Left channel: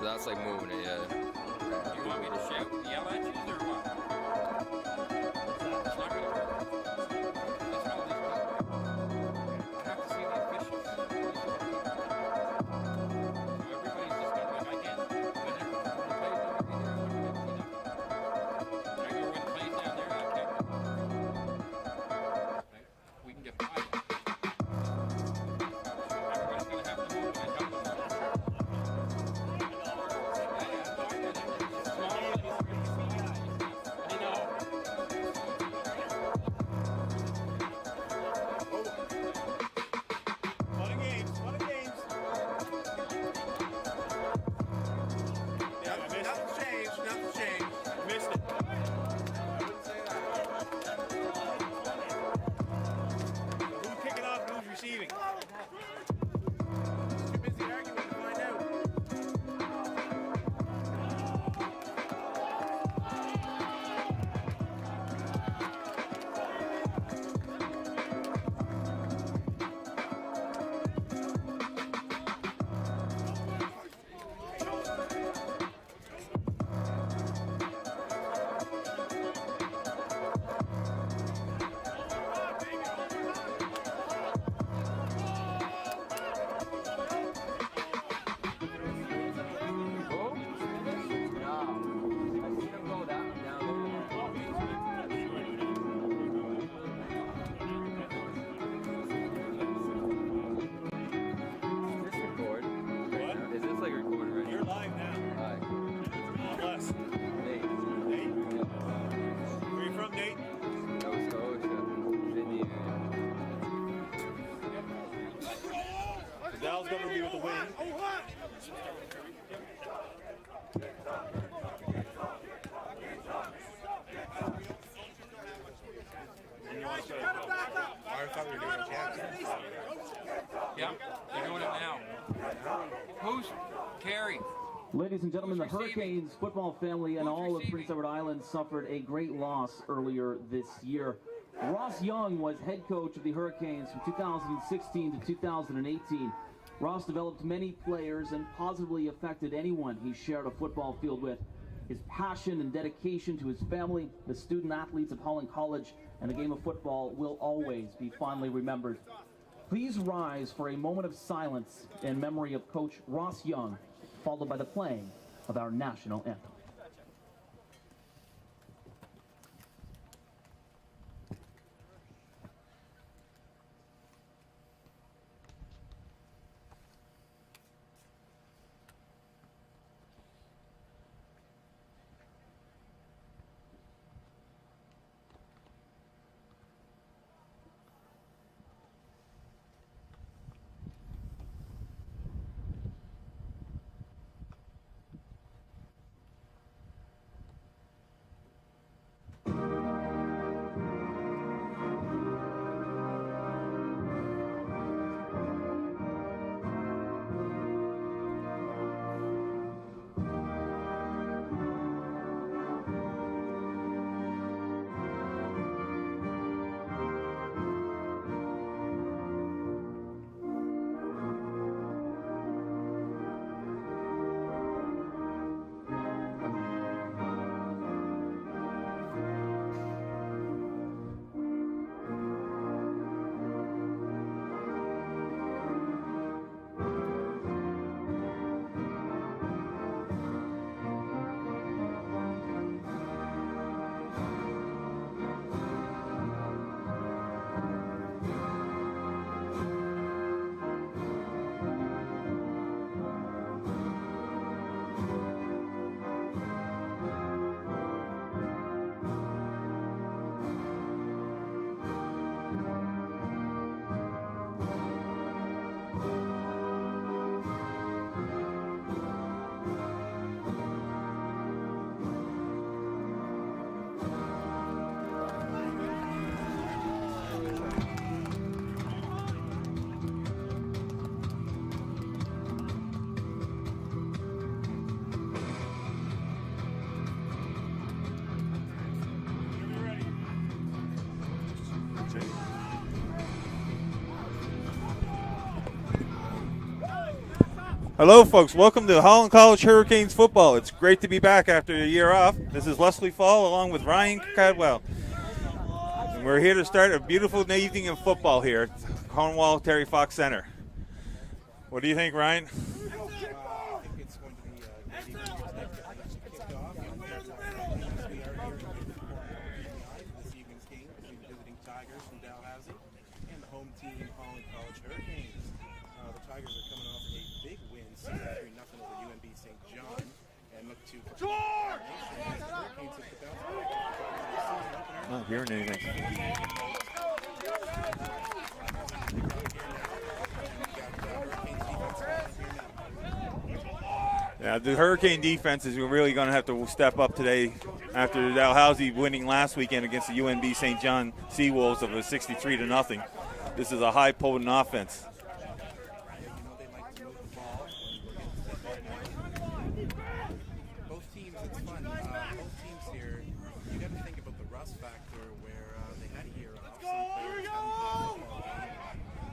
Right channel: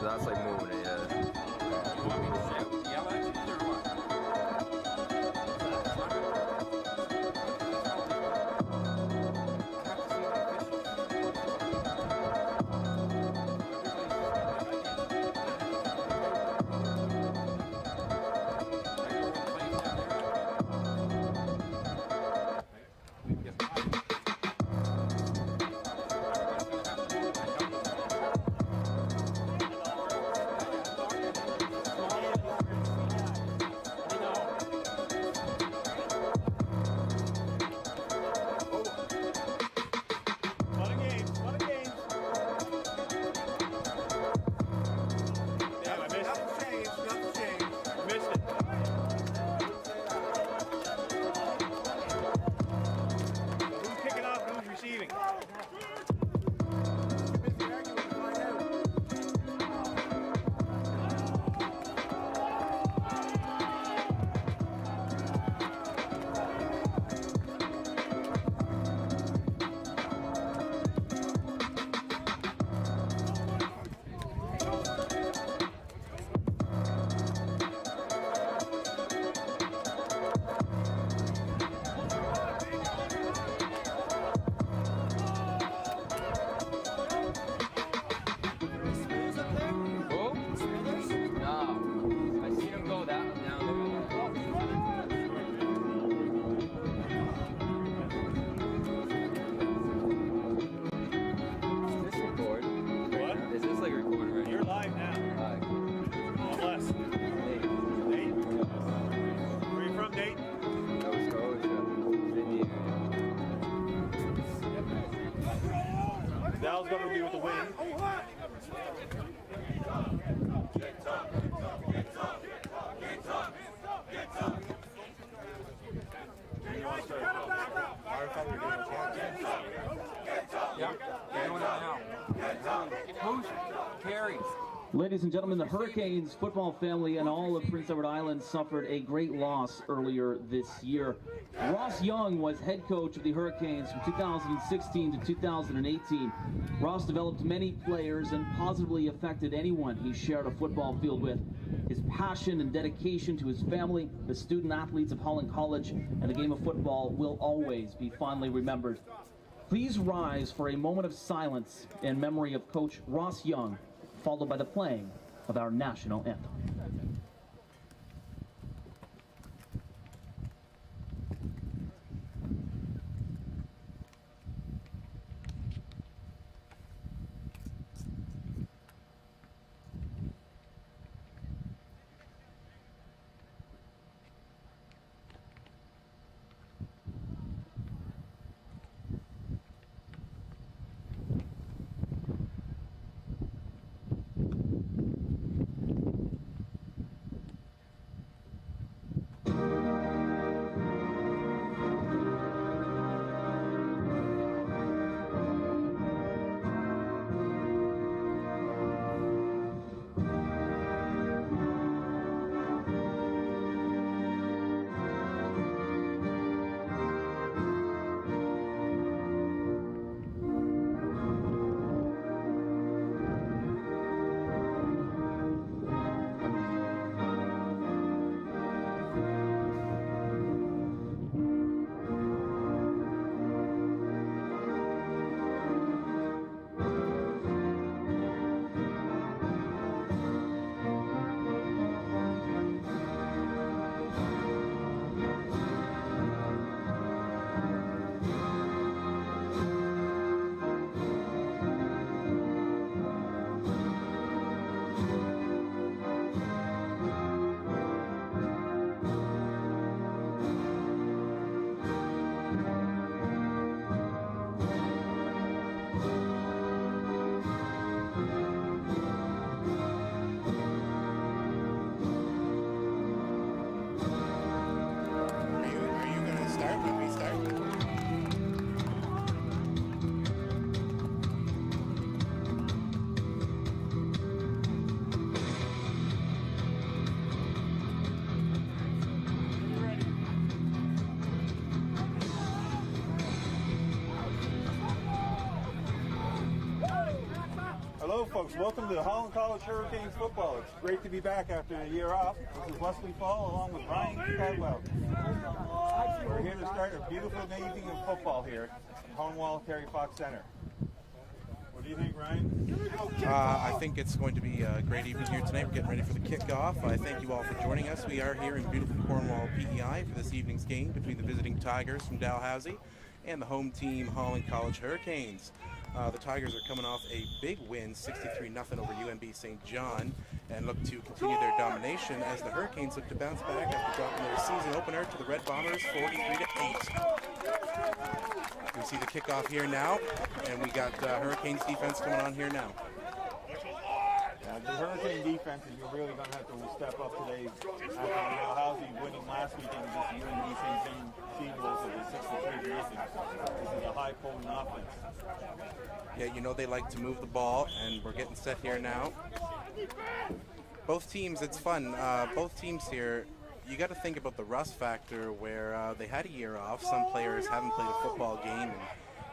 That's like moving it, yeah. You want me to shout, yell at you or what? Dal's going to be with the win. Yeah, they're doing it now. Who's carries? Ladies and gentlemen, the Hurricanes football family and all of Prince Edward Island suffered a great loss earlier this year. Ross Young was head coach of the Hurricanes from 2016 to 2018. Ross developed many players and positively affected anyone he shared a football field with. His passion and dedication to his family, the student athletes of Holland College, and the game of football will always be fondly remembered. Please rise for a moment of silence in memory of Coach Ross Young, followed by the playing of our national anthem. Hello, folks. Welcome to Holland College Hurricanes football. It's great to be back after a year off. This is Leslie Fall along with Ryan Cadwell. We're here to start a beautiful evening of football here at Cornwall Terry Fox Center. What do you think, Ryan? I think it's going to be a great evening here tonight. We're getting ready for the kickoff. I thank you all for joining us. We are here in beautiful Cornwall, PEI for this evening's game between the visiting Tigers from Dalhousie and the home team, Holland College Hurricanes. The Tigers are coming off a big win, 63-0 over UNB St. John, and look to continue their domination as the Hurricanes look to bounce back after dropping their season opener to the Red Bombers 43-8. We see the kickoff here now, and we got Hurricanes defense going on here now. Yeah, the Hurricane defense is really going to have to step up today after Dalhousie winning last weekend against the UNB St. John Seawolves of a 63-0. This is a high potent offense. Yeah, you know they like to move the ball, and we're getting set here now. Both teams, it's fun. Both teams here, you got to think about the rust factor where they had a year off. Some players haven't played a football game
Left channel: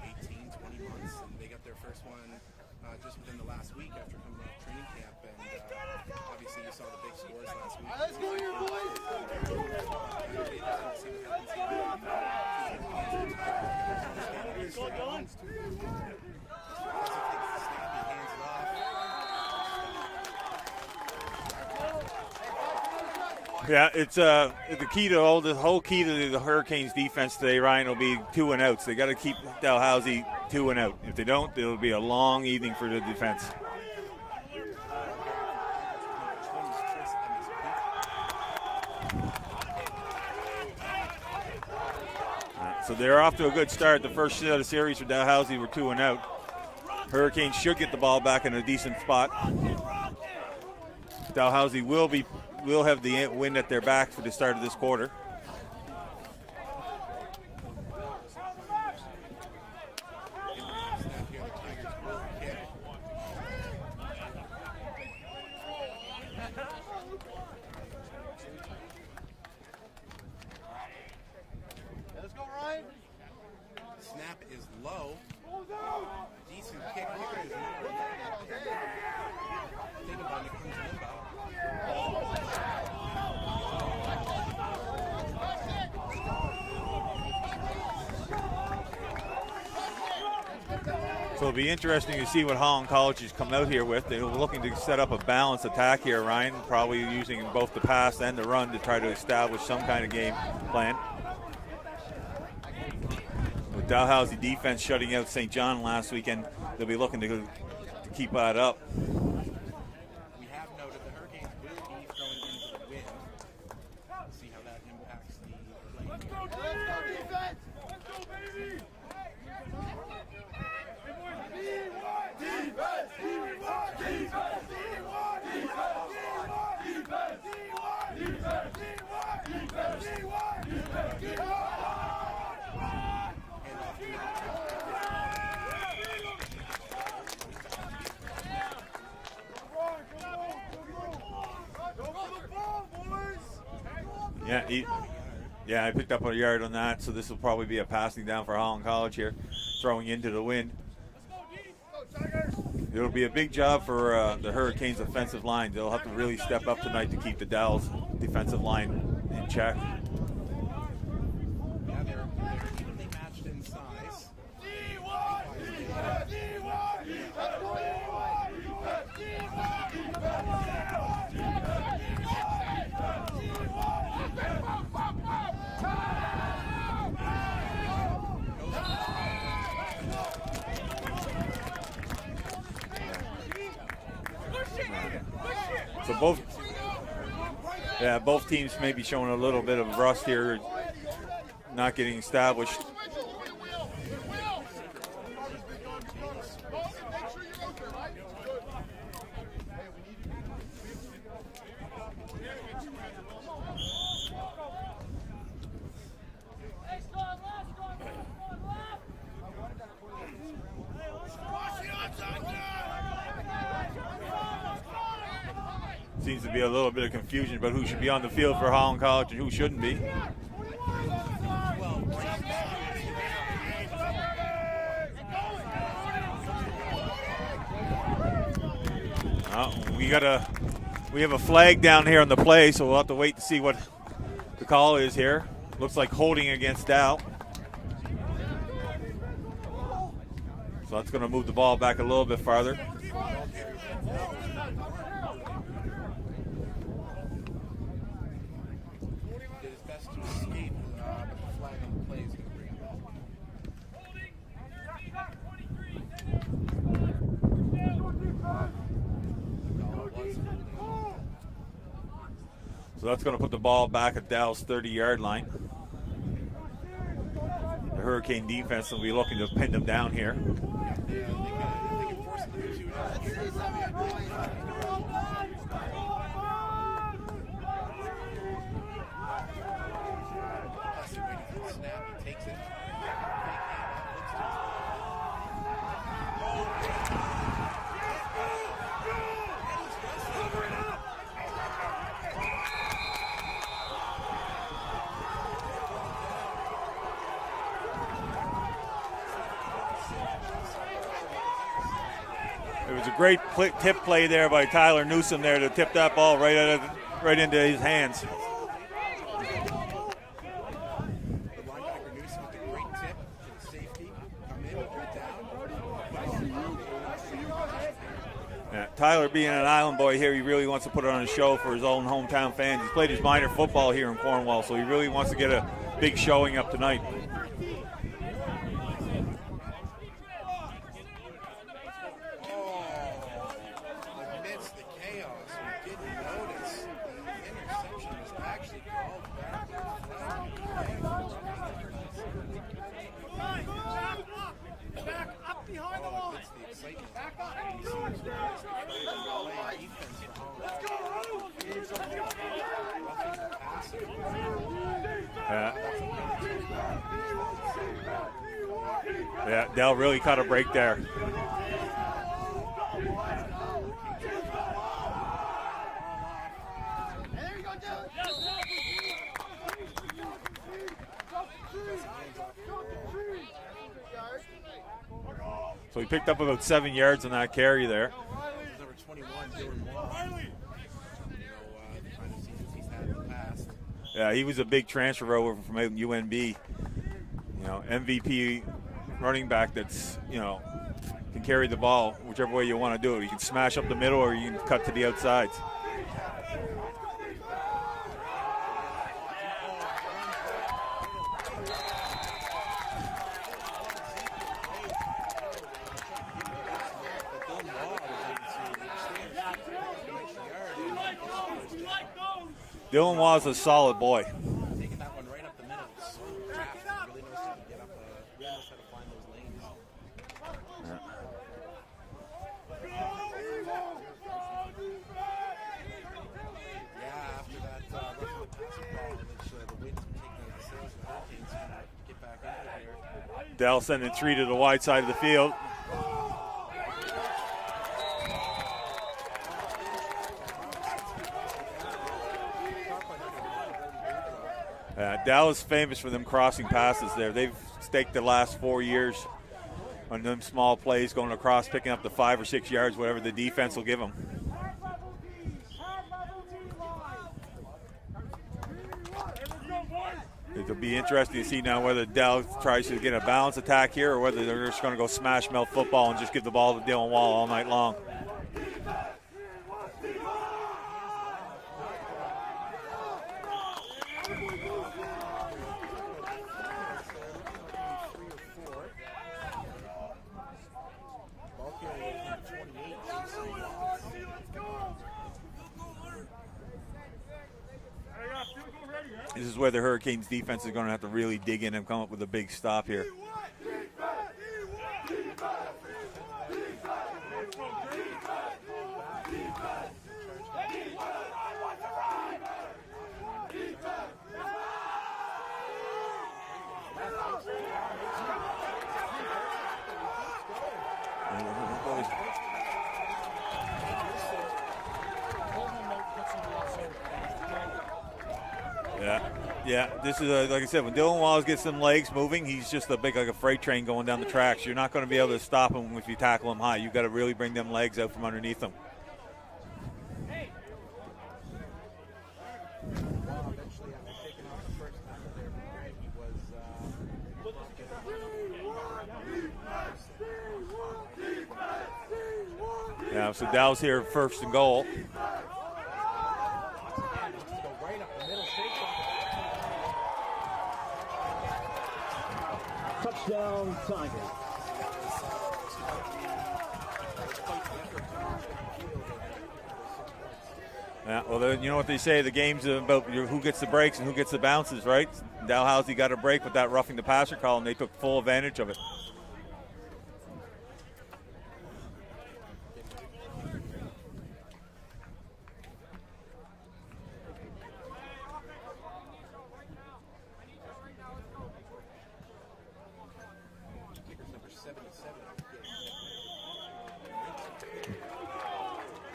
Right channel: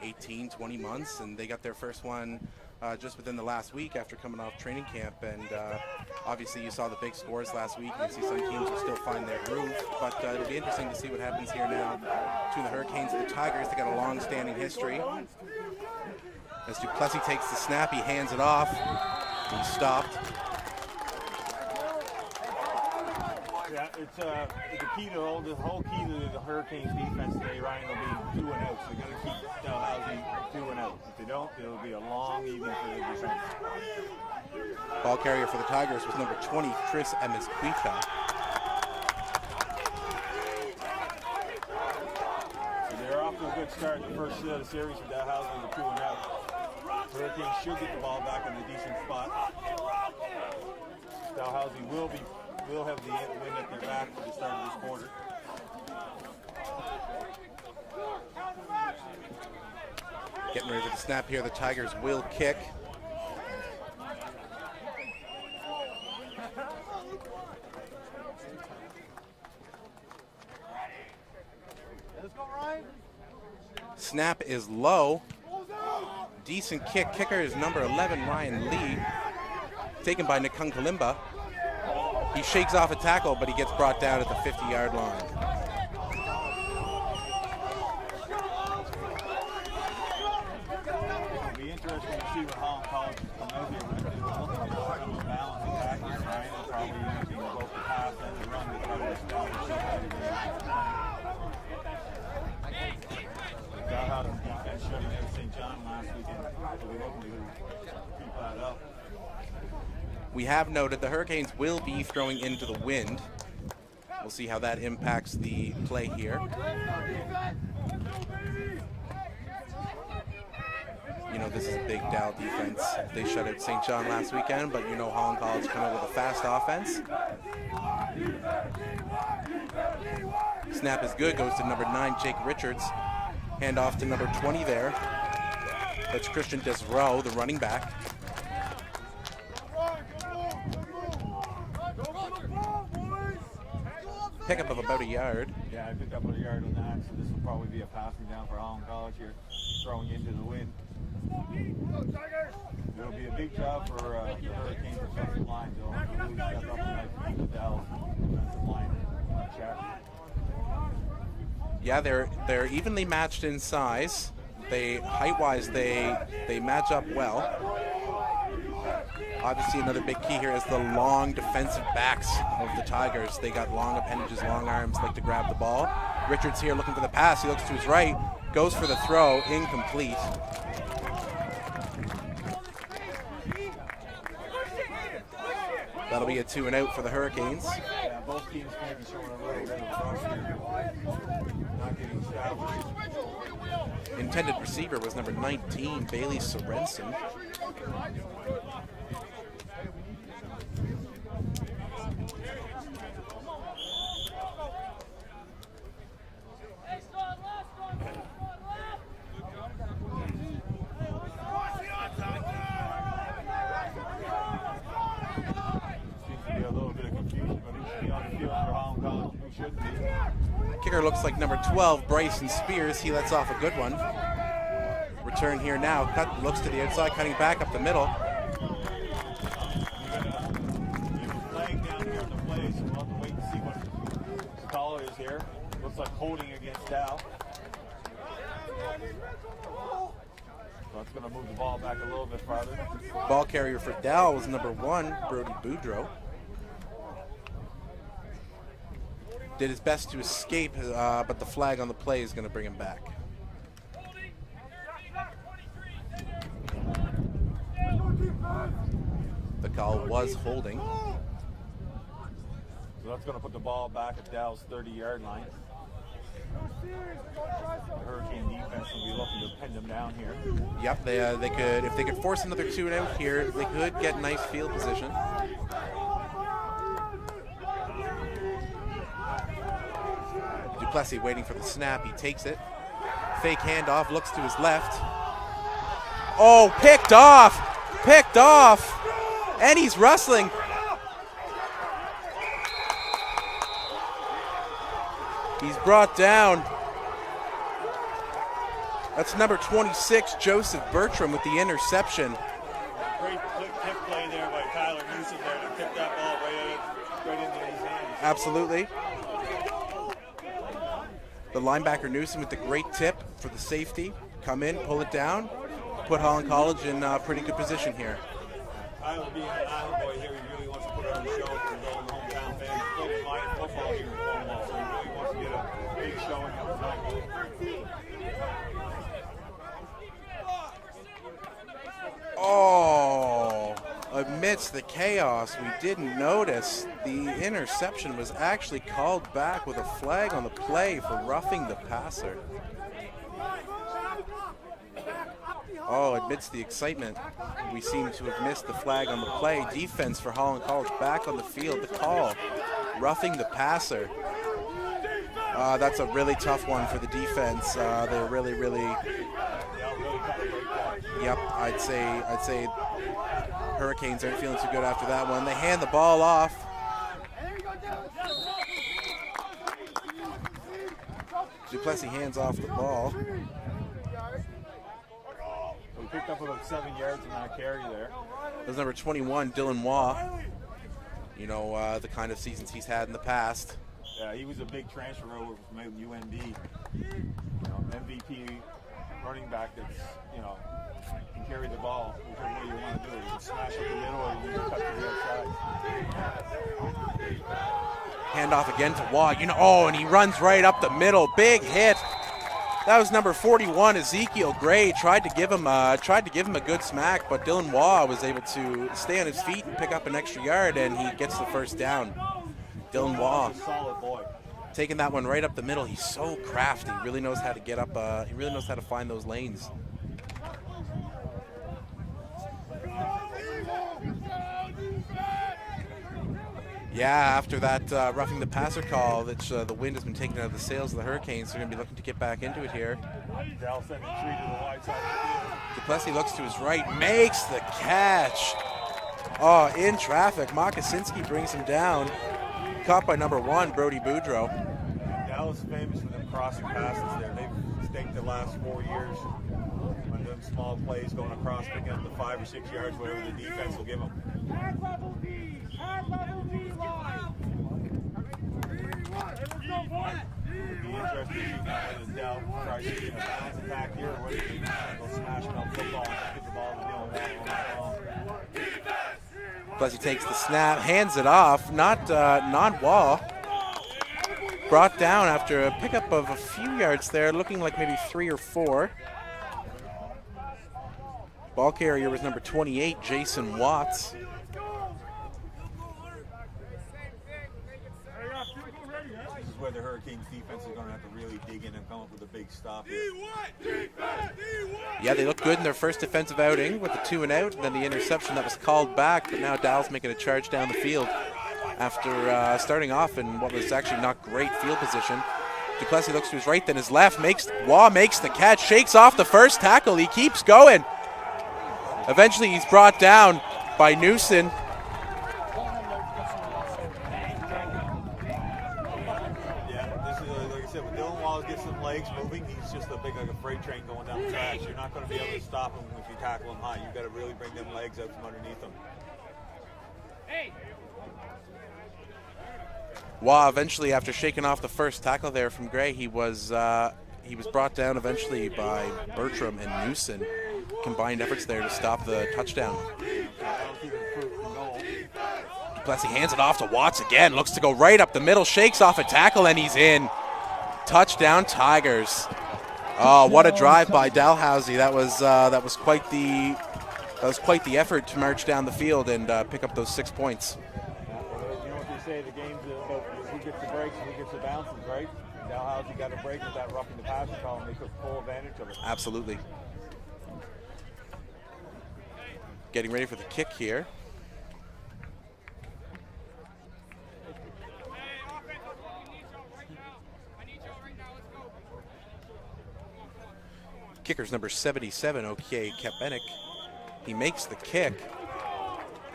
in 18, 20 months, and they got their first one just within the last week after coming off training camp. And obviously you saw the big scores last week. You see some teams will still find their groove, but it'll be interesting to see what happens here now between the Hurricanes and the Tigers. They got a long-standing history. As Duplessis takes the snap, he hands it off. He's stopped. Yeah, it's the key to the whole key to the Hurricanes defense today, Ryan, will be 2 and outs. They got to keep Dalhousie 2 and out. If they don't, it'll be a long evening for the defense. Ball carrier for the Tigers was number 20, Tris Emisquita. So they're off to a good start. The first set of series for Dalhousie were 2 and out. Hurricanes should get the ball back in a decent spot. Dalhousie will have the wind at their back for the start of this quarter. Getting ready for the snap here. The Tigers will kick. Snap is low. Decent kick. Kicker is number 11, Ryan Lee. Taken by Nikung Kalimba. He shakes off a tackle, but he gets brought down at the 50-yard line. So it'll be interesting to see what Holland College has come out here with. They're looking to set up a balanced attack here, Ryan, probably using both the pass and the run to try to establish some kind of game plan. The Dalhousie defense shutting out St. John last weekend, they'll be looking to keep that up. We have noted the Hurricanes will be throwing into the wind. We'll see how that impacts the play here. You know, this is a big Dow defense. They shut out St. John last weekend, but you know Holland College coming out with a fast offense. Snap is good, goes to number 9, Jake Richards. Hand off to number 20 there. That's Christian Desrow, the running back. Pick up of about a yard. Yeah, I picked up a yard on that, so this will probably be a passing down for Holland College here, throwing into the wind. It'll be a big job for the Hurricanes' offensive line. They'll have to really step up tonight to keep the Dal's defensive line in check. Yeah, they're evenly matched in size. They height-wise they match up well. Obviously, another big key here is the long defensive backs of the Tigers. They got long appendages, long arms, like to grab the ball. Richards here looking for the pass. He looks to his right, goes for the throw, incomplete. So that'll be a 2 and out for the Hurricanes. Yeah, both teams may be showing a little bit of rust here, not getting established. Intended receiver was number 19, Bailey Sorensen. Seems to be a little bit of confusion about who should be on the field for Holland College and who shouldn't be. Kicker looks like number 12, Bryson Spears. He lets off a good one. turn here now. Looks to the outside, cutting back up the middle. We have a flag down here on the play, so we'll have to wait to see what the call is here. Looks like holding against Dal. So that's going to move the ball back a little bit farther. Ball carrier for Dal was number 1, Brody Boudreau. Did his best to escape, but the flag on the play is going to bring him back. The call was holding. So that's going to put the ball back at Dal's 30-yard line. The Hurricane defense will be looking to pin them down here. Yep, they could, if they could force another 2 and out here, they could get nice field position. Duplessis waiting for the snap. He takes it. Fake handoff, looks to his left. Oh, picked off! Picked off! And he's wrestling. He's brought down. That's number 26, Joseph Bertram, with the interception. It was a great tip play there by Tyler Newsom there to tip that ball right into his hands. Absolutely. The linebacker Newsom with the great tip for the safety. Come in, pull it down, put Holland College in a pretty good position here. Yeah, Tyler, being an Island boy here, he really wants to put on a show for his own hometown fans. He's played his minor football here in Cornwall, so he really wants to get a big showing up tonight. Oh, amidst the chaos, we didn't notice the interception was actually called back with a flag on the play for roughing the passer. Oh, amidst the excitement, we seem to have missed the flag on the play. Defense for Holland College back on the field. The call, roughing the passer. That's a really tough one for the defense. They're really. Yeah, they'll really cut a break there. Yep, I'd say Hurricanes aren't feeling too good after that one. They hand the ball off. Duplessis hands off the ball. So he picked up about 7 yards on that carry there. There's number 21, Dylan Waugh. You know, the kind of seasons he's had in the past. Yeah, he was a big transfer over from UNB. You know, MVP running back that's, you know, can carry the ball whichever way you want to do it. You can smash up the middle or you can cut to the outside. Handoff again to Waugh. You know, and he runs right up the middle. Big hit. That was number 41, Ezekiel Gray. Tried to give him a good smack, but Dylan Waugh was able to stay on his feet and pick up an extra yard, and he gets the first down. Dylan Waugh's a solid boy. Taking that one right up the middle. He's so crafty. He really knows how to get up. He really knows how to find those lanes. Yeah, after that roughing the passer call, the wind has been taken out of the sails of the Hurricanes. They're going to be looking to get back into it here. Dell sending 3 to the wide side of the field. Duplessis looks to his right, makes the catch. Oh, in traffic. Mokosinski brings him down. Caught by number 1, Brody Boudreau. Dell is famous for them crossing passes there. They've staked the last 4 years on them small plays, going across, picking up the 5 or 6 yards, whatever the defense will give them. It'll be interesting to see now whether Dell tries to get a balance attack here or whether they're just going to go smash mouth football and just give the ball to Dylan Waugh all night long. Plus he takes the snap, hands it off, not Waugh. Brought down after a pickup of a few yards there, looking like maybe 3 or 4. Ball carrier was number 28, Jason Watts. This is where the Hurricanes defense is going to have to really dig in and come up with a big stop here. Yeah, they looked good in their first defensive outing with the 2 and out, and then the interception that was called back, but now Dow's making a charge down the field after starting off in what was actually not great field position. Duplessis looks to his right, then his left. Waugh makes the catch, shakes off the first tackle. He keeps going. Eventually he's brought down by Newson. Yeah, this is, like I said, when Dylan Wallace gets some legs moving, he's just like a freight train going down the tracks. You're not going to be able to stop him if you tackle him high. You've got to really bring them legs out from underneath him. Wah eventually, after shaking off the first tackle there from Gray, he was brought down eventually by Bertram and Newson. Combined efforts there to stop the touchdown. Yeah, so Dow's here first and goal. Plessy hands it off to Watts again. Looks to go right up the middle, shakes off a tackle, and he's in. Touchdown Tigers. Oh, what a drive by Dalhousie. That was quite the effort to march down the field and pick up those 6 points. Yeah, well, you know what they say, the game's about who gets the breaks and who gets the bounces, right? Dalhousie got a break with that roughing the passer call, and they took full advantage of it. Absolutely. Getting ready for the kick here. Kicker's number 77, OK Kapenik. He makes the kick.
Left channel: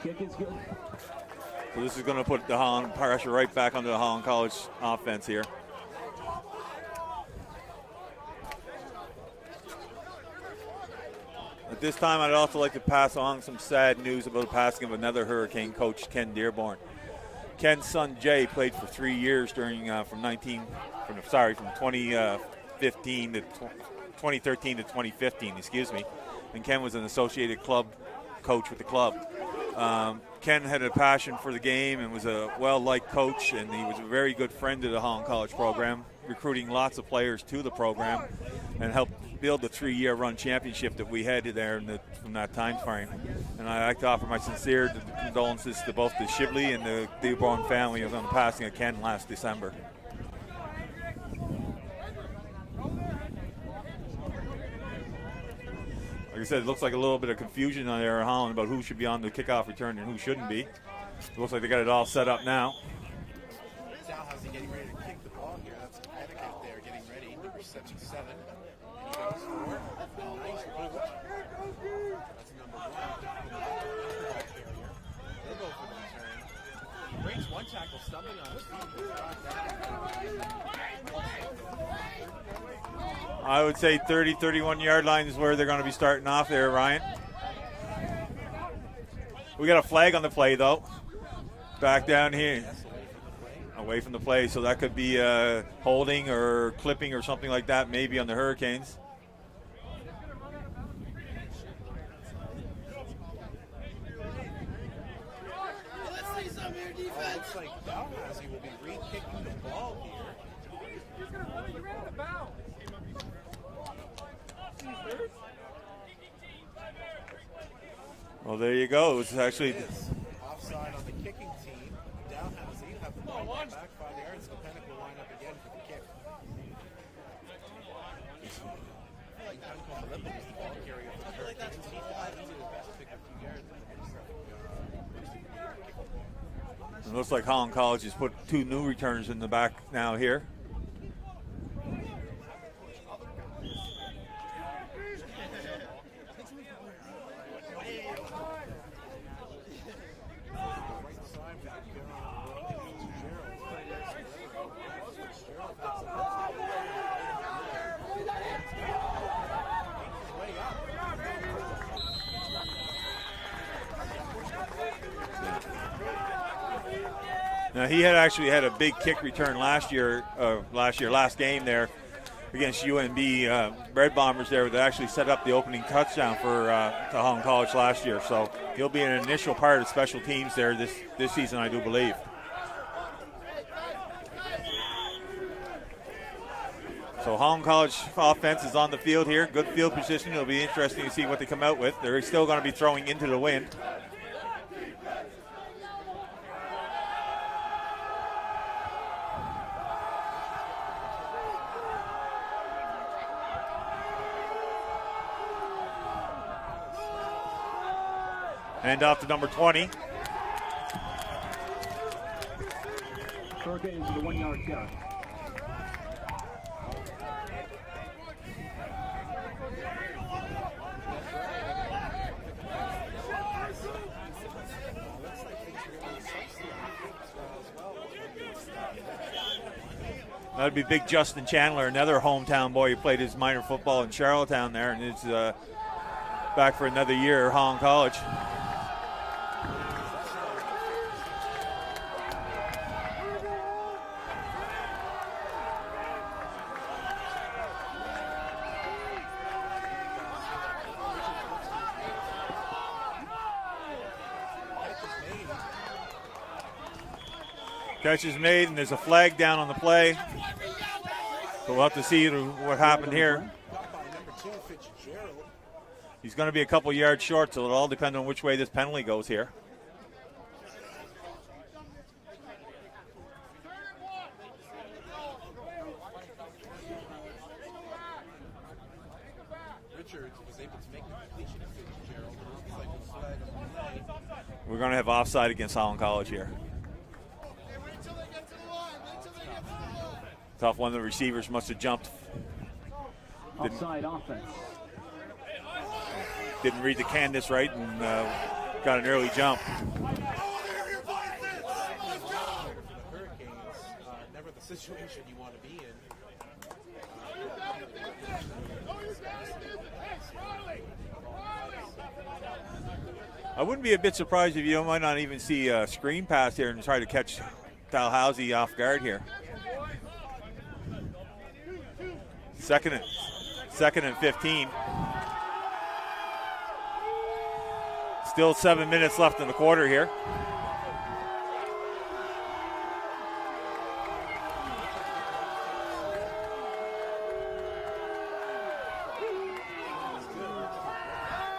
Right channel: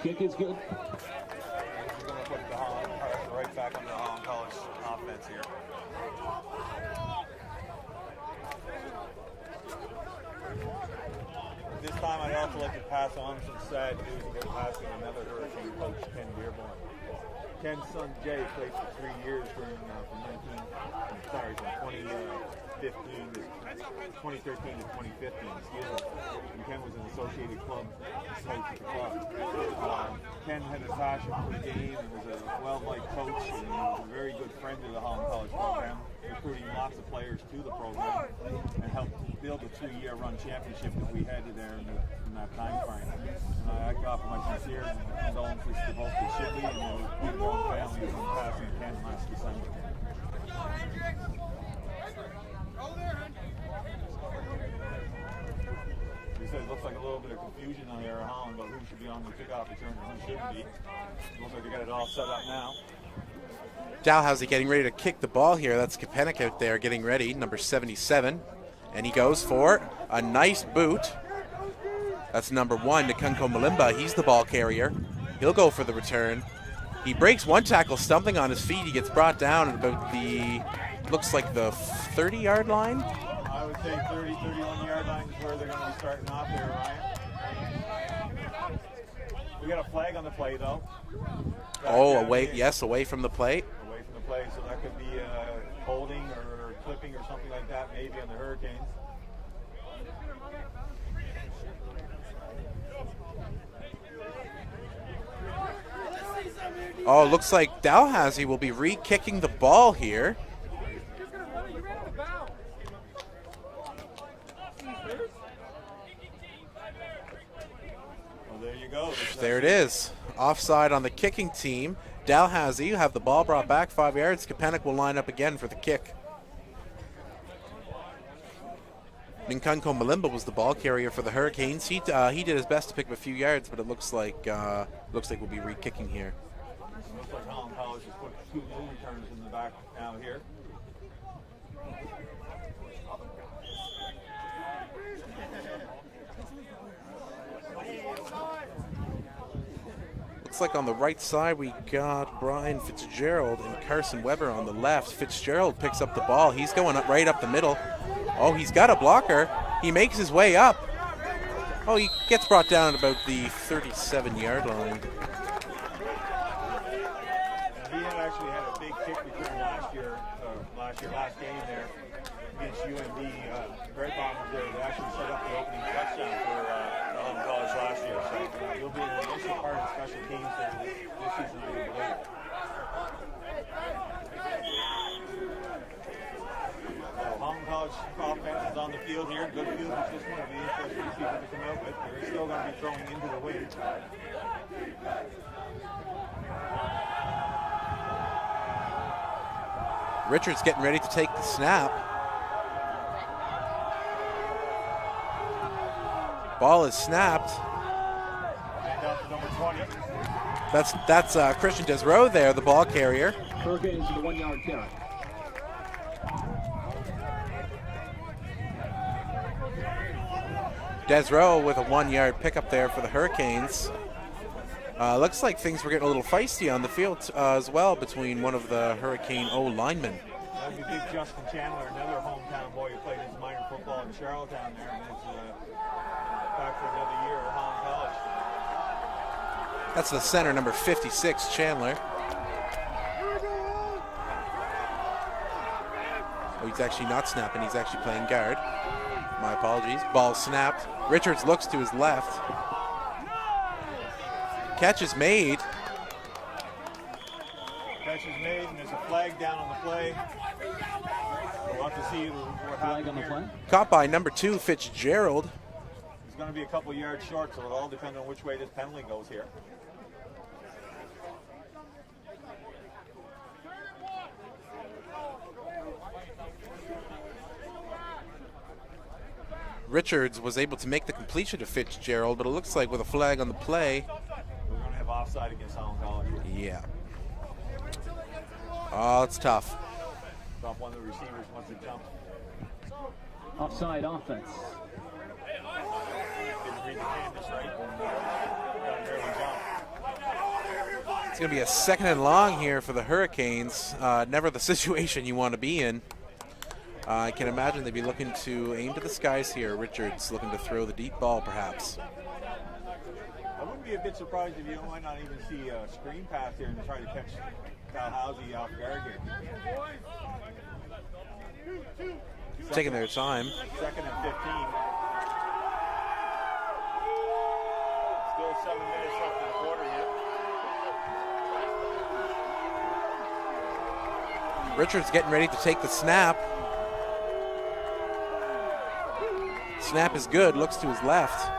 Kick is good. This is going to put the Holland pressure right back onto the Holland College offense here. At this time, I'd also like to pass on some sad news about the passing of another Hurricane coach, Ken Dearborn. Ken's son Jay played for 3 years during from 2015 to 2013 to 2015, excuse me. And Ken was an associated club coach with the club. Ken had a passion for the game and was a well-liked coach, and he was a very good friend to the Holland College program, recruiting lots of players to the program and helped build the 3-year run championship that we had there in that time frame. And I'd like to offer my sincere condolences to both the Shibley and the Dearborn family on the passing of Ken last December. Like I said, it looks like a little bit of confusion on there in Holland about who should be on the kickoff return and who shouldn't be. It looks like they got it all set up now. Dalhousie getting ready to kick the ball here. That's Kapenik out there getting ready, number 77. And he goes for a nice boot. That's number 1, Nikunko Malimba. He's the ball carrier. He'll go for the return. He breaks one tackle, stumbling on his feet. He gets brought down at about looks like the 30-yard line. I would say 30, 31-yard line is where they're going to be starting off there, Ryan. We got a flag on the play, though. Back down away, here. Yes, away from the play. Away from the play, so that could be holding or clipping or something like that, maybe on the Hurricanes. Oh, looks like Dalhousie will be re-kicking the ball here. Well, there you go. There it is. Offside on the kicking team. Dalhousie have the ball brought back 5 yards. Kapenik will line up again for the kick. Nikunko Malimba was the ball carrier for the Hurricanes. He did his best to pick up a few yards, but it looks like we'll be re-kicking here. It looks like Holland College has put 2 new returns in the back now here. Looks like on the right side we got Brian Fitzgerald and Carson Weber on the left. Fitzgerald picks up the ball. He's going up right up the middle. Oh, he's got a blocker. He makes his way up. Oh, he gets brought down at about the 37-yard line. Now, he had actually had a big kick return last game there against UNB Red Bombers there that actually set up the opening touchdown for Holland College last year. So he'll be an initial part of special teams there this season, I do believe. So Holland College offense is on the field here, good field position. It'll be interesting to see what they come out with. They're still going to be throwing into the wind. Richards getting ready to take the snap. Ball is snapped. And off to number 20. That's Christian Desrow there, the ball carrier. Hurricanes with a 1-yard carry. Desrow with a 1-yard pickup there for the Hurricanes. Looks like things were getting a little feisty on the field as well between one of the Hurricane O linemen. That'd be big Justin Chandler, another hometown boy who played his minor football in Charlottetown there, and is back for another year at Holland College. That's the center, number 56, Chandler. Oh, he's actually not snapping. He's actually playing guard. My apologies. Ball snapped. Richards looks to his left. Catch is made. Catch is made, and there's a flag down on the play. So we'll have to see what happened here. Caught by number 2, Fitzgerald. He's going to be a couple yards short, so it'll all depend on which way this penalty goes here. Richards was able to make the completion to Fitzgerald, but it looks like with a flag on the play, we're going to have offside against Holland College here. Yeah. Oh, it's tough. Tough. One of the receivers must have jumped. Offside offense. Didn't read the canvas right and got an early jump. It's going to be a 2nd and long here for the Hurricanes. Never the situation you want to be in. I can imagine they'd be looking to aim to the skies here. Richards looking to throw the deep ball, perhaps. I wouldn't be a bit surprised if you might not even see a screen pass here and try to catch Dalhousie off guard here. Taking their time. 2nd and 15. Still 7 minutes left in the quarter here. Richards getting ready to take the snap. Snap is good, looks to his left.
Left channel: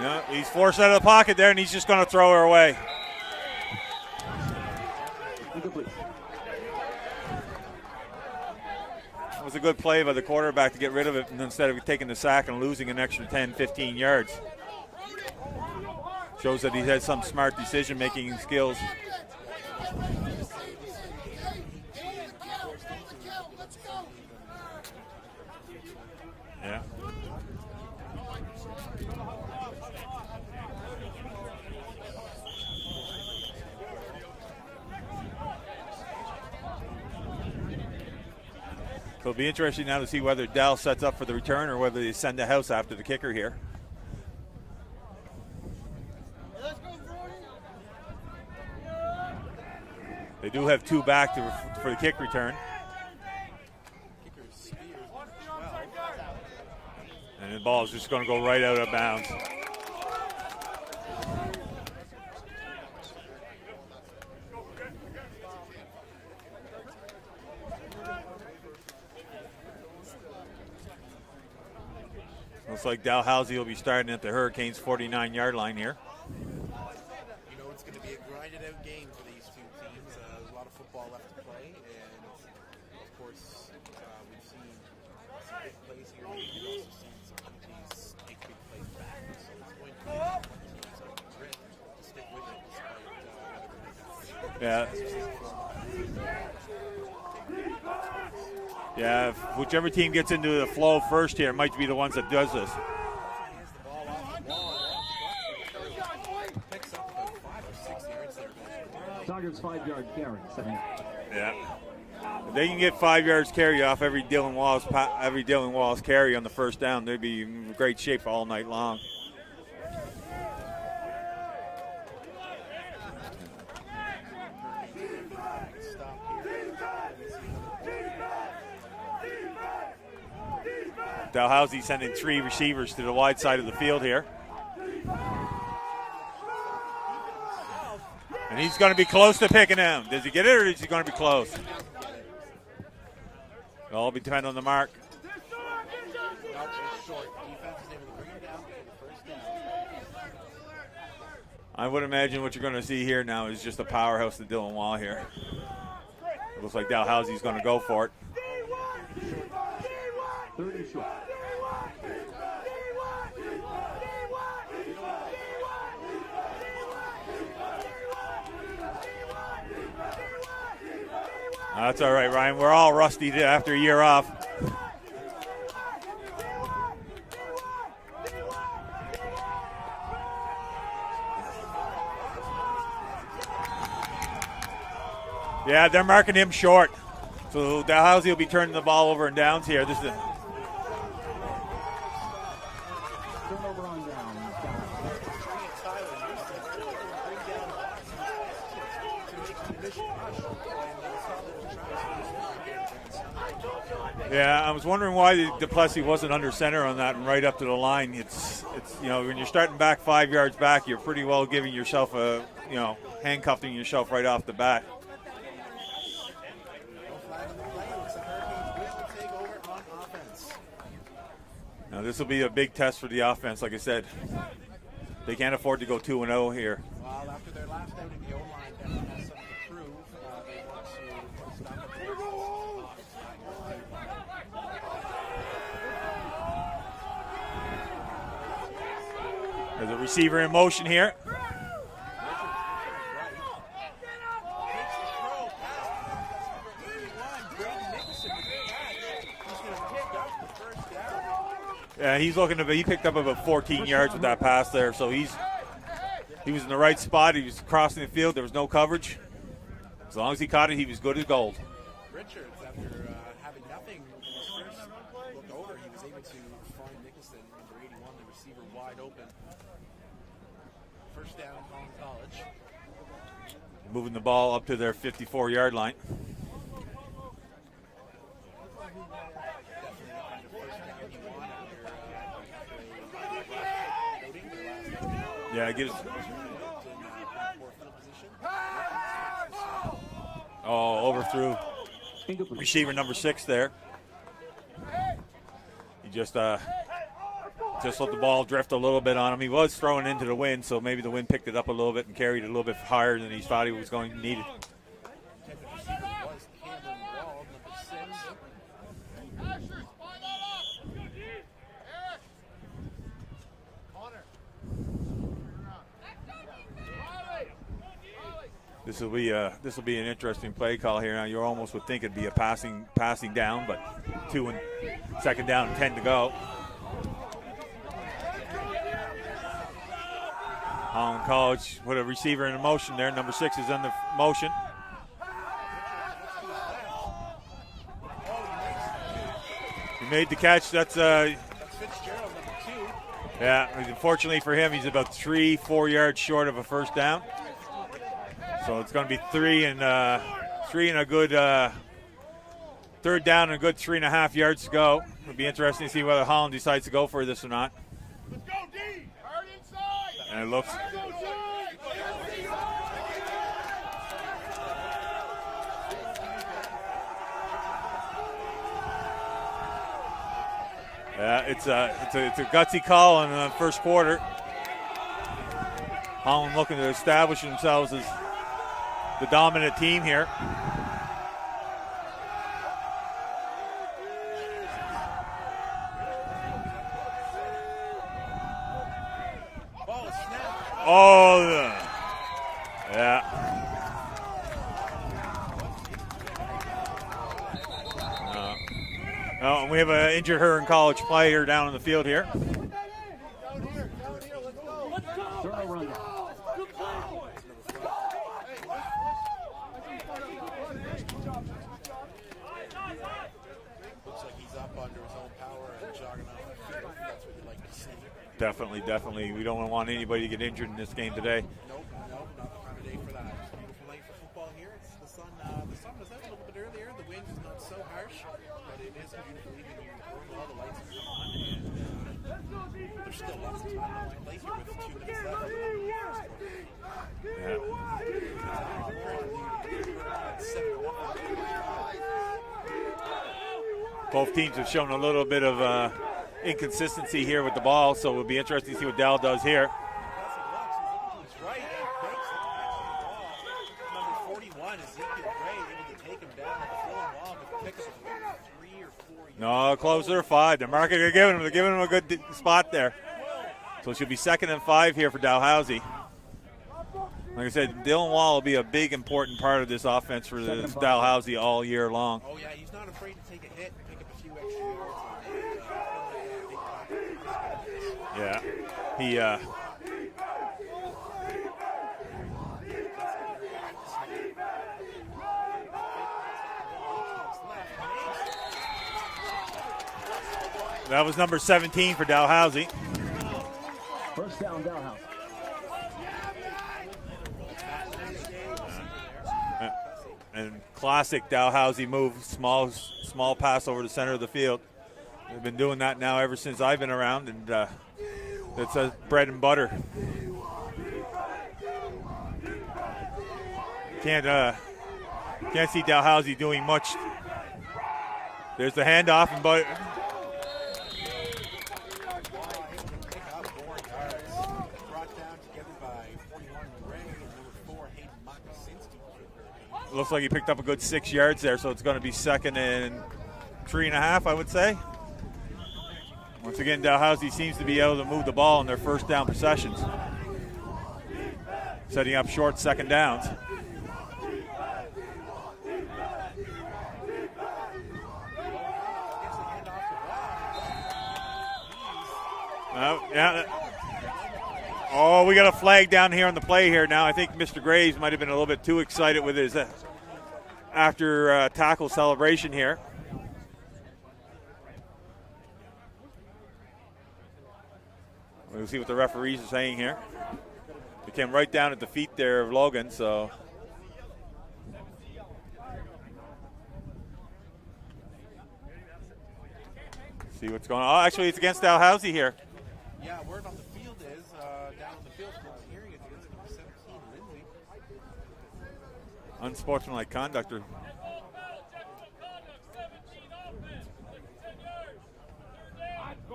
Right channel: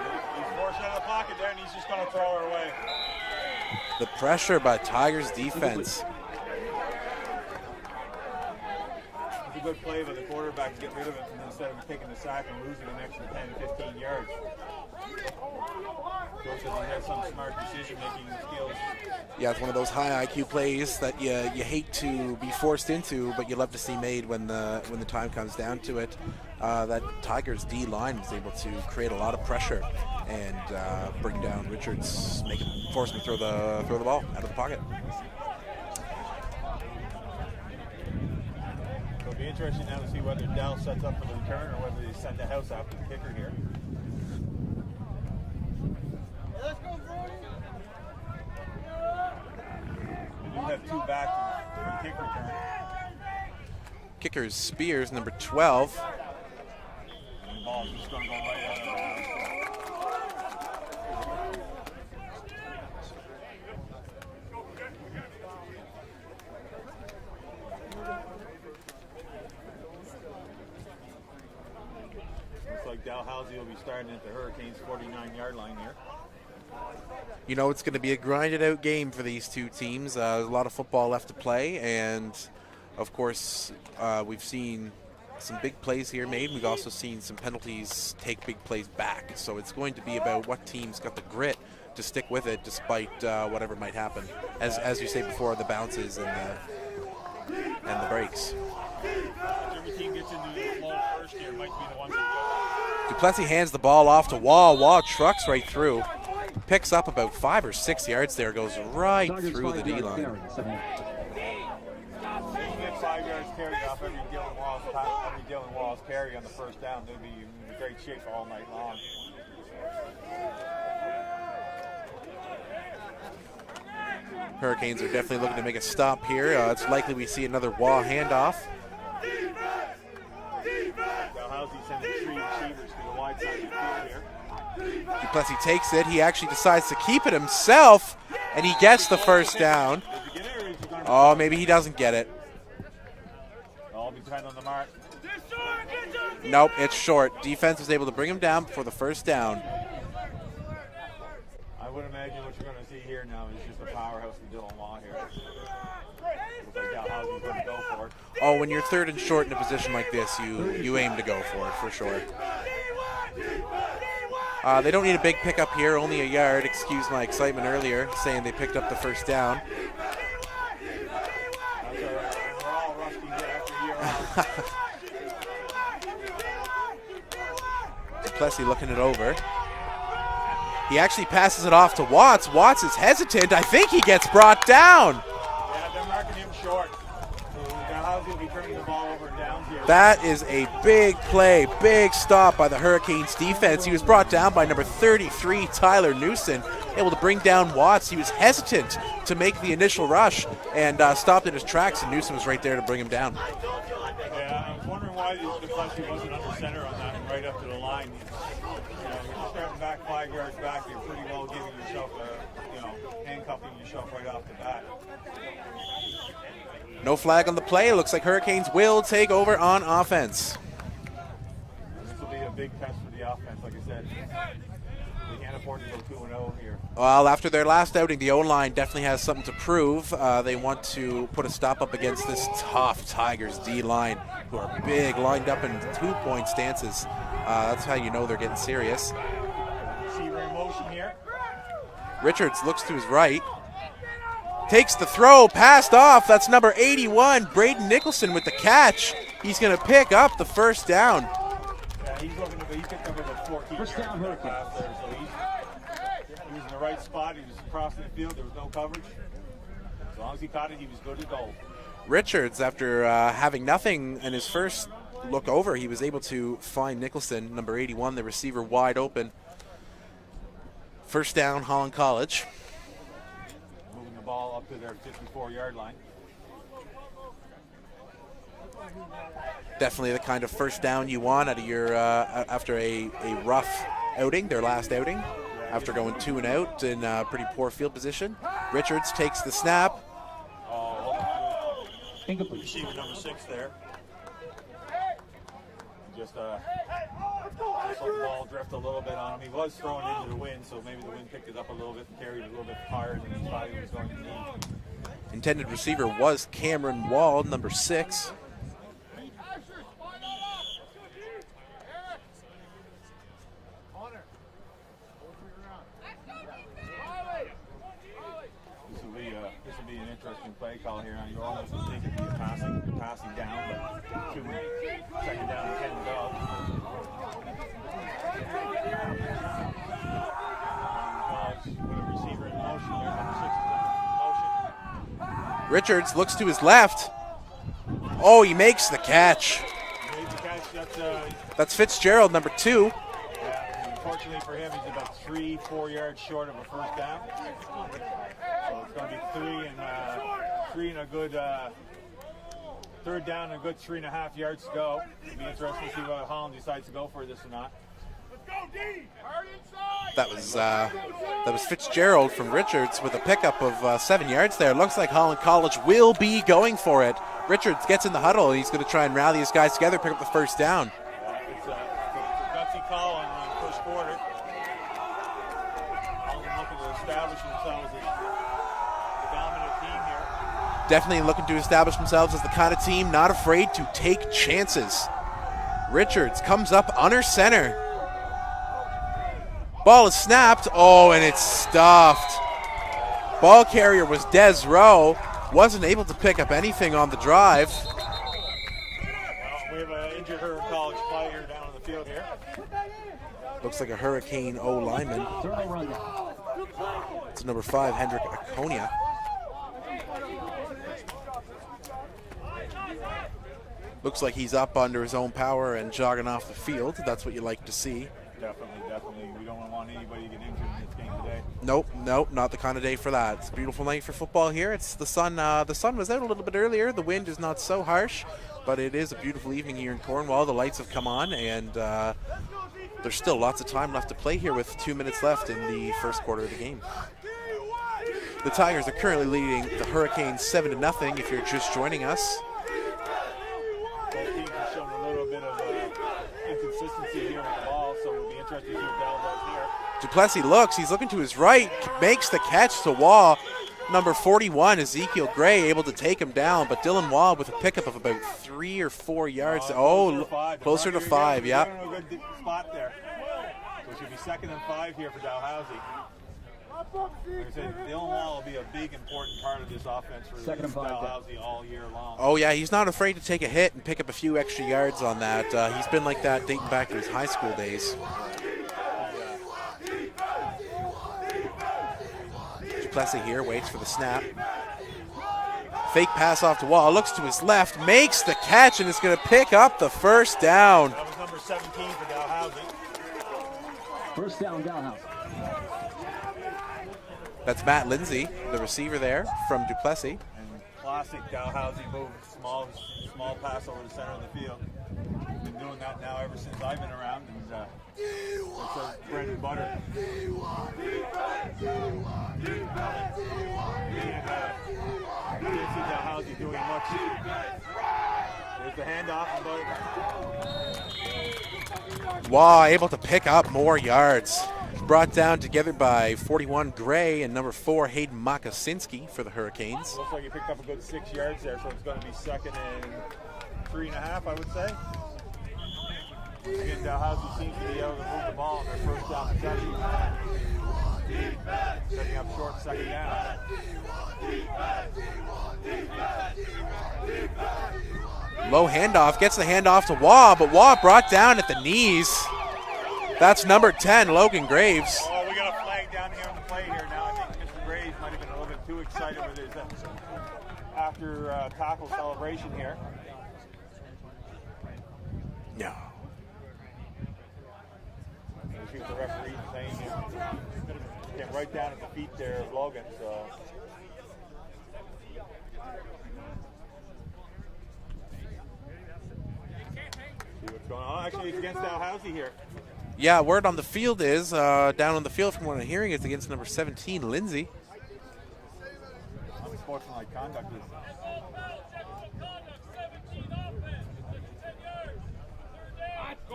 Yeah, he's forced out of the pocket there, and he's just going to throw her away. The pressure by Tigers defense. It was a good play by the quarterback to get rid of it, and instead of taking the sack and losing an extra 10, 15 yards. Shows that he has some smart decision-making skills. Yeah, it's one of those high IQ plays that you hate to be forced into, but you love to see made when the time comes down to it. That Tigers D line was able to create a lot of pressure and bring down Richards, force him to throw the ball out of the pocket. It'll be interesting now to see whether Dal sets up for the return or whether they send the house after the kicker here. They do have 2 back for the kick return. Kicker's Spears, number 12. And the ball is just going to go right out of bounds. Looks like Dalhousie will be starting at the Hurricanes' 49-yard line here. You know, it's going to be a grinded out game for these two teams. There's a lot of football left to play, and of course, we've seen some big plays here made. We've also seen some penalties take big plays back. So it's going to be about what team's got the grit to stick with it despite whatever might happen. As you say before, the bounces and the breaks. Yeah, whichever team gets into the flow first here might be the ones that does this. Duplessis hands the ball off to Wah. Wah trucks right through. Picks up about 5 or 6 yards there, goes right through the D-line. Yeah. They can get 5 yards carry off every Dylan Wallace carry on the first down. They'd be in great shape all night long. Hurricanes are definitely looking to make a stop here. It's likely we see another Wah handoff. Dalhousie sending 3 receivers to the wide side of the field here. Duplessis takes it. He actually decides to keep it himself, and he gets the first down. Does he get it, or is he going to be close? Oh, maybe he doesn't get it. It'll be dependent on the mark. Nope, it's short. Defense was able to bring him down for the first down. I would imagine what you're going to see here now is just a powerhouse to Dylan Wall here. Looks like Dalhousie's going to go for it. Oh, when you're third and short in a position like this, you aim to go for it, for sure. They don't need a big pickup here, only a yard. Excuse my excitement earlier, saying they picked up the first down. That's all right, Ryan. We're all rusty after a year off. Duplessis looking it over. He actually passes it off to Watts. Watts is hesitant. I think he gets brought down. Yeah, they're marking him short. So Dalhousie will be turning the ball over in downs here. That is a big play, big stop by the Hurricanes defense. He was brought down by number 33, Tyler Newson, able to bring down Watts. He was hesitant to make the initial rush and stopped in his tracks, and Newson was right there to bring him down. Yeah, I was wondering why Duplessis wasn't under center on that and right up to the line. It's you know, when you're starting back 5 yards back, you're pretty well giving yourself a, you know, handcuffing yourself right off the bat. No flag on the play. It looks like Hurricanes will take over on offense. Now this will be a big test for the offense. Like I said, they can't afford to go 2-0 here. Well, after their last outing, the O-line definitely has something to prove. They want to put a stop up against this tough Tigers D-line, who are big, lined up in 2-point stances. That's how you know they're getting serious. There's a receiver in motion here. Richards looks to his right. Takes the throw, passed off. That's number 81, Braden Nicholson with the catch. He's going to pick up the first down. Yeah, he's looking to. He picked up about 14 yards with that pass there, so he was in the right spot. He was crossing the field. There was no coverage. As long as he caught it, he was good as gold. Richards, after having nothing in his first look over, he was able to find Nicholson, number 81, the receiver, wide open. First down, Holland College. Moving the ball up to their 54-yard line. Definitely the kind of first down you want out of your after a rough outing, their last outing. Yeah, after going 2 and out in pretty poor field position. Richards takes the snap. Oh, overthrew receiver number 6 there. He just let the ball drift a little bit on him. He was throwing into the wind, so maybe the wind picked it up a little bit and carried it a little bit higher than he thought he was going to need it. Intended receiver was Cameron Wall, number 6. This will be an interesting play call here. Now you almost would think it'd be a passing down, but 2nd down and 10 to go. Holland College with a receiver in motion there. Number 6 is under motion. Richards looks to his left. Oh, he makes the catch. He made the catch. That's Fitzgerald, number 2. Yeah, unfortunately for him, he's about 3-4 yards short of a first down. So it's going to be 3 and a good 3rd down and a good 3.5 yards to go. It'll be interesting to see whether Holland decides to go for this or not. That was Fitzgerald from Richards with a pickup of 7 yards there. Looks like Holland College will be going for it. Richards gets in the huddle. He's going to try and rally his guys together, pick up the first down. Yeah, it's a gutsy call in the first quarter. Holland looking to establish themselves as the dominant team here. Definitely looking to establish themselves as the kind of team not afraid to take chances. Richards comes up under center. Ball is snapped. Oh, and it's stuffed. Yeah. Ball carrier was Des Rowe. Wasn't able to pick up anything on the drive. We have an injured Huron College player down in the field here. Looks like a Hurricane O lineman. It's number 5, Hendrik Aconia. Looks like he's up under his own power and jogging off the field. That's what you like to see. Definitely. We don't want anybody to get injured in this game today. Nope, not the kind of day for that. It's a beautiful night for football here. It's the sun. The sun was out a little bit earlier. The wind is not so harsh, but it is a beautiful evening here in Cornwall. The lights have come on, and there's still lots of time left to play here with 2 minutes left in the first quarter of the game. Yeah. The Tigers are currently leading the Hurricanes 7-0 if you're just joining us. Both teams have shown a little bit of inconsistency here with the ball, so it'll be interesting to see what Dal does here. Duplessis looks. He's looking to his right, makes the catch to Wall. Number 41, Ezekiel Gray, able to take him down, but Dylan Wall with a pickup of about 3 or 4 yards. Closer to 5. Closer to 5, They're giving him a good spot there. So it should be 2nd and 5 here for Dalhousie. Like I said, Dylan Wall will be a big, important part of this offense for Dalhousie all year long. Oh, yeah, he's not afraid to take a hit and pick up a few extra yards on that. He's been like that dating back to his high school days. Yeah. Duplessis here waits for the snap. Fake pass off to Wall, looks to his left, makes the catch, and is going to pick up the first down. That was number 17 for Dalhousie. First down, Dalhousie. That's Matt Lindsay, the receiver there from Duplessis. And classic Dalhousie move, small pass over the center of the field. We've been doing that now ever since I've been around, and it's bread and butter. Can't see Dalhousie doing much. There's the handoff, but Wow, able to pick up more yards. Brought down together by 41 Gray and number 4 Hayden Makasinski for the Hurricanes. looks like he picked up a good 6 yards there, so it's going to be 2nd and 3.5, I would say. Once again, Dalhousie seems to be able to move the ball in their first down possessions, setting up short 2nd downs. Low handoff, gets the handoff to Waugh, but Waugh brought down at the knees. That's number 10, Logan Graves. Oh, we got a flag down here on the play here now. I think Mr. Graves might have been a little bit too excited with his after tackle celebration here. No. We'll see what the referees are saying here. It came right down at the feet there of Logan, so. See what's going on. Oh, actually, it's against Dalhousie here. Yeah, word on the field is, down on the field from what I'm hearing, it's against number 17, Lindsay. Unsportsmanlike conduct.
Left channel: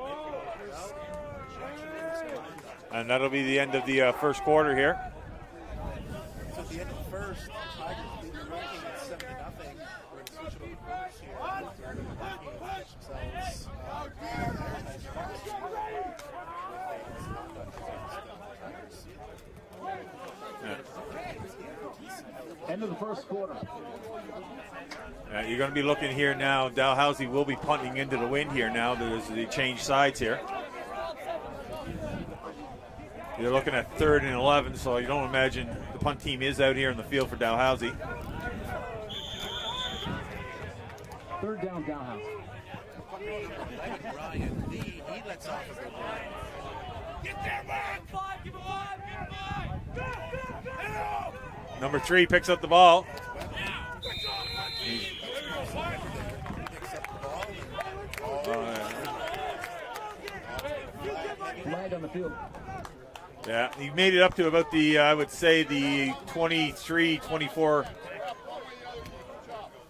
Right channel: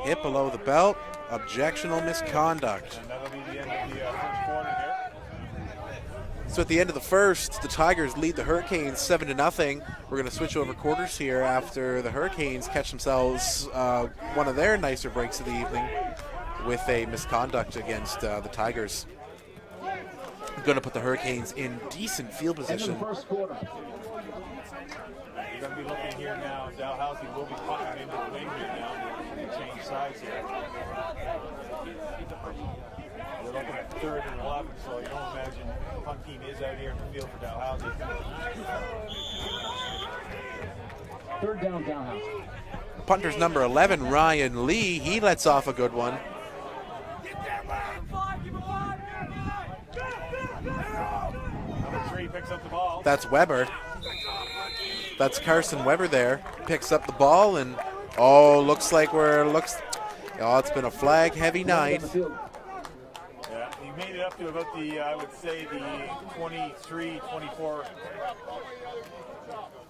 Hit below the belt, objectional misconduct. And that'll be the end of the first quarter here. So at the end of the first, the Tigers lead the Hurricanes 7-0. We're going to switch over quarters here after the Hurricanes catch themselves one of their nicer breaks of the evening with a misconduct against the Tigers. Going to put the Hurricanes in decent field position. End of the first quarter. You're going to be looking here now. Dalhousie will be punting into the wind here now. They change sides here. You're looking at 3rd and 11, so you don't imagine the punt team is out here in the field for Dalhousie. 3rd down, Dalhousie. Punter's number 11, Ryan Lee. He lets off a good one. Number 3 picks up the ball. That's Weber. That's Carson Weber there. Picks up the ball and looks like it's been a flag heavy night. Yeah, he made it up to about the I would say the 23, 24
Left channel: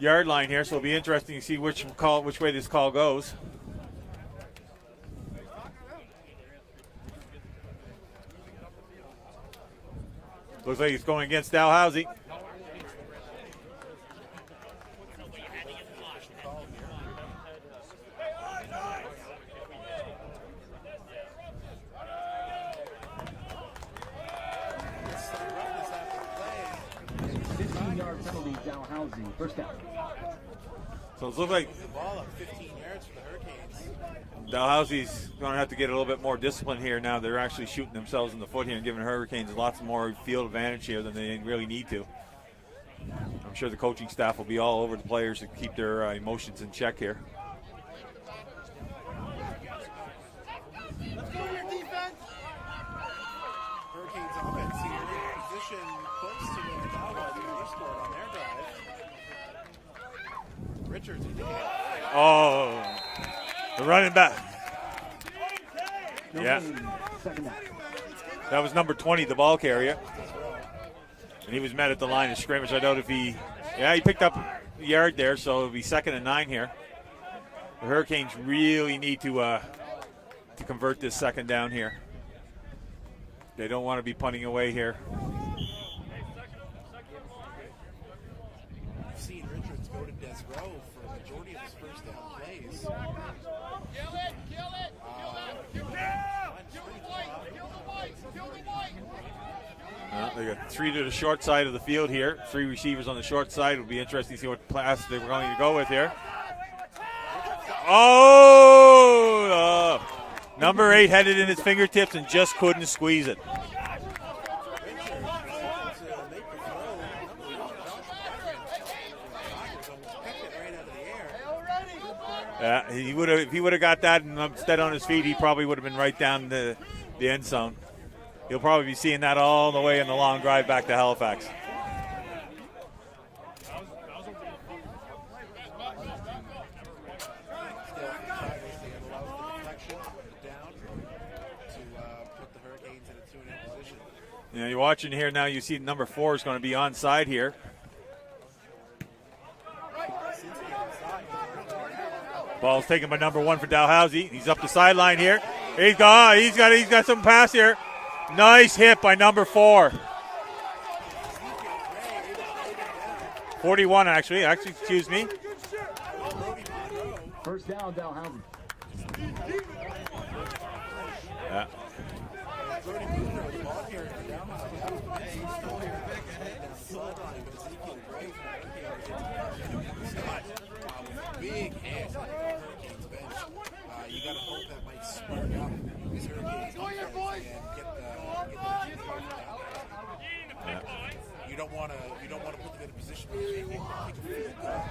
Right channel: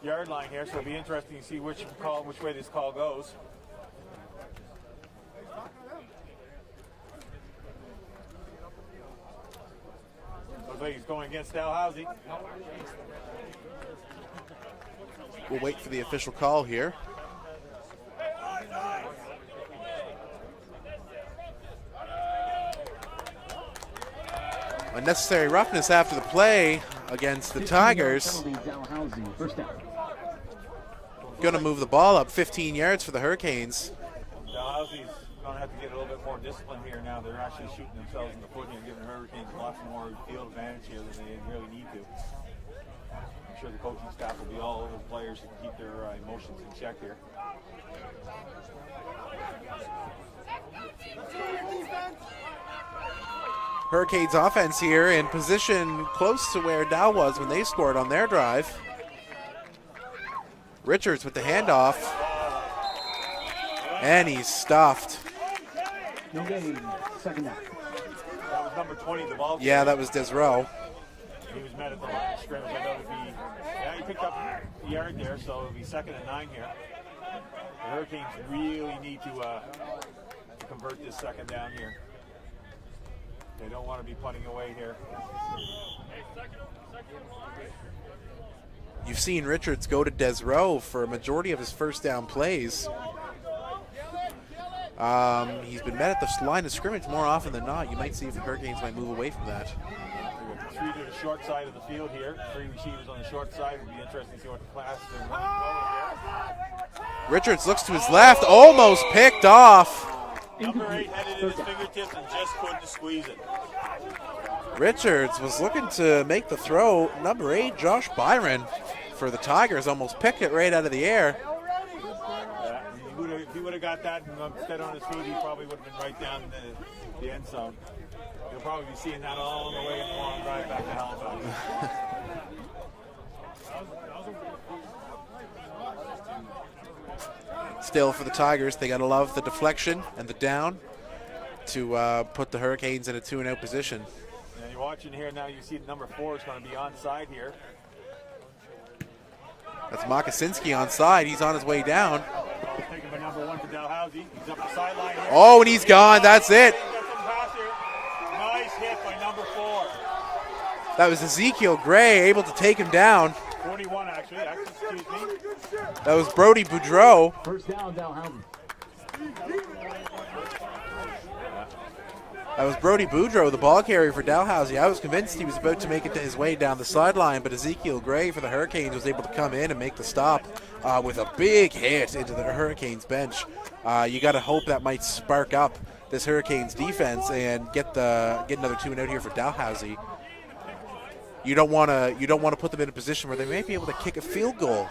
yard line here, so it'll be interesting to see which way this call goes. Looks like he's going against Dalhousie. We'll wait for the official call here. Unnecessary roughness after the play against the Tigers. First down. So Going to move the ball up 15 yards for the Hurricanes. Dalhousie's going to have to get a little bit more discipline here now. They're actually shooting themselves in the foot here and giving Hurricanes lots more field advantage here than they really need to. I'm sure the coaching staff will be all over the players to keep their emotions in check here. Hurricanes offense here in position close to where Dow was when they scored on their drive. Richards with the handoff. Oh, they're running and back. He's stuffed. Yes. 2nd down. That was number 20, the ball carrier. Yeah, that was Desrow. He was met at the line of scrimmage. I know if he picked up a yard there, so it'll be 2nd and 9 here. The Hurricanes really need to convert this 2nd down here. They don't want to be punting away here. You've seen Richards go to Desrow for a majority of his first down plays. He's been met at the line of scrimmage more often than not. You might see if the Hurricanes might move away from that. They got 3 to the short side of the field here. 3 receivers on the short side. It'll be interesting to see what pass they're going to go with here. Richards looks to his left, almost picked off. Number 8 had it in his fingertips and just couldn't squeeze it. Richards was looking to make the throw. Number 8, Josh Byron for the Tigers, almost picked it right out of the air. Yeah, if he would have got that and instead on his feet, he probably would have been right down the end zone. You'll probably be seeing that all the way in the long drive back to Halifax. Still for the Tigers, they got to love the deflection and the down to put the Hurricanes in a 2-0 position. Yeah, you're watching here now. You see number 4 is going to be onside here. That's Mokosinski onside. He's on his way down. Ball's taken by number 1 for Dalhousie. He's up the sideline here. Oh, and he's gone. That's it. He's got some pass here. Nice hit by number 4. That was Ezekiel Gray able to take him down. 41, actually, excuse me. That was Brody Boudreau. First down, Dalhousie. That was Brody Boudreau, the ball carrier for Dalhousie. I was convinced he was about to make it his way down the sideline, but Ezekiel Gray for the Hurricanes was able to come in and make the stop with a big hit into the Hurricanes bench. You got to hope that might spark up this Hurricanes defense and get another 2 and out here for Dalhousie. You don't want to put them in a position where they may be able to kick a field goal.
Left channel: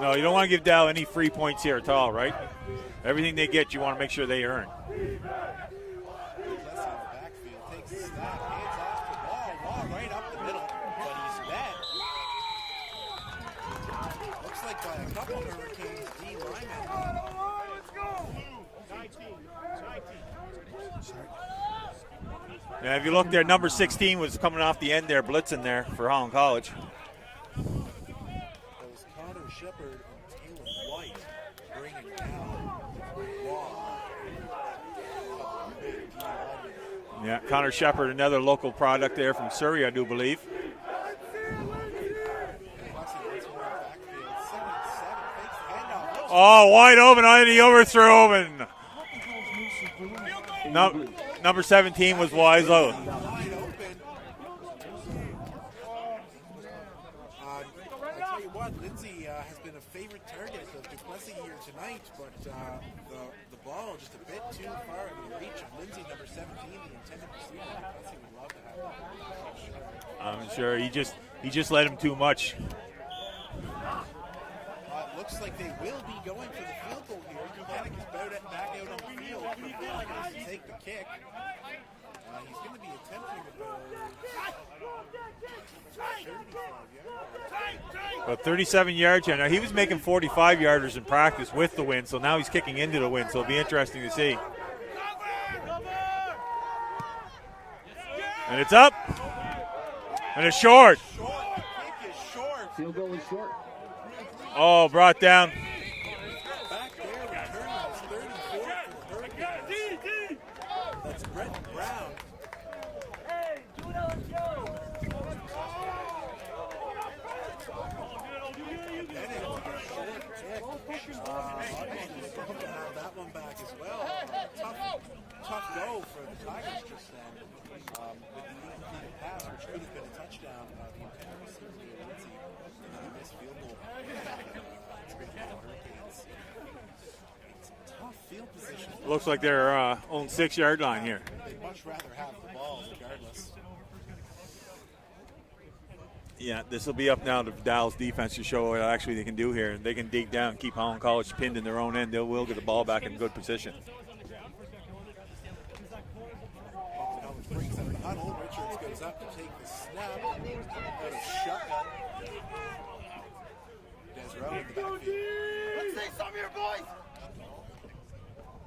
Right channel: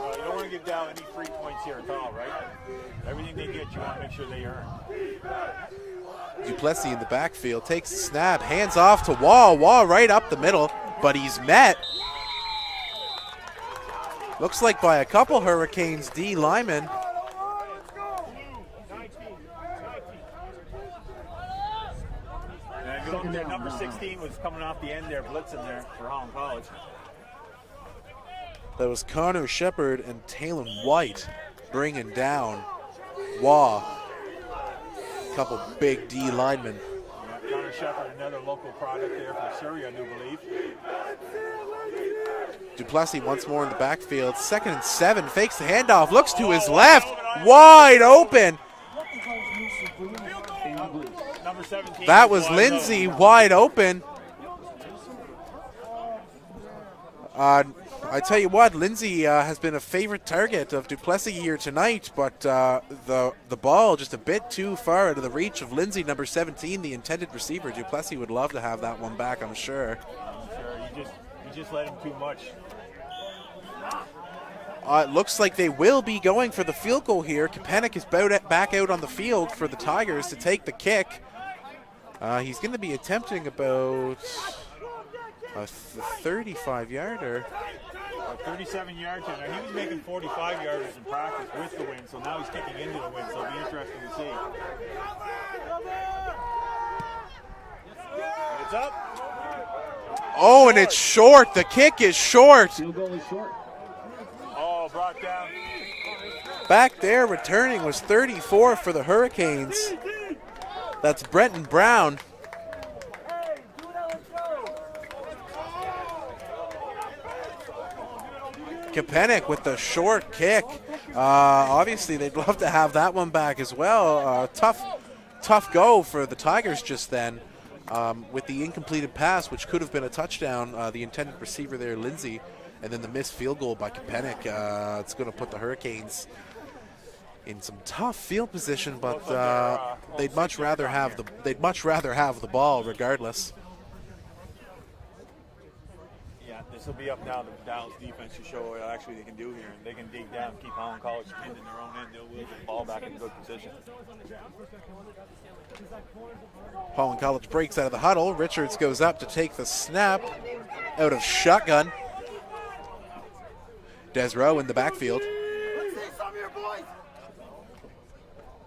No, you don't want to give Dal any free points here at all, right? Everything they get, you want to make sure they earn. Duplessis in the backfield takes the snap, hands off to Wall. Wall right up the middle, but he's met. Looks like by a couple Hurricanes D linemen. And if you look there, number 16 was coming off the end there, blitzing there for Holland College. That was Connor Shepard and Talon White bringing down Waugh. A couple big D linemen. Yeah, Connor Shepard, another local product there from Surrey, I do believe. Duplessis once more in the backfield. 2nd and 7, fakes the handoff, looks to his wide left. Open, wide open. Number 17. That was Lindsay, wide open. I tell you what, Lindsay has been a favorite target of Duplessis here tonight, but the ball just a bit too far out of the reach of Lindsay, number 17, the intended receiver. Duplessis would love to have that one back, I'm sure. I'm sure. He just let him too much. It looks like they will be going for the field goal here. Kapanik is back out on the field for the Tigers to take the kick. He's going to be attempting about a 35-yarder. About 37 yards here. Now, he was making 45-yarders in practice with the wind, so now he's kicking into the wind, so it'll be interesting to see. And it's up. And it's short. The kick is short. Field goal is short. Oh, brought down. Back there returning was 34 for the Hurricanes. That's Brenton Brown. Kapanik with the short kick. Obviously, they'd love to have that one back as well. Tough go for the Tigers just then with the incompleted pass, which could have been a touchdown. The intended receiver there, Lindsay, and then the missed field goal by Kapanik. It's going to put the Hurricanes in some tough field position, but looks like they're they'd much rather have the ball regardless. Yeah, this will be up now to Dal's defense to show what actually they can do here. They can dig down, keep Holland College pinned in their own end. They will get the ball back in good position. Holland College breaks out of the huddle. Richards goes up to take the snap out of shotgun. Desrow in the backfield.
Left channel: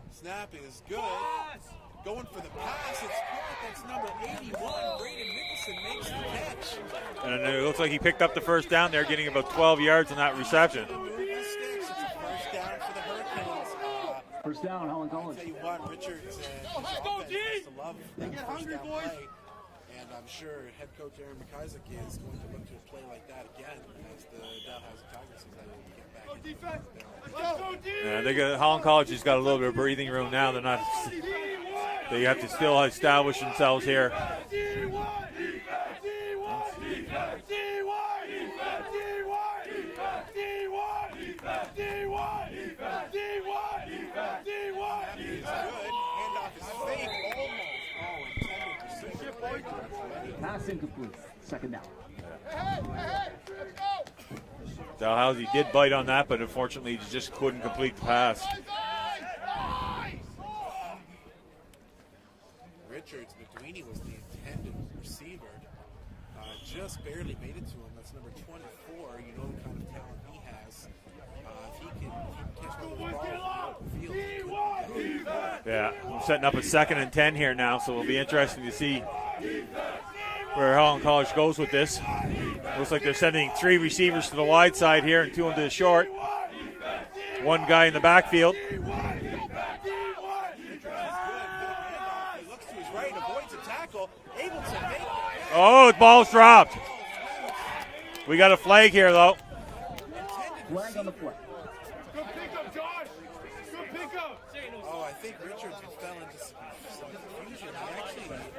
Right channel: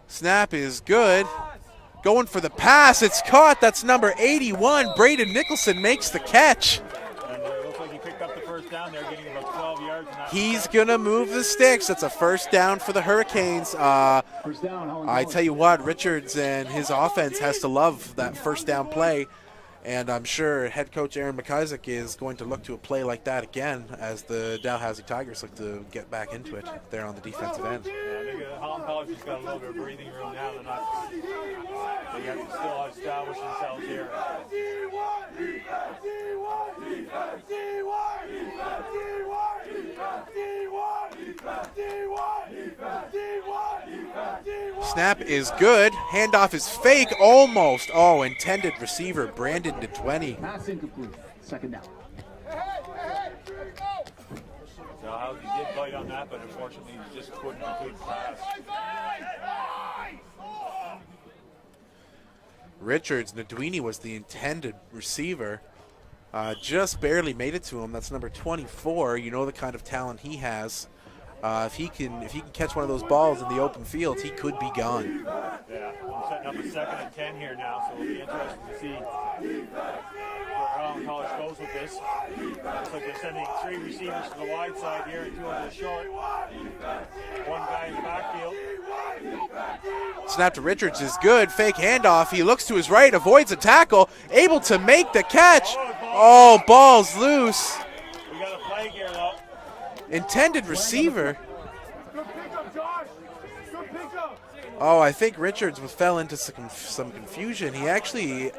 Snap is good. Going for the pass. It's caught. That's number 81. Braden Nicholson makes the catch. And it looks like he picked up the first down there, getting about 12 yards in that He's reception. going to move the sticks. It's a first down for the Hurricanes. First down, Holland I College. tell you what, Richards and his offense has to love that first down play. And I'm sure head coach Aaron McIsaac is going to look to a play like that again as the Dalhousie Tigers look to get back into it there on the defensive end. Yeah, Holland College has got a little bit of breathing room now. They have to still establish themselves here. Snap is good. Handoff is fake, almost. Oh, intended receiver Brandon DeTwenty. Pass incomplete. Second down. Dalhousie did bite on that, but unfortunately he just couldn't complete the pass. Richards, Nadwini was the intended receiver. Just barely made it to him. That's number 24. You know the kind of talent he has. If he can catch one of those balls in the open field, he could be gone. Yeah, setting up a 2nd and 10 here now, so it'll be interesting to see where Holland College goes with this. Looks like they're sending 3 receivers to the wide side here and 2 into the short. 1 guy in the backfield. Snap to Richards is good. Fake handoff. He looks to his right, avoids a tackle, able to make the catch. Oh, the ball's dropped. Ball's loose. We got a flag here, though. Intended receiver. Oh, I think Richards fell into some confusion. He actually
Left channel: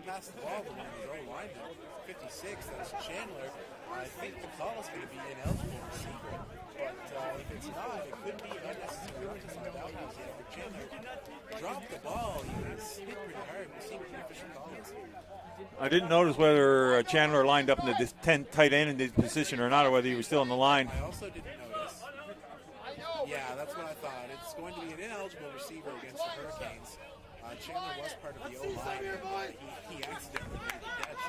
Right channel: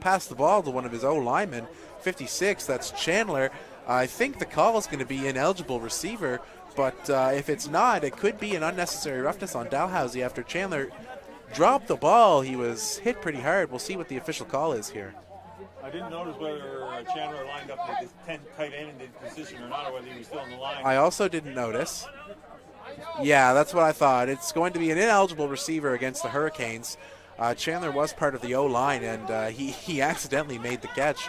passed the ball to one of his O-linemen, 56, that's Chandler. I think the call is going to be ineligible receiver, but if it's not, it could be an unnecessary roughness on Dalhousie after Chandler dropped the ball. He was hit pretty hard. We'll see what the official call is here. I didn't notice whether Chandler lined up in the 10 tight end in the position or not, or whether he was still on the line. I also didn't notice. Yeah, that's what I thought. It's going to be an ineligible receiver against the Hurricanes. Chandler was part of the O-line, and he accidentally made the catch.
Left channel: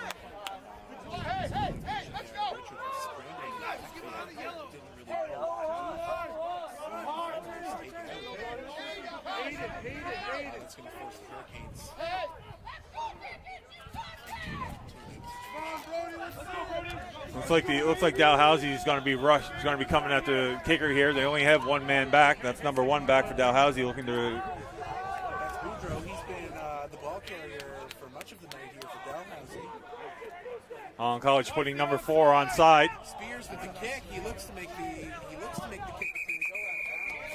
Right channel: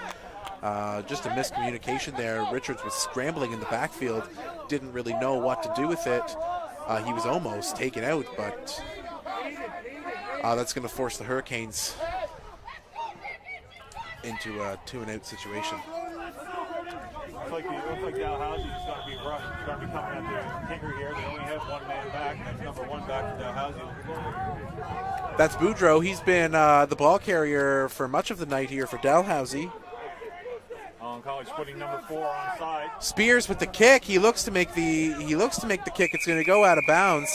Just a miscommunication there. Richards was scrambling in the backfield, didn't really know what to do with it. He was almost taken out, but that's going to force the Hurricanes into a 2-and-out situation. Looks like Dalhousie is going to be rushed. He's going to be coming at the kicker here. They only have 1 man back. That's number 1 back for Dalhousie, looking to. That's Boudreau. He's been the ball carrier for much of the night here for Dalhousie. Holland College putting number 4 on side. Spears with the kick. He looks to make the kick. It's going to go out of bounds.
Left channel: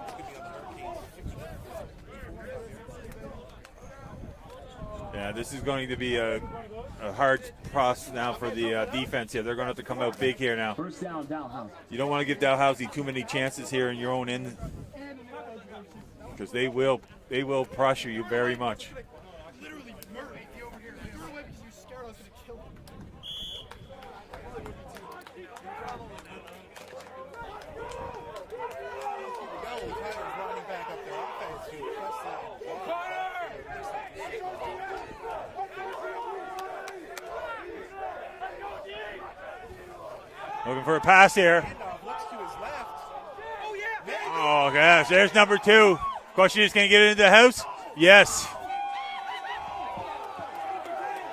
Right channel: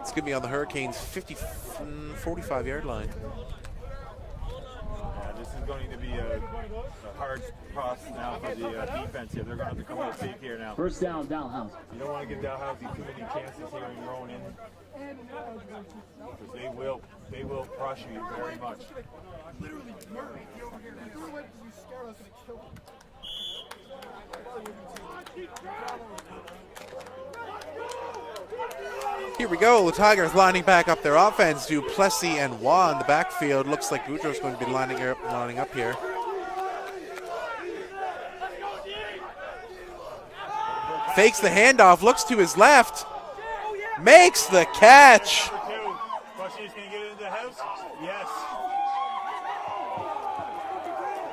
It's going to be on the Hurricanes' 45-yard line. Yeah, this is going to be a hard process now for the defense here. They're going to have to come out big here now. First down, Dalhousie. You don't want to give Dalhousie too many chances here in your own end, because they will pressure you very much. Here we go. The Tigers lining back up their offense. Duplessis and Waugh in the backfield. Looks like Boudreau's going to be lining up here. Looking for a pass Fakes here. the handoff. Looks to his left. Makes the God, catch. There's number 2. Question is, can he get it into the house? Yes.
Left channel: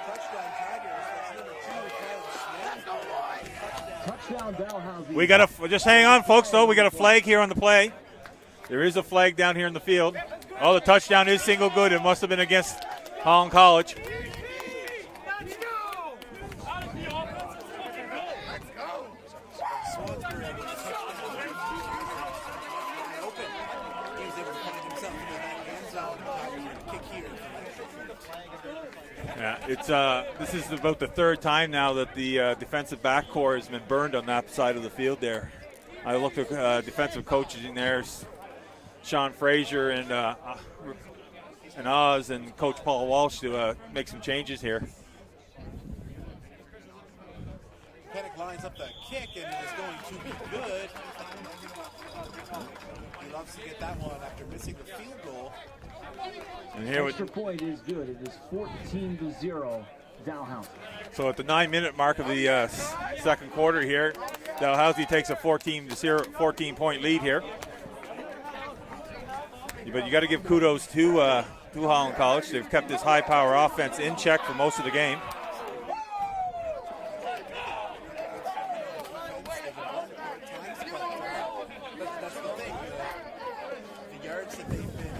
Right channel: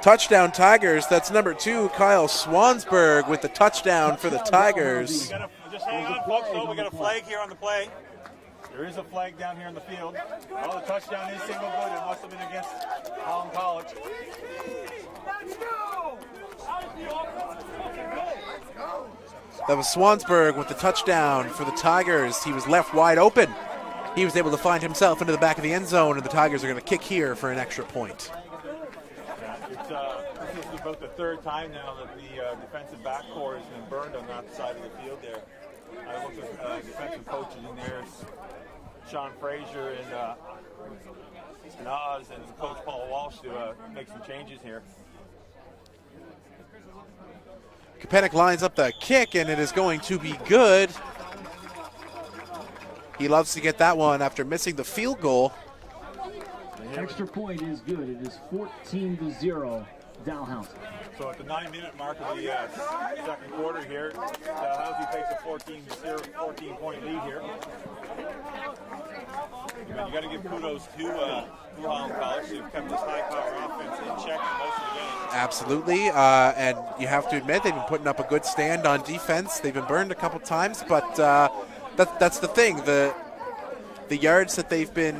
Touchdown Tigers. That's number 2, Kyle Swansburg, with the touchdown for the Tigers. We got just hang on, folks. Though we got a flag here on the play. There is a flag down here in the field. Oh, the touchdown is single good. It must have been against Holland College. That was Swansburg with the touchdown for the Tigers. He was left wide open. He was able to find himself into the back of the end zone, and the Tigers are going to kick here for an extra point. Yeah, this is about the 3rd time now that the defensive back core has been burned on that side of the field there. I looked at defensive coaches in there, Sean Frazier and Oz and Coach Paul Walsh to make some changes here. Kapenik lines up the kick, and it is going to be good. He loves to get that one after missing the field goal. Extra point is good. It is 14-0, Dalhousie. So at the 9-minute mark of the second quarter here, Dalhousie takes a 14-point lead here. But you got to give kudos to Holland College. They've kept this high-power offense in check for most of the game. Absolutely, and you have to admit they've been putting up a good stand on defense. They've been burned a couple times, but that's the thing. The yards that they've been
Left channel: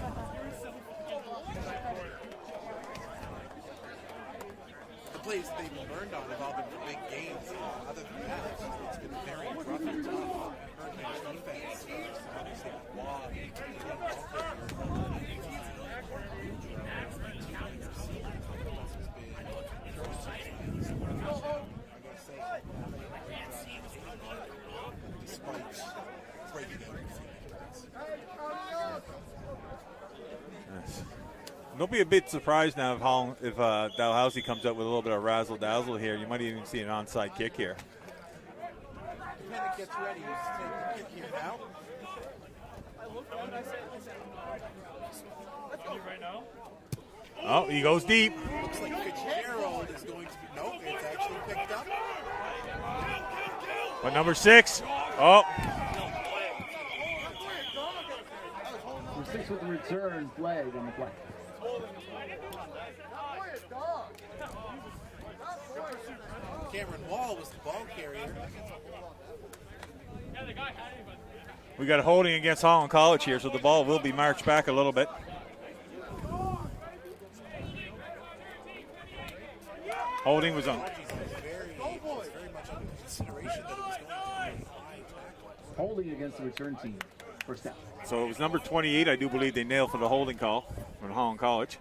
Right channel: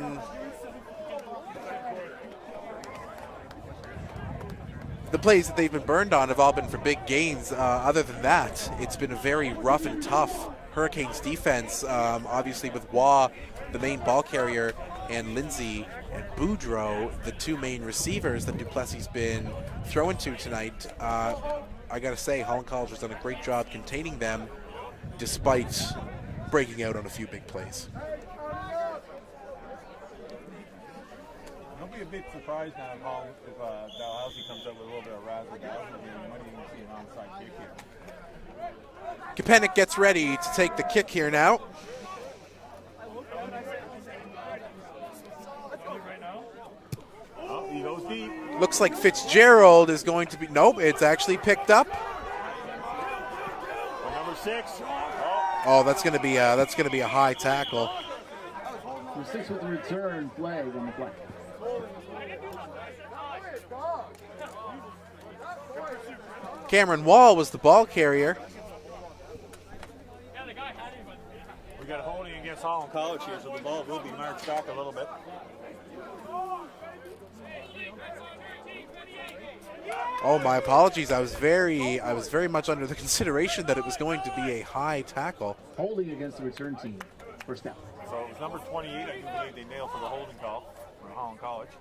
the plays that they've been burned on have all been for big gains. Other than that, it's been a very rough and tough Hurricanes defense. Obviously with Waugh, the main ball carrier, and Lindsay and Boudreau, the 2 main receivers that Duplessis been throwing to tonight. I gotta say, Holland College has done a great job containing them despite breaking out on a few big plays. Don't be a bit surprised now if Dalhousie comes up with a little bit of razzle-dazzle here. You might even see an onside kick here. Kapanik gets ready to take the kick here now. Oh, he goes deep. Looks like Fitzgerald is going to be, nope, it's actually picked up. But number 6, oh, that's going to be a high tackle. Number 6 with the return flag on the play. Cameron Wall was the ball carrier. we got a holding against Holland College here, so the ball will be marched back a little bit. My apologies. I was very much under the consideration that it was going to be a high tackle. Holding against the return team. First down. So it was number 28. I do believe they nailed for the holding call for Holland College.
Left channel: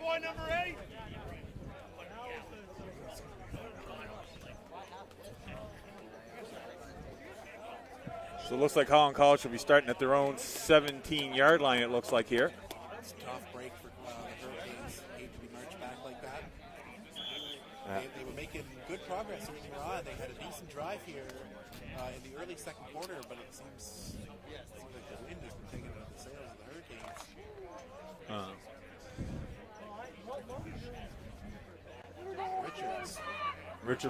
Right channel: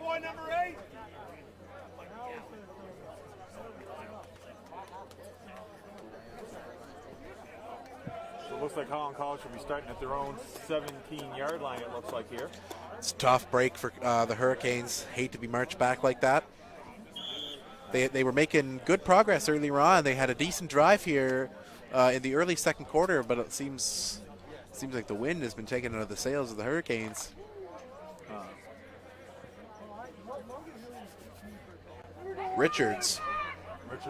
Boy, number 8. So it looks like Holland College will be starting at their own 17-yard line, it looks like here. It's a tough break for the Hurricanes. Hate to be marched back like that. They were making good progress earlier on. They had a decent drive here in the early second quarter, but it seems like the wind has been taken out of the sails of the Hurricanes. Richard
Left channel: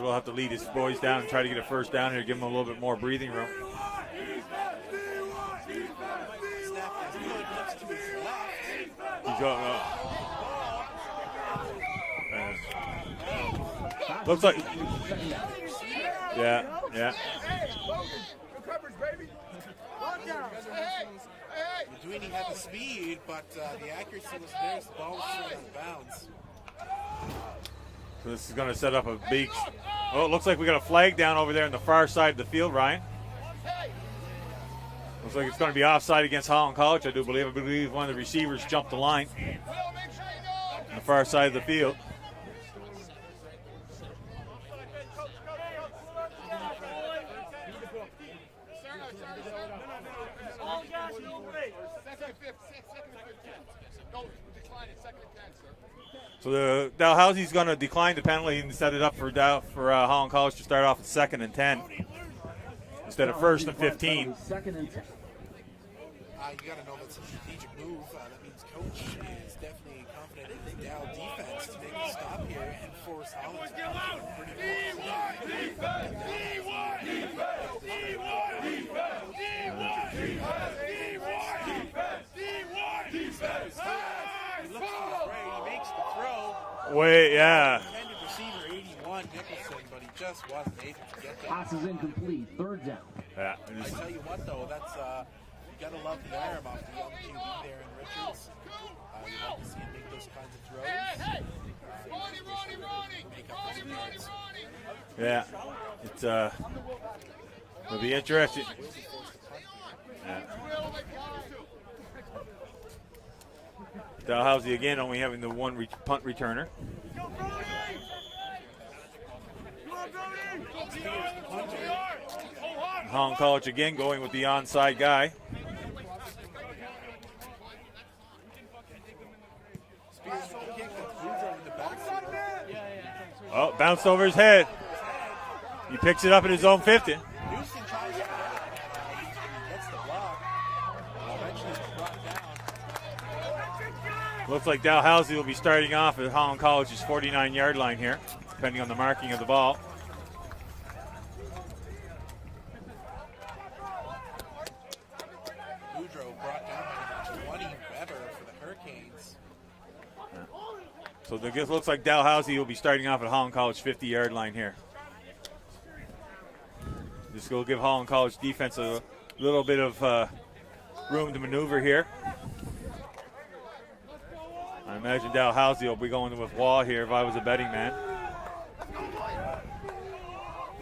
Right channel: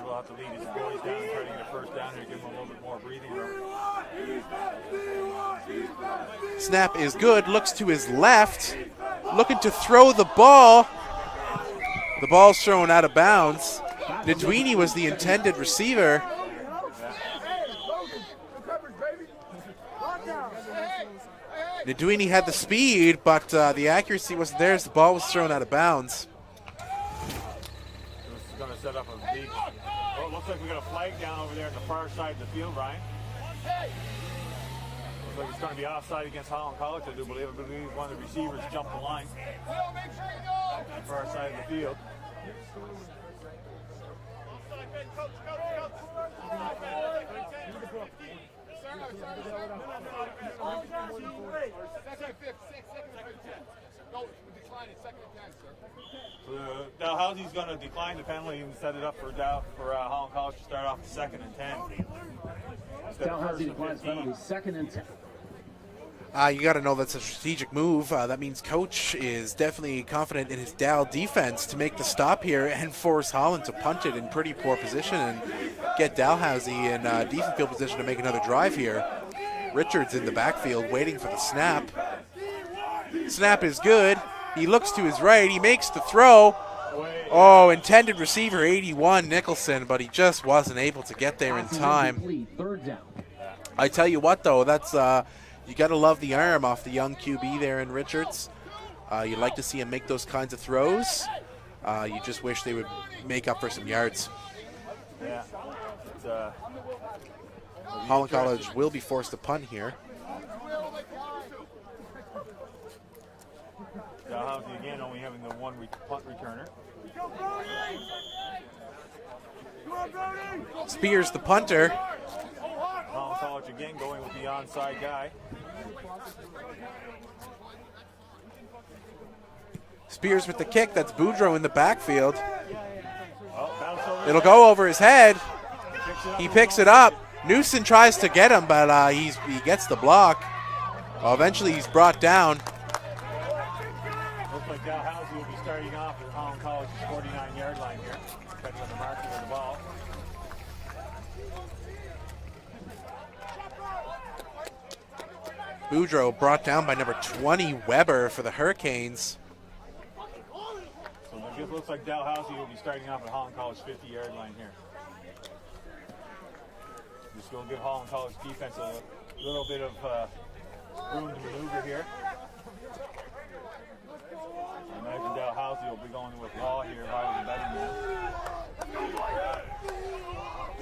will have to lead his boys down and try to get a first down here, give them a little bit more breathing room. Snap is good, looks to his left, looking to throw the ball. The ball's thrown out of bounds. Nduini was the intended receiver. Yeah. Nduini had the speed, but the accuracy wasn't there as the ball was thrown out of bounds. So this is going to set up a big... Oh, it looks like we got a flag down over there on the far side of the field, Ryan. Looks like it's going to be offside against Holland College, I do believe. I believe one of the receivers jumped the line on the far side of the field. So the Dalhousie's going to decline the penalty and set it up for Holland College to start off at 2nd and 10 instead of 1st and 15. 2nd and 10. You got to know that's a strategic move. That means Coach is definitely confident in his Dal defense to make the stop here and force Holland to punt it in pretty poor position and get Dalhousie in decent field position to make another drive here. Richards in the backfield waiting for the snap. Snap is good. He looks to his right. He makes the throw. Oh, intended receiver 81 Nicholson, but he just wasn't able to get there in time. 3rd down. Yeah. I tell you what, though, that's you got to love the arm off the young QB there in Richards. You'd like to see him make those kinds of throws. You just wish they would make up for some yards. Yeah. It's it'll be Holland interesting. College will be forced to punt here. Dalhousie again only having the one punt returner. Spears the punter. Holland College again going with the onside guy. Spears with the kick. That's Boudreaux in the backfield. Oh, bounced over his head. It'll go over his head. He picks it up. He picks it up. Newson tries to get him, but he gets the block. Eventually, he's brought down. Looks like Dalhousie will be starting off at Holland College's 49-yard line here, depending on the marking of the ball. Boudreaux brought down by number 20, Weber, for the Hurricanes. So it looks like Dalhousie will be starting off at Holland College 50-yard line here. Just will give Holland College defense a little bit of room to maneuver here. I imagine Dalhousie will be going with Waugh here if I was a betting man.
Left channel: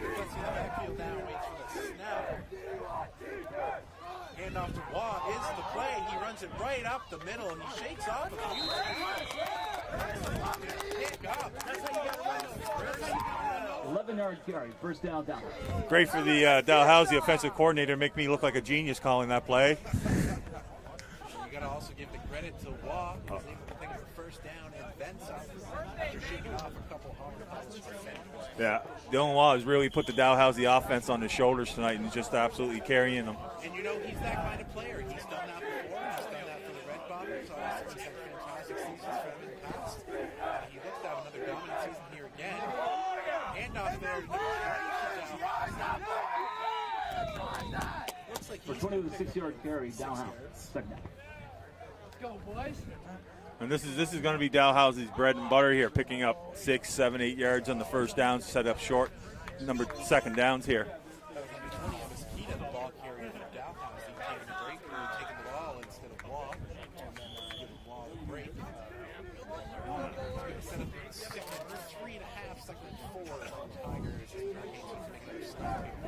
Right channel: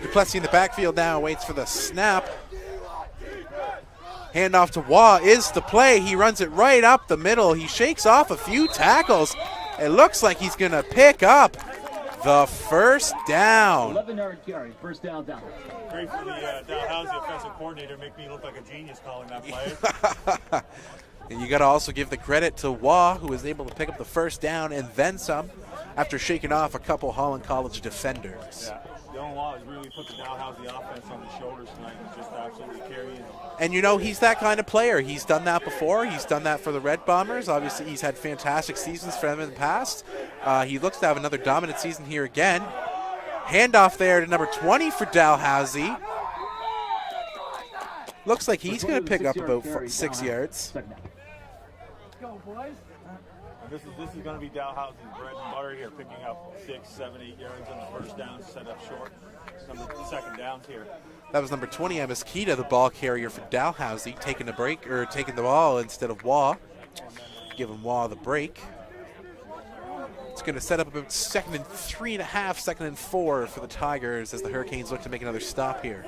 Duplessis in the backfield now, waits for the snap. Handoff to Waugh is the play. He runs it right up the middle. He shakes off a few tackles. It looks like he's going to pick up the first down. 11-yard carry, first down. Great for the Dalhousie offensive coordinator, make me look like a genius calling that play. And you got to also give the credit to Waugh, who was able to pick up the first down and then some after shaking off a couple Holland College defenders. Yeah, Dylan Waugh has really put the Dalhousie offense on his shoulders tonight and just absolutely carrying them. And you know, he's that kind of player. He's done that before. He's done that for the Red Bombers. Obviously, he's had fantastic seasons for them in the past. He looks to have another dominant season here again. Handoff there to number 20 for Dalhousie. Looks like he's going to pick up about 6 yards. And this is going to be Dalhousie's bread and butter here, picking up 6, 7, 8 yards on the first down, set up short. Second downs here. That was number 20, Amiskita, the ball carrier for Dalhousie, taking the ball instead of Waugh. Giving Waugh the break. It's going to set up about 2nd and 3.5, 2nd and 4 for the Tigers as the Hurricanes look to make another stop here.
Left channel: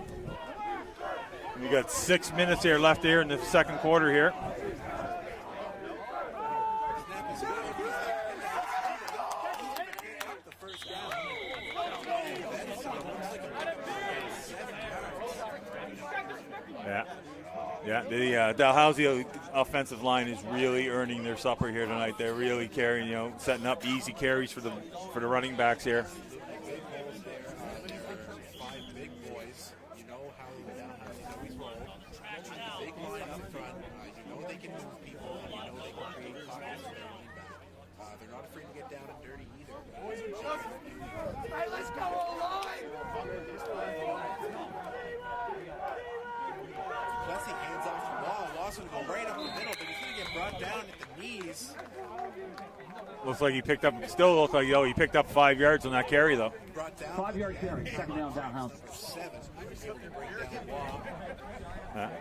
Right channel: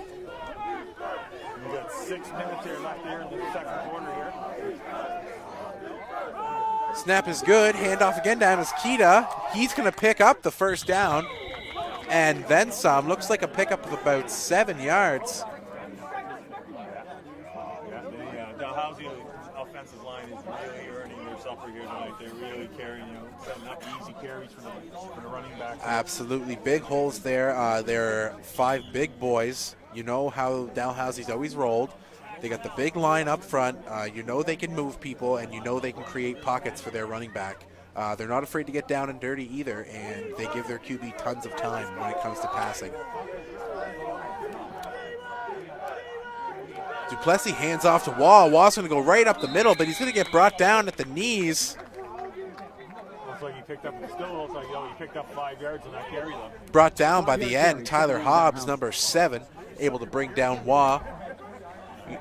We got 6 minutes here left here in the second quarter here. Snap is good. Handoff again to Amiskita. He's going to pick up the first down and then some. Looks like a pickup of about 7 yards. Yeah, the Dalhousie offensive line is really earning their supper here tonight. They're really carrying, setting up easy carries for the running backs here. Absolutely. Big holes there. They're 5 big boys. You know how Dalhousie's always rolled. They got the big line up front. You know they can move people, and you know they can create pockets for their running back. They're not afraid to get down and dirty either, and they give their QB tons of time when it comes to passing. Duplessis hands off to Waugh. Waugh's going to go right up the middle, but he's going to get brought down at the knees. Looks like he picked up 5 yards on that carry, though. Brought down by the end. Tyler Hobbs, number 7, able to bring down Waugh.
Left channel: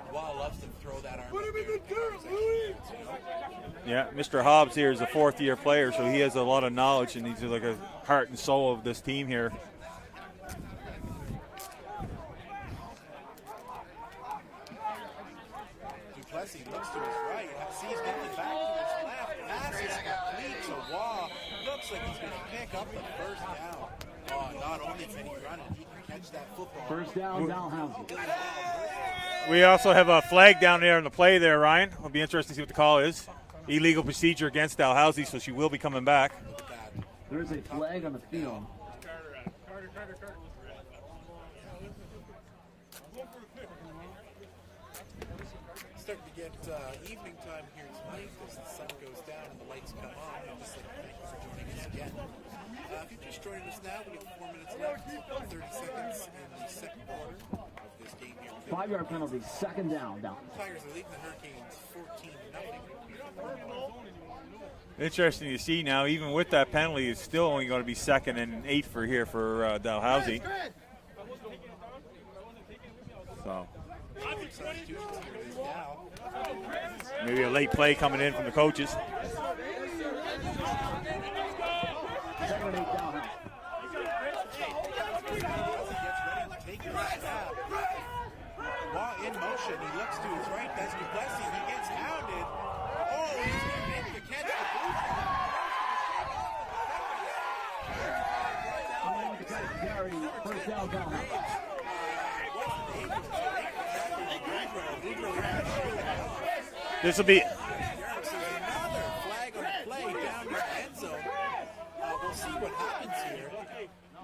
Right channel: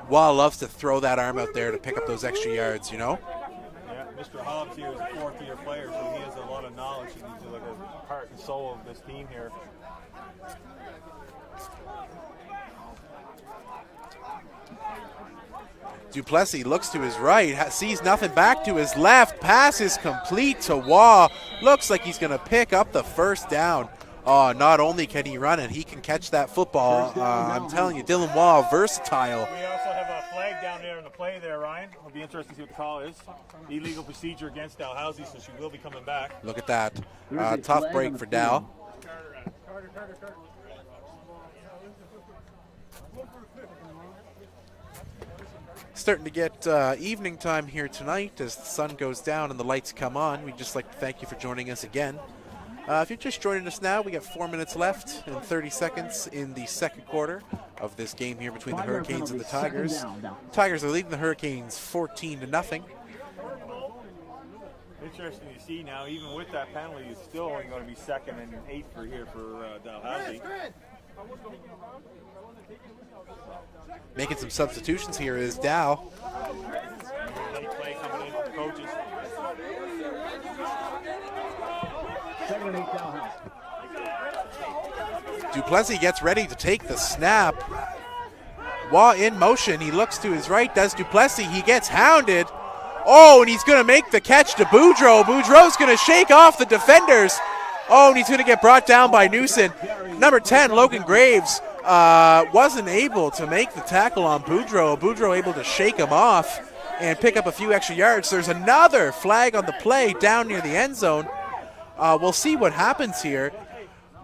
Waugh loves to throw that arm out there to pick up those extra yards, you know? Yeah, Mr. Hobbs here is a fourth-year player, so he has a lot of knowledge, and he's like a heart and soul of this team here. Duplessis looks to his right, sees nothing back to his left. Pass is complete to Waugh. Looks like he's going to pick up the first down. Oh, not only can he run it, he can catch that football. I'm telling you, Dylan Waugh, versatile. We also have a flag down there in the play there, Ryan. It'll be interesting to see what the call is. Illegal procedure against Dalhousie, so she will be coming back. Look at that. Tough break for Dal. Starting to get evening time here tonight as the sun goes down and the lights come on. We'd just like to thank you for joining us again. If you're just joining us now, we got 4 minutes left and 30 seconds in the second quarter of this game here between the Hurricanes and the Tigers. Tigers are leading the Hurricanes 14-0. Interesting to see now, even with that penalty, it's still only going to be 2nd and 8 for Dalhousie. So making some substitutions here is Dow. Maybe a late play coming in from the coaches. Duplessis gets ready to take the snap. Waugh in motion. He looks to his right. Does Duplessis. He gets hounded. Oh, and he's going to make the catch to Boudreau. Boudreau's going to shake off the defenders. Oh, and he's going to get brought down by Newson. Number 10, Logan Graves, wasn't able to make the tackle on Boudreau. Boudreau able to shake him off and pick up a few extra yards. There's another flag on the play down near the end zone. We'll see what happens here.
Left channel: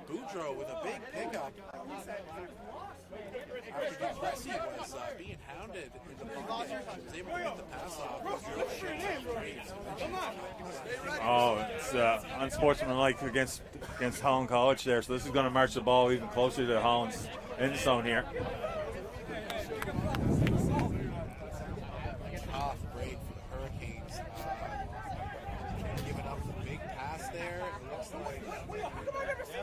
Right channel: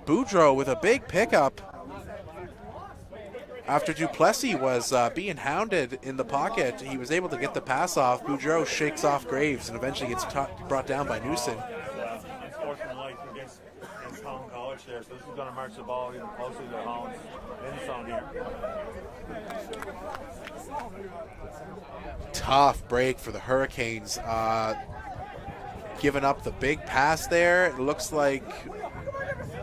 Boudreau with a big pickup after Duplessis was being hounded in the pocket. He was able to get the pass off. Boudreau shakes off Graves and eventually gets brought down by Newson. It's unsportsmanlike against Holland College there, so this is going to march the ball even closer to Holland's end zone here. Tough break for the Hurricanes. Giving up the big pass there. It looks like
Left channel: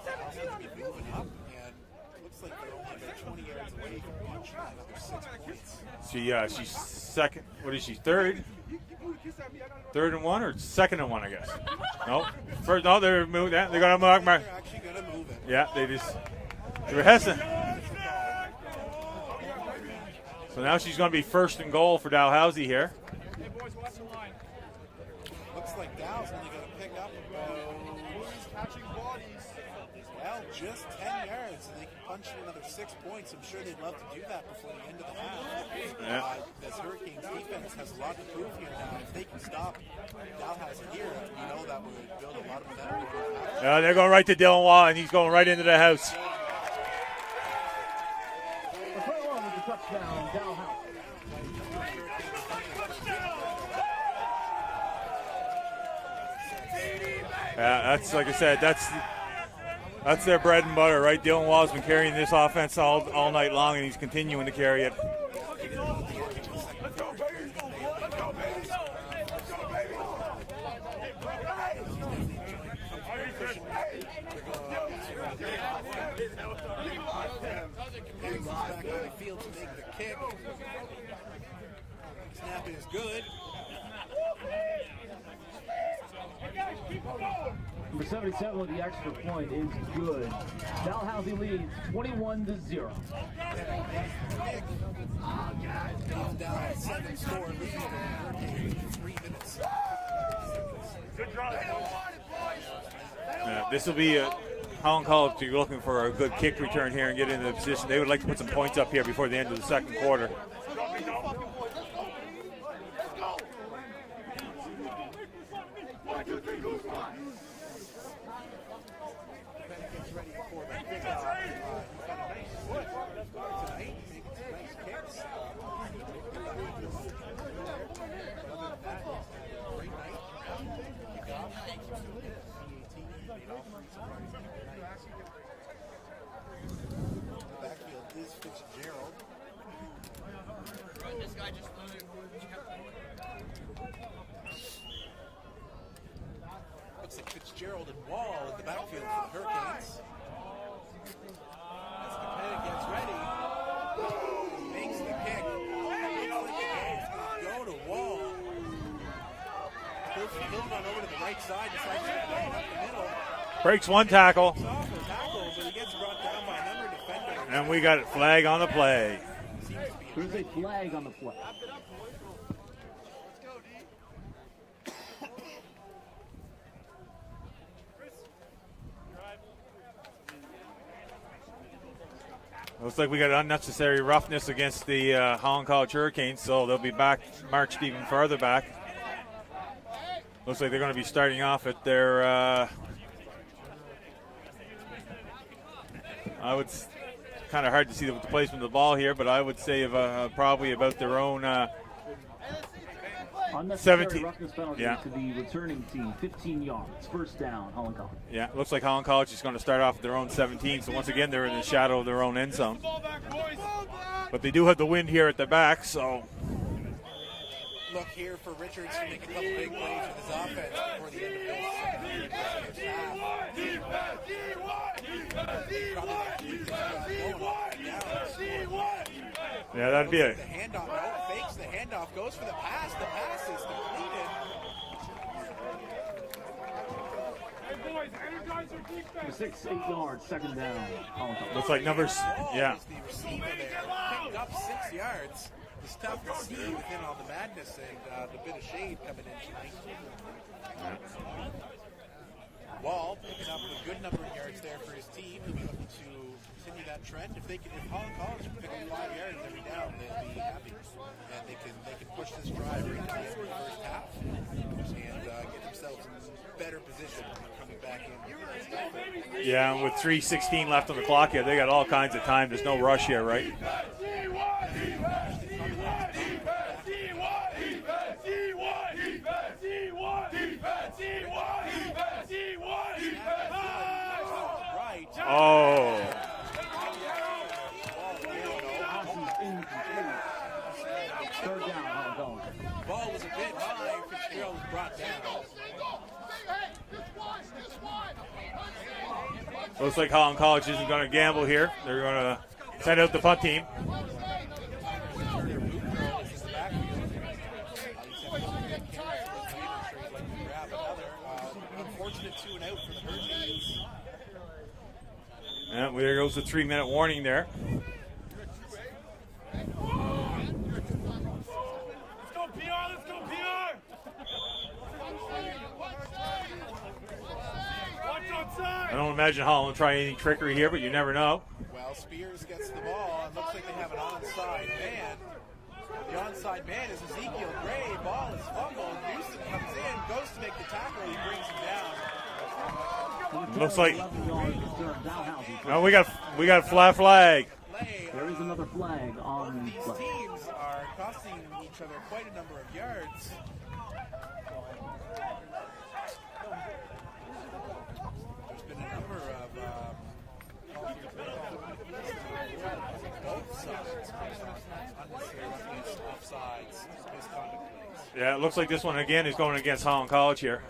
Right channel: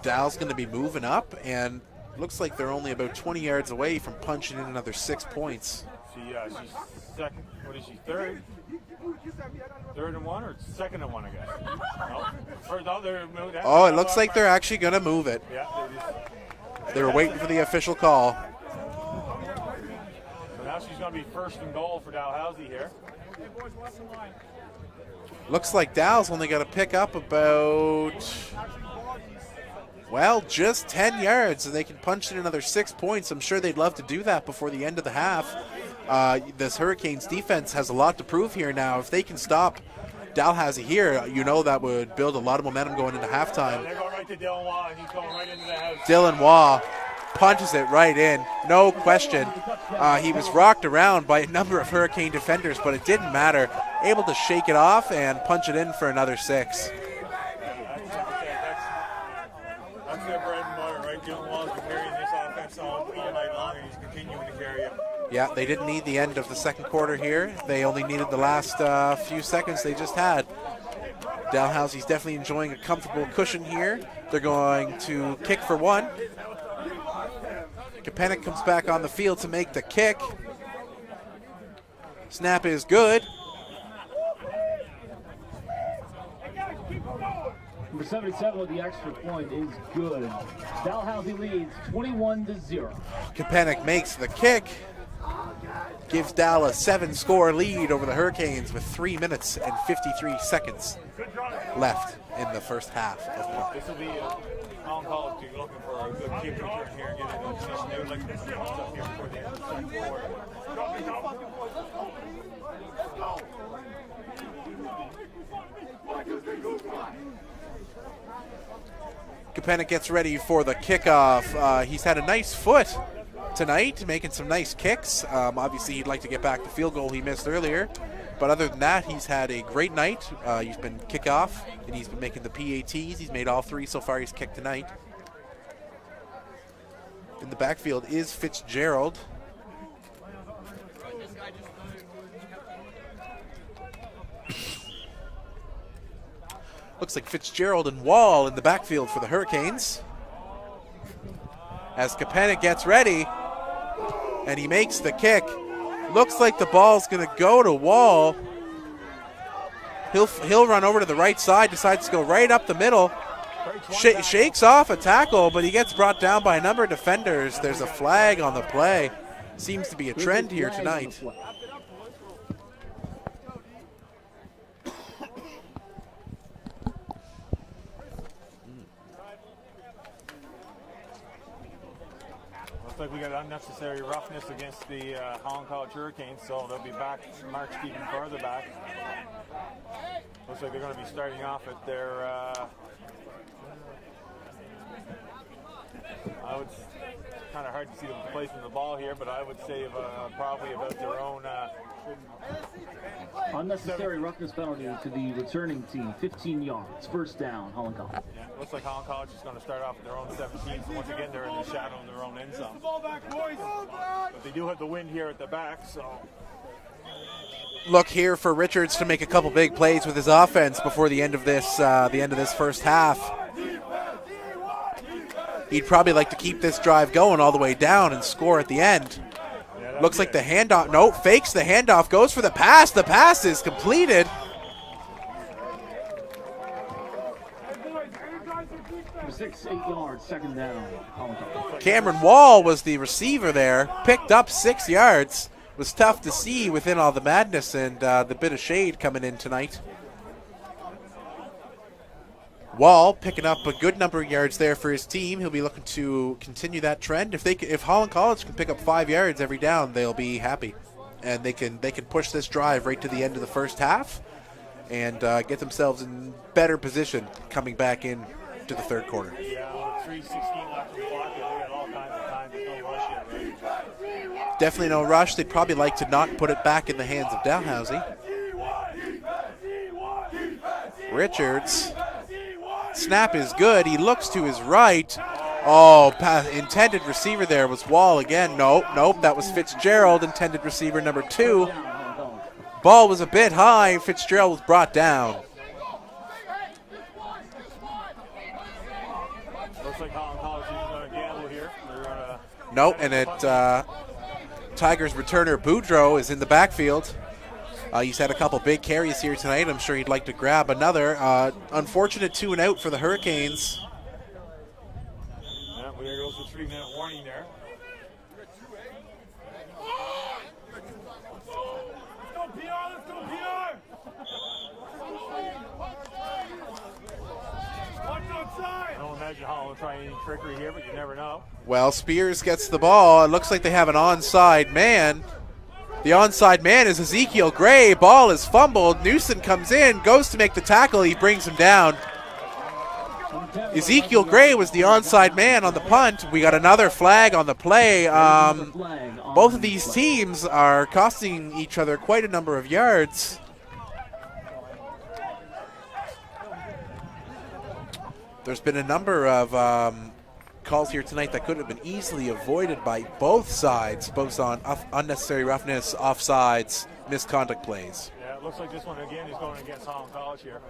Dal's going to be moving up, and looks like they're only about 20 yards away from punching in another 6 points. She's second. What is she? Third? 3rd and 1 or 2nd and 1, I guess. No. First, no, they're moving that. Oh, it looks like they're actually going to move it. Yeah, they're waiting for the official call. So now she's going to be 1st and goal for Dalhousie here. Looks like Dal's only got to pick up about, well, just 10 yards, and they can punch in another 6 points. I'm sure they'd love to do that before the end of the half. This Hurricanes defense has a lot to prove here now. If they can stop Dalhousie here, you know that would build a lot of momentum going into halftime. They're going right to Dylan Waugh, and he's going right into the house. Dylan Waugh punches it right in, no question. He was rocked around by a number of Hurricane defenders, but it didn't matter. Able to shake it off and punch it in for another 6. That's, like I said, that's their bread and butter, right? Dylan Waugh's been carrying this offense all night long, and he's continuing to carry it. Yeah, they didn't need the end of the second quarter here. They only needed the last few seconds they just had. Dalhousie's definitely enjoying a comfortable cushion here. They're going to kick for 1. Kapanik comes back on the field to make the kick. Snap is good. Number 77 with the extra point is good. Dalhousie leads 21-0. Kapanik makes the kick. Gives Dal a 7-score lead over the Hurricanes with 3 minutes and 53 seconds left in the first half. Yeah, this will be Holland College be looking for a good kick return here and get into the position. They would like to put some points up here before the end of the second quarter. Kapanik gets ready for the kickoff. He's had a nice foot tonight, making some nice kicks. Obviously, he'd like to get back the field goal he missed earlier. But other than that, he's had a great night. He's been kickoff, and he's been making the PATs. He's made all 3 so far he's kicked tonight. In the backfield is Fitzgerald. Looks like Fitzgerald and Wall in the backfield for the Hurricanes. As Kapanik gets ready, and he makes the kick. Looks like the ball's going to go to Wall. He'll run over to the right side, decides to go right up the middle. Breaks one tackle. Shakes off a tackle, but he gets brought down by a number of defenders. And there's we a got flag on the play. Seems to be a trend here tonight. Looks like we got unnecessary roughness against the Holland College Hurricanes, so they'll be back, marched even farther back. Looks like they're going to be starting off at their, kind of hard to see the placement of the ball here, but I would say probably about their own unnecessary 17. roughness penalty to the returning team. 15 yards, first down, Holland College. Yeah, looks like Holland College is going to start off at their own 17, so once again they're in the shadow of their own end zone. But they do have the wind here at the back, so. Look here for Richards to make a couple big plays with his offense before the end of this first half. He'd probably like to keep this drive going all the way down and score at the end. Yeah, looks like the handoff. No, fakes the handoff, goes for the pass. The pass is completed. For 6-8 yards, second down. Like Cameron Wall was the receiver there, picked up 6 yards. Was tough to see within all the madness and the bit of shade coming in tonight. Wall picking up a good number of yards there for his team. He'll be looking to continue that trend. If Holland College can pick up 5 yards every down, they'll be happy, and they can push this drive right to the end of the first half and get themselves in better position coming back in to the third quarter. Yeah, and with 3:16 left on the clock here, they got all kinds of time. There's no rush here, right? Definitely no rush. They'd probably like to not put it back in the hands of Dalhousie. Richards. Snap is good. He looks to his right. Intended receiver there was Wall again. Nope, that was Fitzgerald, intended receiver number 2. Ball was a bit high. Fitzgerald was brought down. Looks like Holland College isn't going to gamble here. They're going to send out the punt team. Tigers returner Boudreau is in the backfield. He's had a couple big carries here tonight. I'm sure he'd like to grab another. Unfortunate 2 and out for the Hurricanes. And there goes the 3-minute warning there. I don't imagine Holland will try any trickery here, but you never know. Well, Spears gets the ball. It looks like they have an onside man. The onside man is Ezekiel Gray. Ball is fumbled. Newson comes in, goes to make the tackle. He brings him down. Ezekiel Gray was the onside man on the punt. We got another flag on the play. Both of these teams are costing each other quite a number of yards. There's been a number of calls here tonight that could have been easily avoided by both sides, both on unnecessary roughness, offsides, misconduct plays. Yeah, it looks like this one again is going against Holland College here.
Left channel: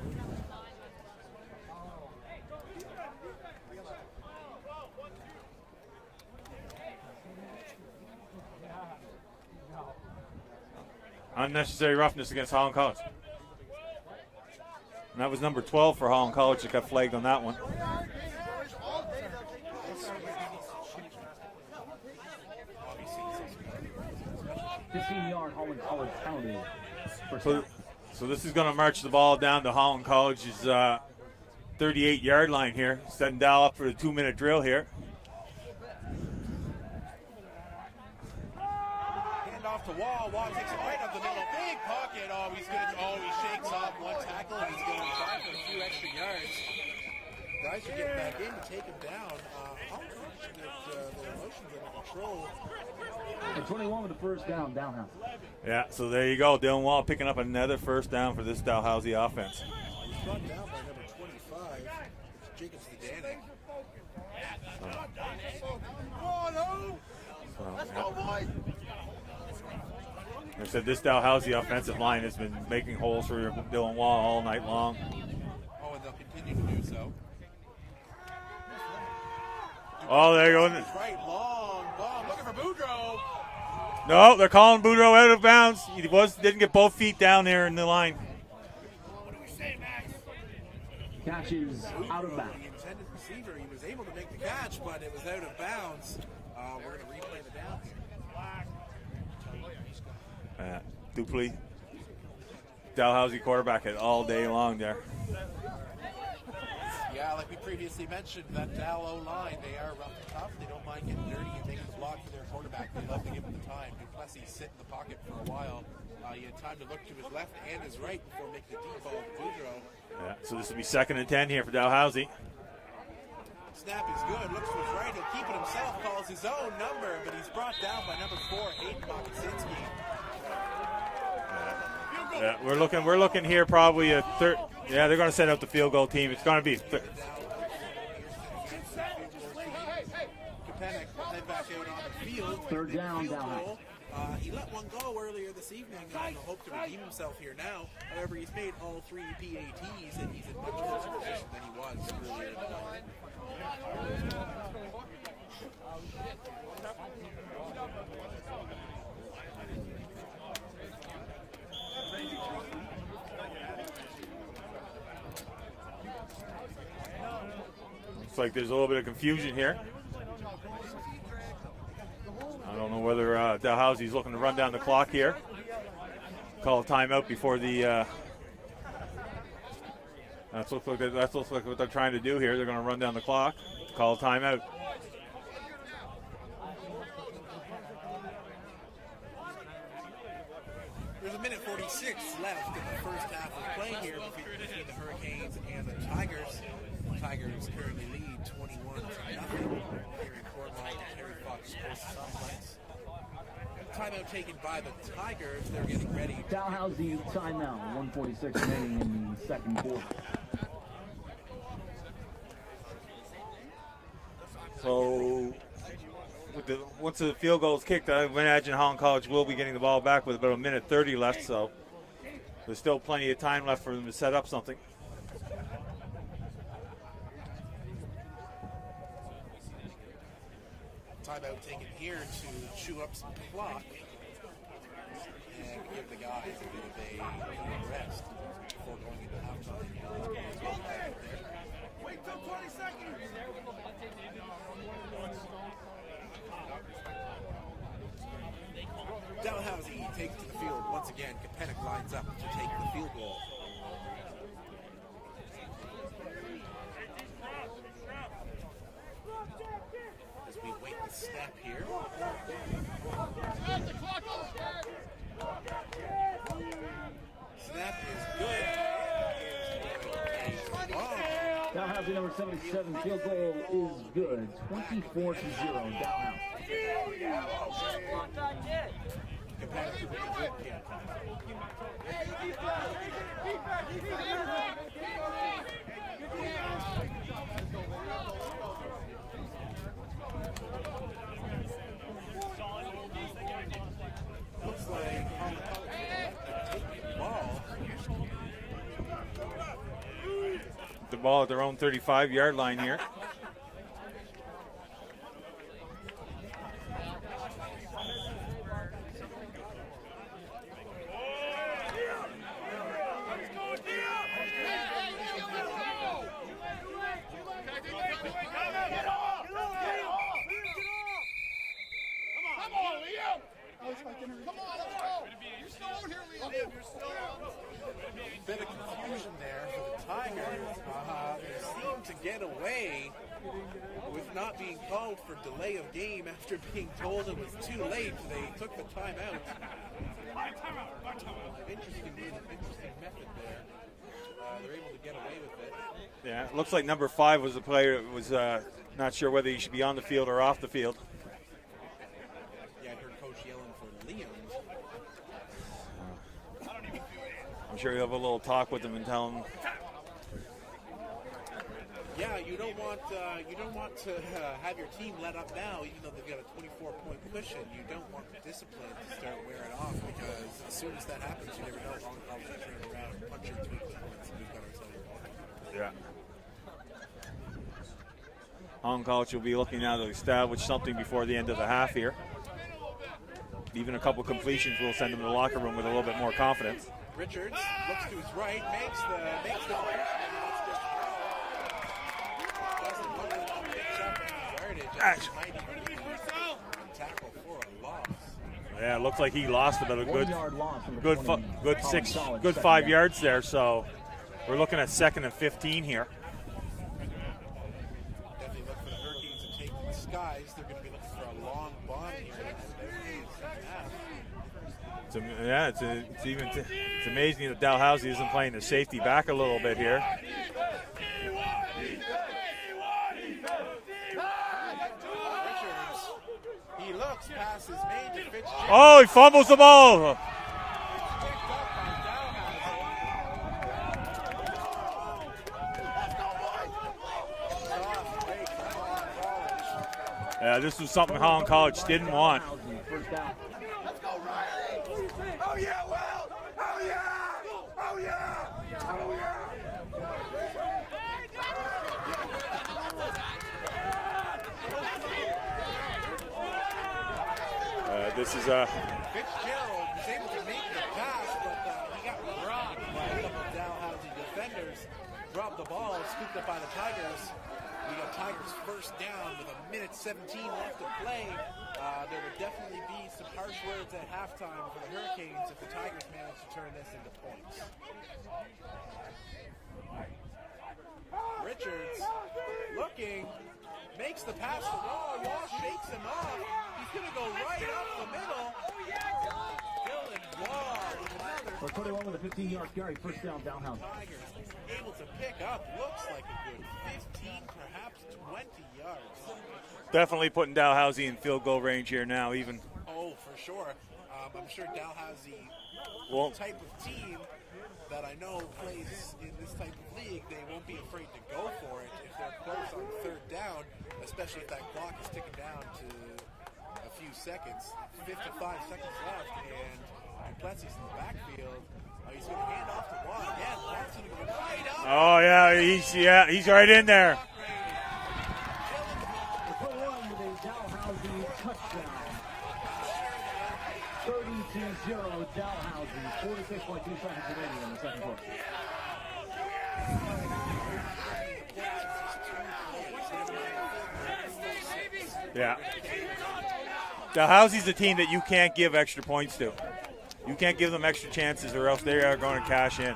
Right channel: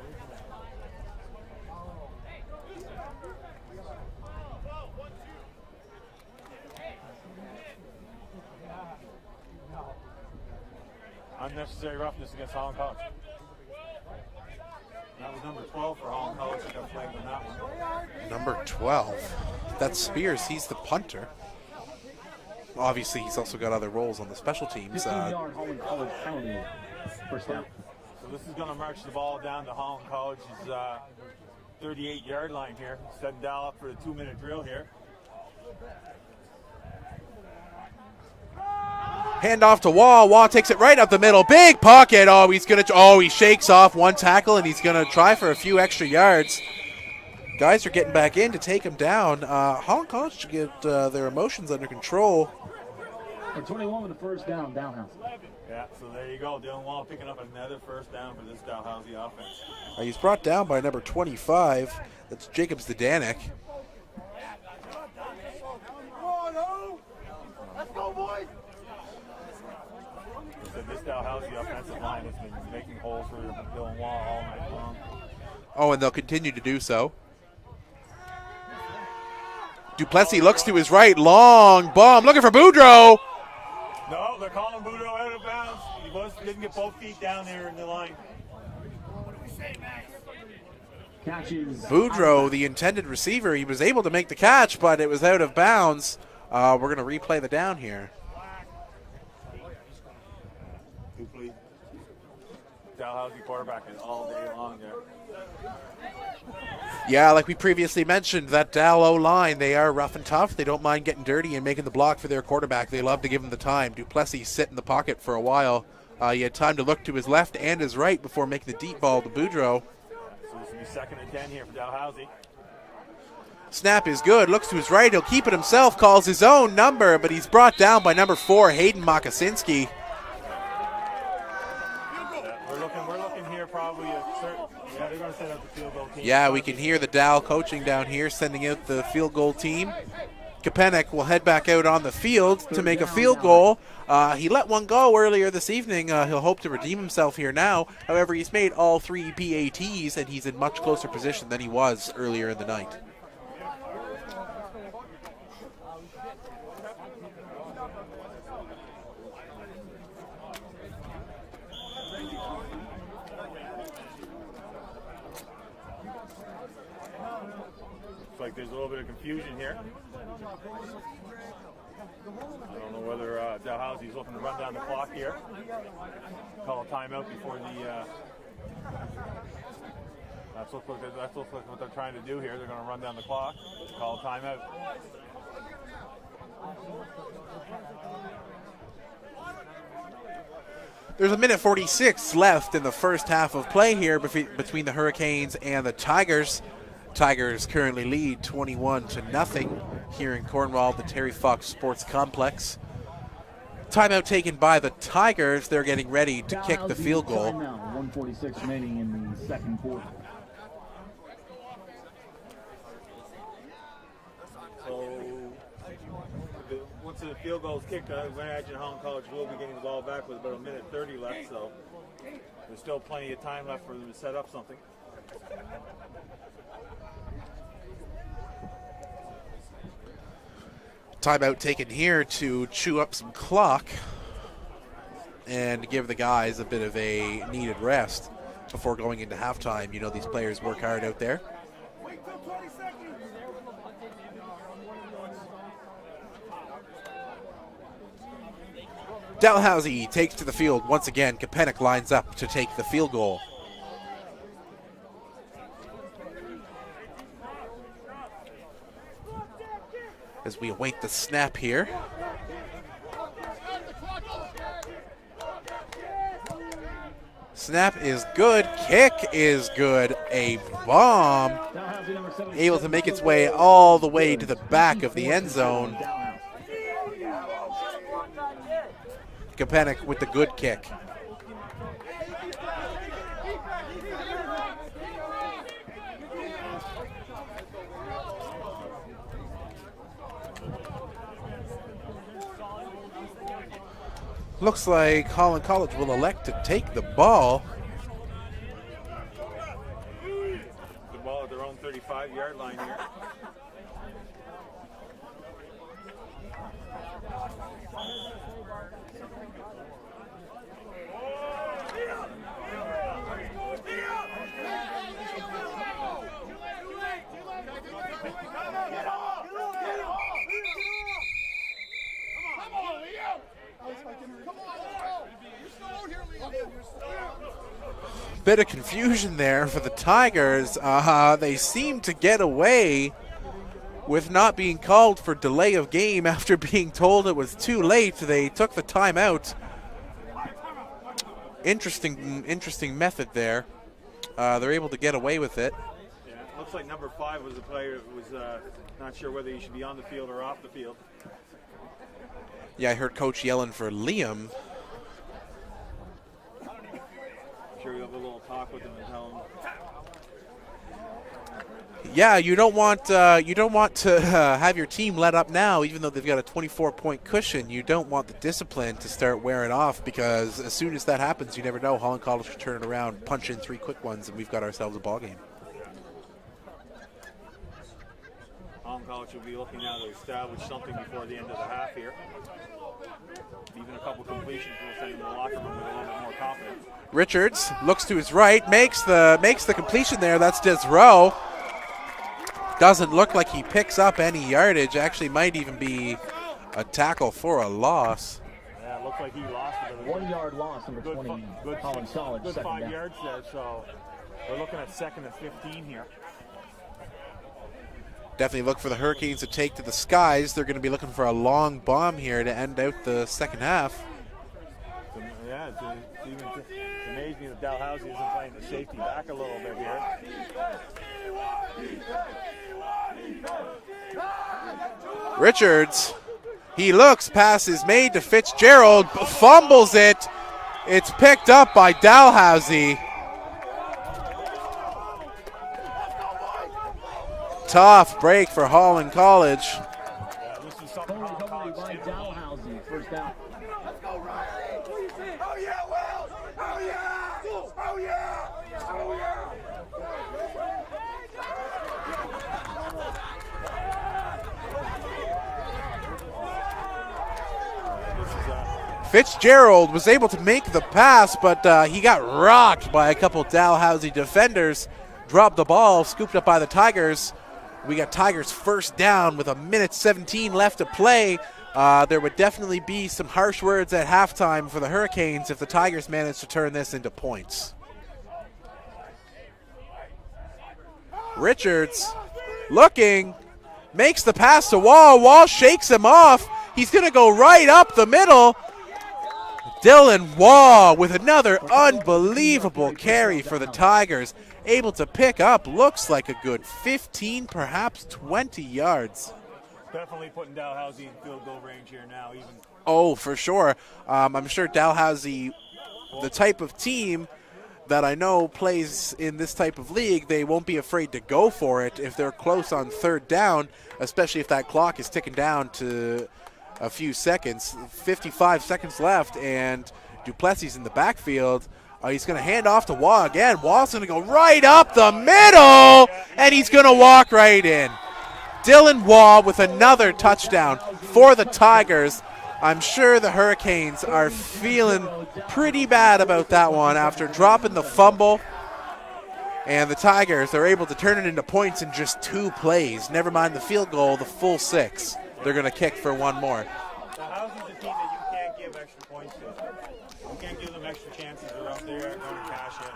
Unnecessary roughness against Holland College. And that was number 12 for Holland College that got flagged on that one. Number 12. That's Spears. He's the punter. Obviously, he's also got other roles on the special teams. 15-yard Holland College penalty. First down. So this is going to march the ball down to Holland College's 38-yard line here. Setting Dal up for the 2-minute drill here. Hand off to Wall. Wall takes it right up the middle. Big pocket. He shakes off one tackle, and he's gonna try for a few extra yards. Guys are getting back in to take him down. Holland College should get their emotions under control. And 21 with the first down, Dalhousie. Yeah, so there you go. Dylan Wall picking up another first down for this Dalhousie offense. He's brought down by number 25. That's Jacob Zdanek. Let's go, boys. I said this Dalhousie offensive line has been making holes for Dylan Wall all night long. Oh, and they'll continue to do so. Duplessis looks to his right, long bomb, looking for Boudreau. No, they're calling Boudreau out of bounds. He didn't get both feet down there in the line. Catches Boudreau, the intended receiver, he was able to make the catch, but it was out of bounds. We're going to replay the down here. Duplessis, Dalhousie quarterback it all day long there. Yeah, like we previously mentioned, that Dal O-line, they are rough and tough. They don't mind getting dirty and making the block for their quarterback. They love to give him the time. Duplessis sit in the pocket for a while. He had time to look to his left and his right before making the deep ball to Boudreau. Yeah, so this will be 2nd and 10 here for Dalhousie. Snap is good, looks to his right, he'll keep it himself, calls his own number, but he's brought down by number 4, Hayden Mokosinski. Yeah, we're looking here probably a third. Yeah, they're going to send out the field goal team. Yeah, we can hear the Dal coaching down here, sending out the field goal team. Kapanek will head back out on the field to make a field goal. He let one go earlier this evening. He'll hope to redeem himself here now. However, he's made all 3 PATs, and he's in much closer position than he was earlier in the night. Looks like there's a little bit of confusion here. I don't know whether Dalhousie's looking to run down the clock here. Call a timeout before the. That's looks like what they're trying to do here. They're going to run down the clock, call a timeout. There's a minute 46 left in the first half of play here between the Hurricanes and the Tigers. Tigers currently lead 21-0 here in Cornwall, the Terry Fox Sports Complex. Timeout taken by the Tigers. They're getting ready to kick the field goal. Timeout, 1:46 remaining in the second quarter. So once the field goal is kicked, I imagine Holland College will be getting the ball back with about a minute 30 left, so there's still plenty of time left for them to set up something. Timeout taken here to chew up some clock and give the guys a bit of a needed rest before going into halftime. You know, these players work hard out there. Dalhousie takes to the field once again. Kapanek lines up to take the field goal. As we await the snap here. Snap is good. Kick is good. A bomb. Dalhousie number 77, Able to make its way all the way to the back of the end zone. Kapanik with the good kick. Looks like Holland College will elect to take the ball. The ball at their own 35-yard line here. Bit of confusion there for the Tigers. They seem to get away with not being called for delay of game after being told it was too late. They took the timeout. Interesting method there. They're able to get away with it. Yeah, it looks like number 5 was the player that was not sure whether he should be on the field or off the field. Yeah, I heard Coach yelling for Liam. I'm sure you'll have a little talk with him and tell him. Yeah, you don't want to have your team let up now, even though they've got a 24-point cushion. You don't want the discipline to start wearing off, because as soon as that happens, you never know. Holland College could turn it around, punch in 3 quick ones, and we've got ourselves a ball game. Yeah. Holland College will be looking now to establish something before the end of the half here. Even a couple completions will send them to the locker room with a little bit more confidence. Richards looks to his right, makes the completion there. That's Desrow. Doesn't look like he picks up any yardage. Actually, might even be a tackle for a loss. Yeah, it looks like he lost it, but a 1 yard loss. good 5 yards there. So we're looking at 2nd and 15 here. Definitely look for the Hurricanes to take to the skies. They're going to be looking for a long bomb here to end out the second half. It's amazing that Dalhousie isn't playing the safety back a little bit here. Richards, he looks, pass is made to Fitzgerald, fumbles it. It's picked up by Dalhousie. Tough break for Holland College. Yeah, this is something Holland College didn't want. First down. Let's go, Riley! Oh yeah, Will! Oh yeah! Oh yeah! Oh yeah! This is Fitzgerald was able to make the pass, but he got rocked by a couple Dalhousie defenders. Dropped the ball, scooped up by the Tigers. We got Tigers first down with 1:17 left to play. There would definitely be some harsh words at halftime for the Hurricanes if the Tigers manage to turn this into points. Richards looking, makes the pass to Wall. Wall shakes him off. He's going to go right up the middle. Dylan Waugh with another unbelievable carry for the Tigers. Able to pick up, looks like a good 15, perhaps 20 yards. definitely putting Dalhousie in field goal range here now even. Oh, for sure. I'm sure Dalhousie, the type of team that I know plays in this type of league, they won't be afraid to go for it if they're close on third down, especially if that clock is ticking down to a few seconds. 55 seconds left, and Duplessis in the backfield. He's going to hand off to Waugh again. Waugh's going to go right up the middle, and he's going to walk right in. Dylan Waugh with another touchdown for the Tigers. I'm sure the Hurricanes are feeling pretty bad about that one after dropping the fumble. And the Tigers are able to turn it into points in just 2 plays. Never mind the field goal, the full 6. Yeah. They're going to kick for 1 more. Dalhousie's a team that you can't give extra points to. You can't give them extra chances or else they are going to cash in.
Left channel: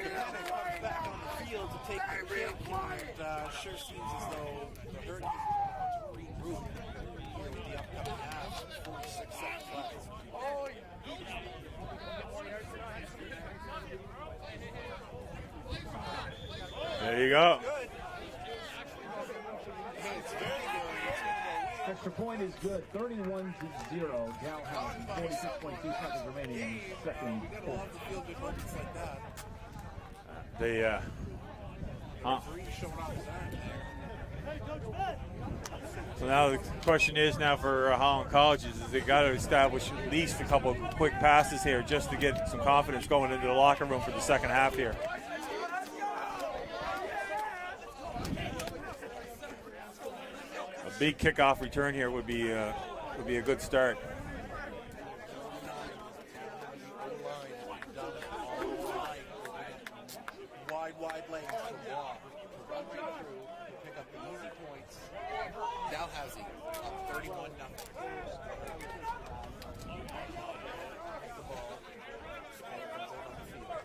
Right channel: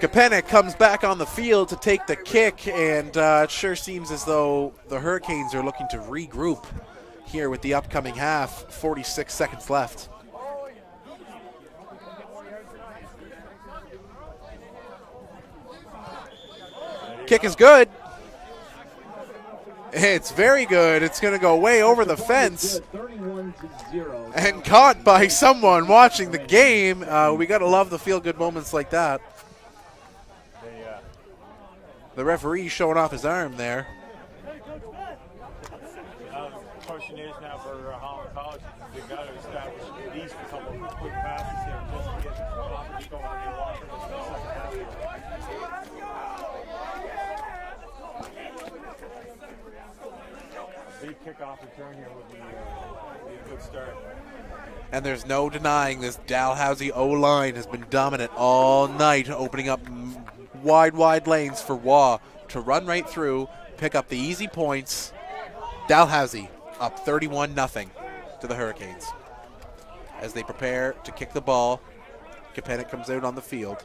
Kapanik comes back on the field to take the kick, and it sure seems as though the Hurricanes are looking to regroup here with the upcoming half. 46 seconds left. Kick is good. It's very good. It's going to go way over the fence. 31-0. And caught by someone watching the game. We got to love the feel-good moments like that. The referee showing off his arm there. So now the question is now for Holland College is they got to establish at least a couple of quick passes here just to get some confidence going into the locker room for the second half here. A big kickoff return here would be a good start. And there's no denying this Dalhousie O-line has been dominant all night, opening up wide lanes for Waugh to run right through, pick up the easy points. Dalhousie up 31-0 to the Hurricanes. As they prepare to kick the ball, Kapanik comes out on the field.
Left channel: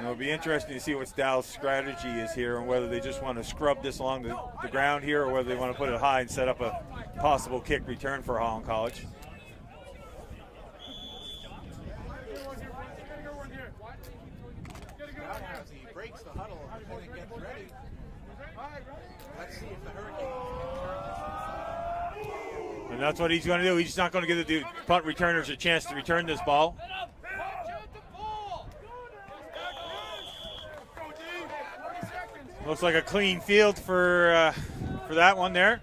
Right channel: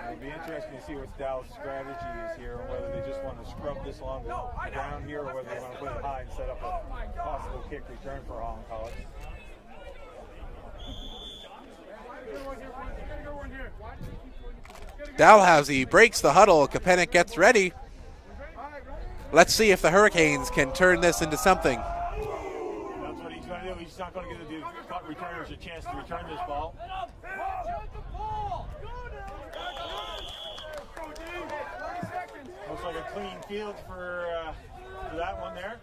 It'll be interesting to see what Dal's strategy is here and whether they just want to scrub this along the ground here or whether they want to put it high and set up a possible kick return for Holland College. Dalhousie breaks the huddle. Kapanik gets ready. Let's see if the Hurricanes can turn this into something. And that's what he's going to do. He's not going to give the punt returners a chance to return this ball. Looks like a clean field for that one there.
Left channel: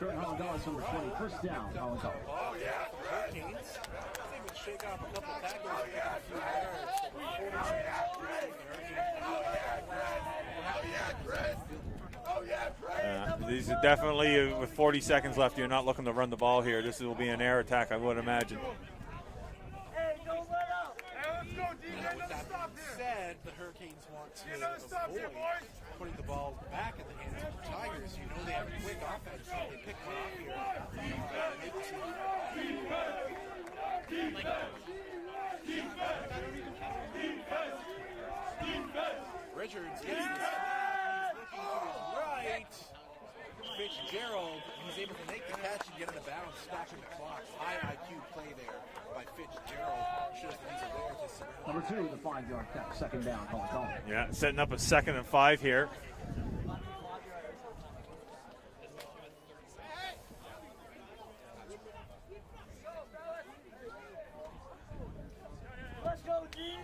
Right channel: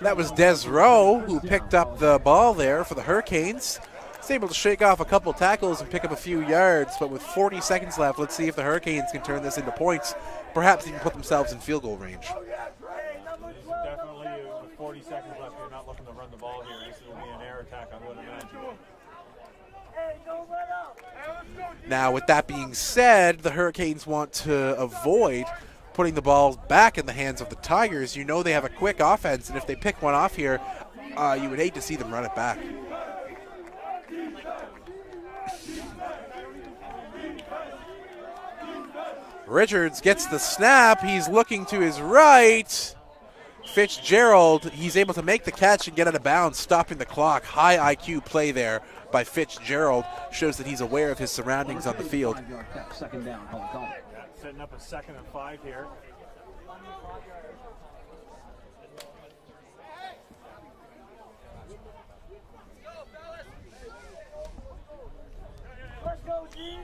That was Des Rowe who picked up the ball there for the Hurricanes. He's able to shake off a couple tackles and pick up a few yards, but with 40 seconds left, let's see if the Hurricanes can turn this into points. Perhaps even put themselves in field goal range. These are definitely, with 40 seconds left, you're not looking to run the ball here. This will be an air attack, I would imagine. Now, with that being said, the Hurricanes want to avoid putting the ball back in the hands of the Tigers. You know they have a quick offense, and if they pick one off here, you would hate to see them run it back. Richards gets the snap. He's looking to his right. Fitzgerald, he's able to make the catch and get out of bounds, stopping the clock. High IQ play there by Fitzgerald. Shows that he's aware of his surroundings on the field. Second down, Holland College. Yeah, setting up a 2nd and 5 here. Let's go, G!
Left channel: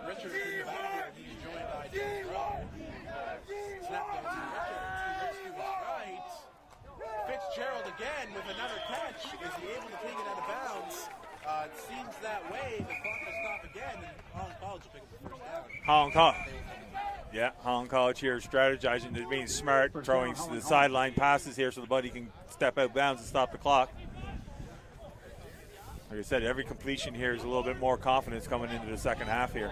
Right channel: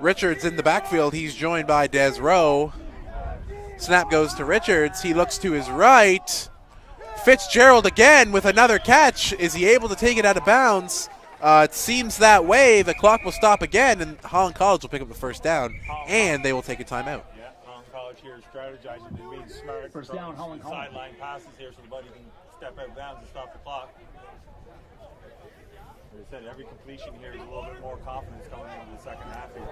Richards in the backfield. He's joined by Des Rowe. Snap goes to Richards. He looks to his right. Fitzgerald again with another catch. Is he able to take it out of bounds? It seems that way. The clock will stop again, and Holland College will pick up the first down, and they will take a timeout. Yeah, Holland College here strategizing, they're being smart, throwing the sideline passes here so the buddy can step out of bounds and stop the clock. Like I said, every completion here is a little bit more confidence coming into the second half here.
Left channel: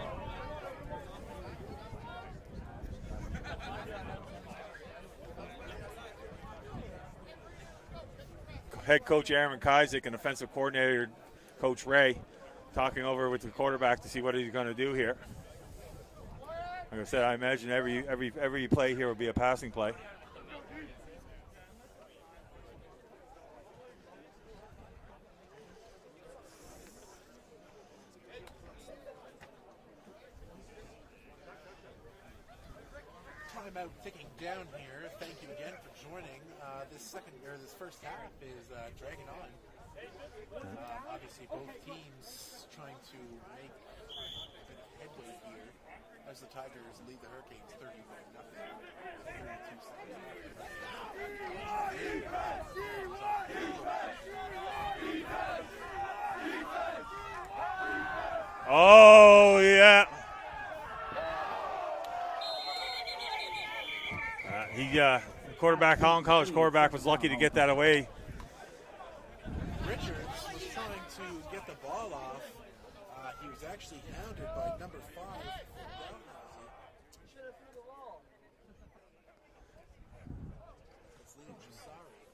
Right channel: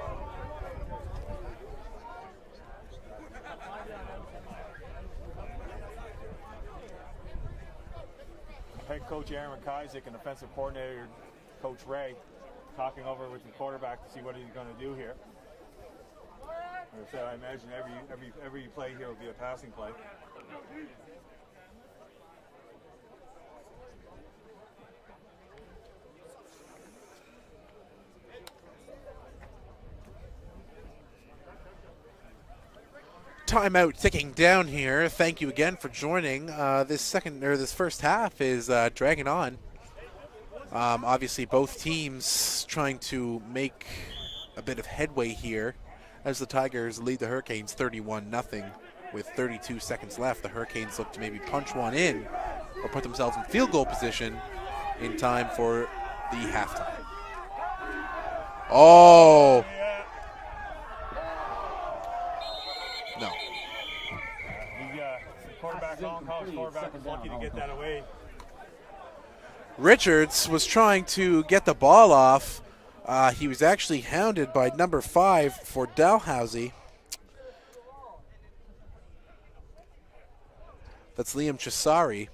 Head coach Aaron Kaisick and offensive coordinator Coach Ray talking over with the quarterback to see what he's going to do here. Like I said, I imagine every play here will be a passing play. Timeout ticking down here. Thank you again for joining. This first half is dragging on. Obviously, both teams trying to make a bit of headway here as the Tigers lead the Hurricanes 31-0 with 32 seconds left. The Hurricanes look to maybe punch one in or put themselves in field goal position in time for the halftime. Oh yeah. No. Quarterback, Holland College quarterback was lucky to get that away. Richards was trying to get the ball off. He was actually hounded by number 5 for Dalhousie. That's Liam Chisari.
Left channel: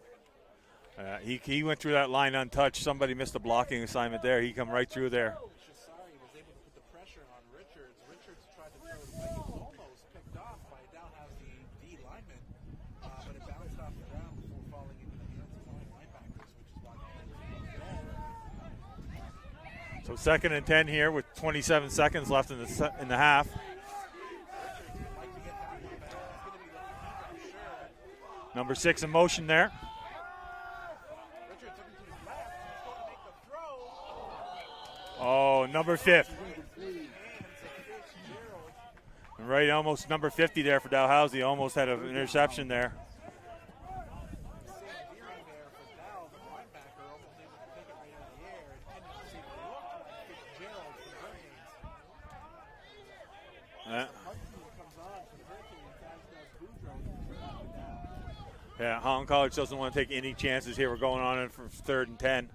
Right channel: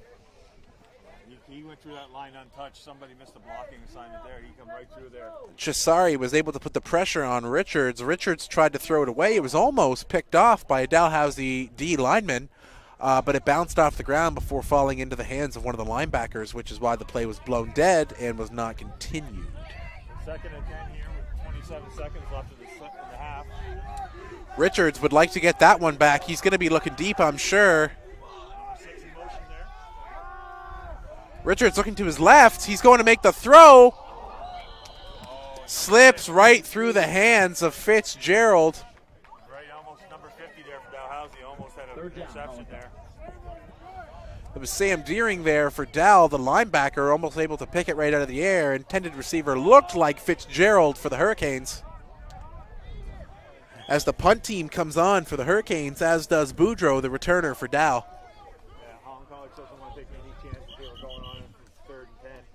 He went through that line untouched. Somebody missed a blocking assignment there. He come right through there. Chisari was able to put the pressure on Richards. Richards tried to throw it away. It was almost picked off by a Dalhousie D lineman, but it bounced off the ground before falling into the hands of one of the linebackers, which is why the play was blown dead and was not continued. So 2nd and 10 here with 27 seconds left in the half. Richards would like to get that one back. He's going to be looking deep, I'm sure. Number 6 in motion there. Richards looking to his left. He's going to make the throw. Oh, number Slips 50. right through the hands of Fitzgerald. Right, almost number 50 there for Dalhousie. Almost had an interception there. It was Sam Deering there for Dal, the linebacker, almost able to pick it right out of the air. Intended receiver looked like Fitzgerald for the Hurricanes. As the punt team comes on for the Hurricanes, as does Boudreau, the returner for Dal. Yeah, Holland College doesn't want to take any chances here. We're going on it for 3rd and 10.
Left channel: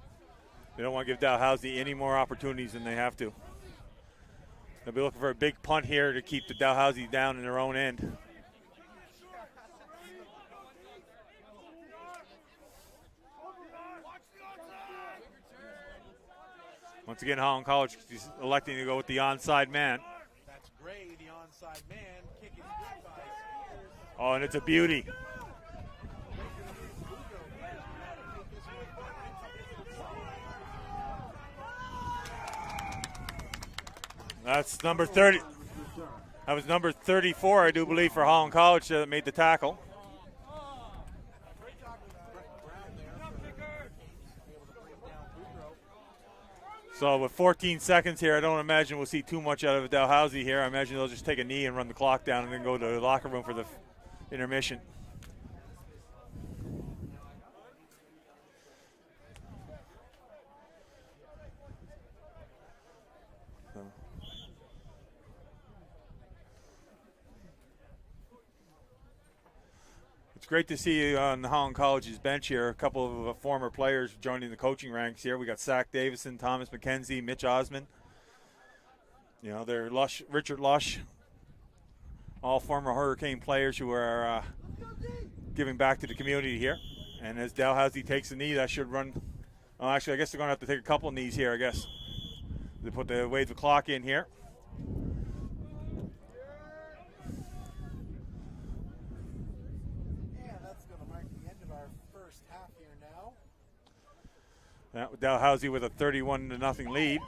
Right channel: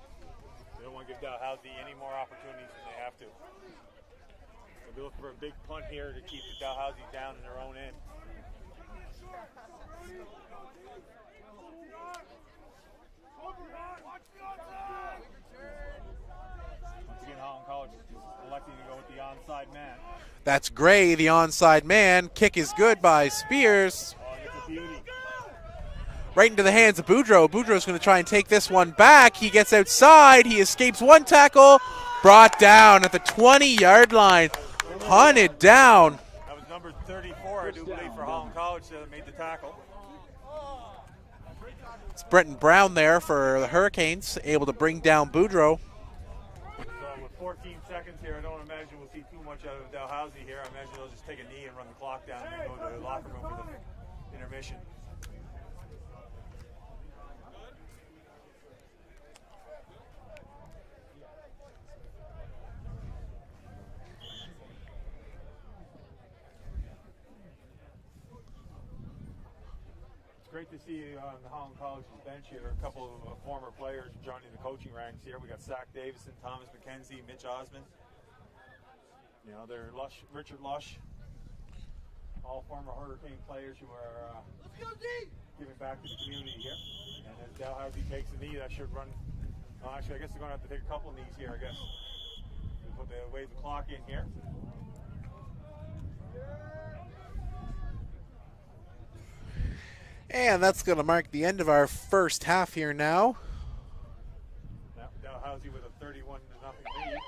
They don't want to give Dalhousie any more opportunities than they have to. They'll be looking for a big punt here to keep the Dalhousie down in their own end. Once again, Holland College is electing to go with the onside man. That's Gray, the onside man. Kick is good by Spears. Oh, and it's a beauty. Right into the hands of Boudreau. Boudreau's going to try and take this one back. He gets outside. He escapes one tackle. Brought down at the 20-yard line. That's number 30. Hunted down. That was number 34, I do believe, for Holland College that made the tackle. It's Brenton Brown there for the Hurricanes, able to bring down Boudreau. So with 14 seconds here, I don't imagine we'll see too much out of Dalhousie here. I imagine they'll just take a knee and run the clock down and then go to the locker room for the intermission. It's great to see you on the Holland College's bench here. A couple of former players joining the coaching ranks here. We got Zach Davison, Thomas McKenzie, Mitch Osmond. You know, they're Richard Lush, all former Hurricane players who are giving back to the community here. And as Dalhousie takes a knee, that should run. Oh, actually, I guess they're going to have to take a couple knees here, I guess. They put the wave the clock in here. And that's going to mark the end of our first half here now. Dalhousie with a 31-0 lead.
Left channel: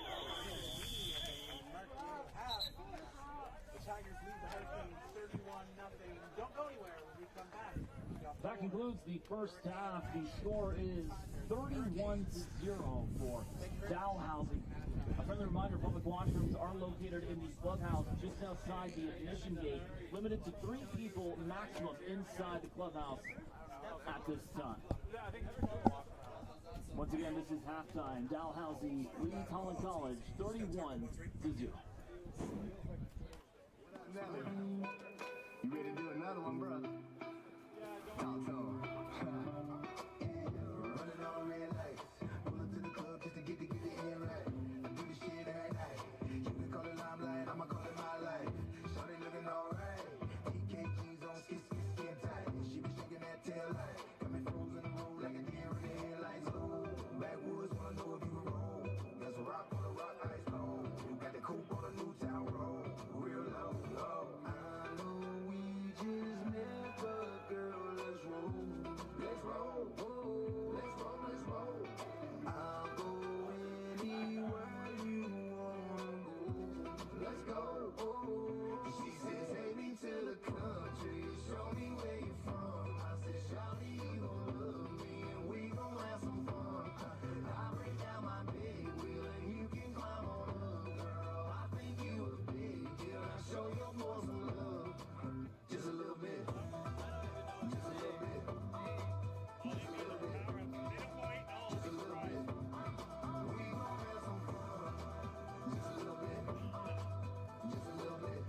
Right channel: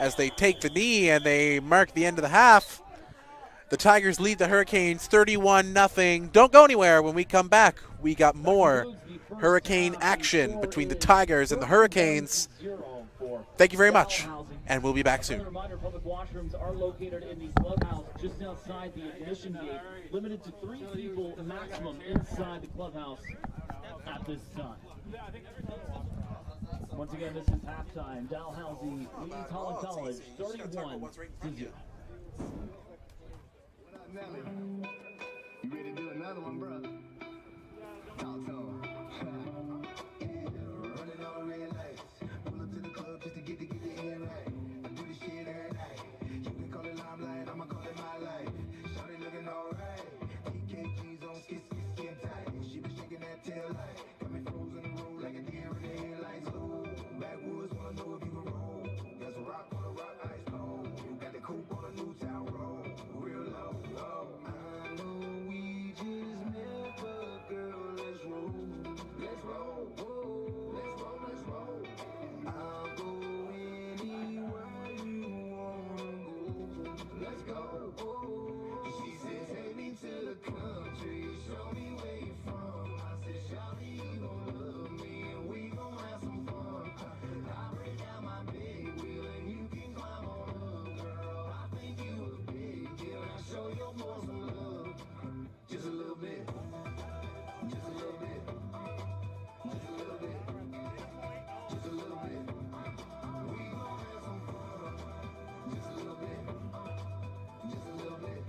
As they take the knee and they mark the end of the half, the Tigers lead the Hurricanes 31-0. Don't go anywhere. When we come back, we got more Hurricane action between the Tigers and the Hurricanes. Thank you very much, and we'll be back soon. Reminder, public washrooms are located in the clubhouse just outside the admission gate. Limited to 3 people maximum inside the clubhouse at this time. Once again, this is halftime. Dalhousie leads Holland College 31-0. You ready to do another one, bro? Talk to him. Running on red lights. Pull up to the club just to get the end right. Do this shit every night. You can call it limelight, I'ma call it my life. Shawty looking alright. TKG's on skin tight. She was shaking that tail light. Got me frozen in the road like a deer in the headlights. Ooh, backwoods wanna know if you can roll. There's a rock on the rock, ice cold. You got the coupe on a new town road. Real low, low. I know we just met, but girl, let's roll. Let's roll. Let's roll, let's roll. I'll go anywhere you wanna go. Let's go. She said, take me to the country, show me where you from. I said, shawty, you gon' love me, and we gon' have some fun. I break out my big wheel, and you can climb on up, girl. I think you a big deal. Now show your boys some love, just a little bit, just a little bit, just a little bit, just a little bit. We gon' have some fun, just a little bit, just a little bit.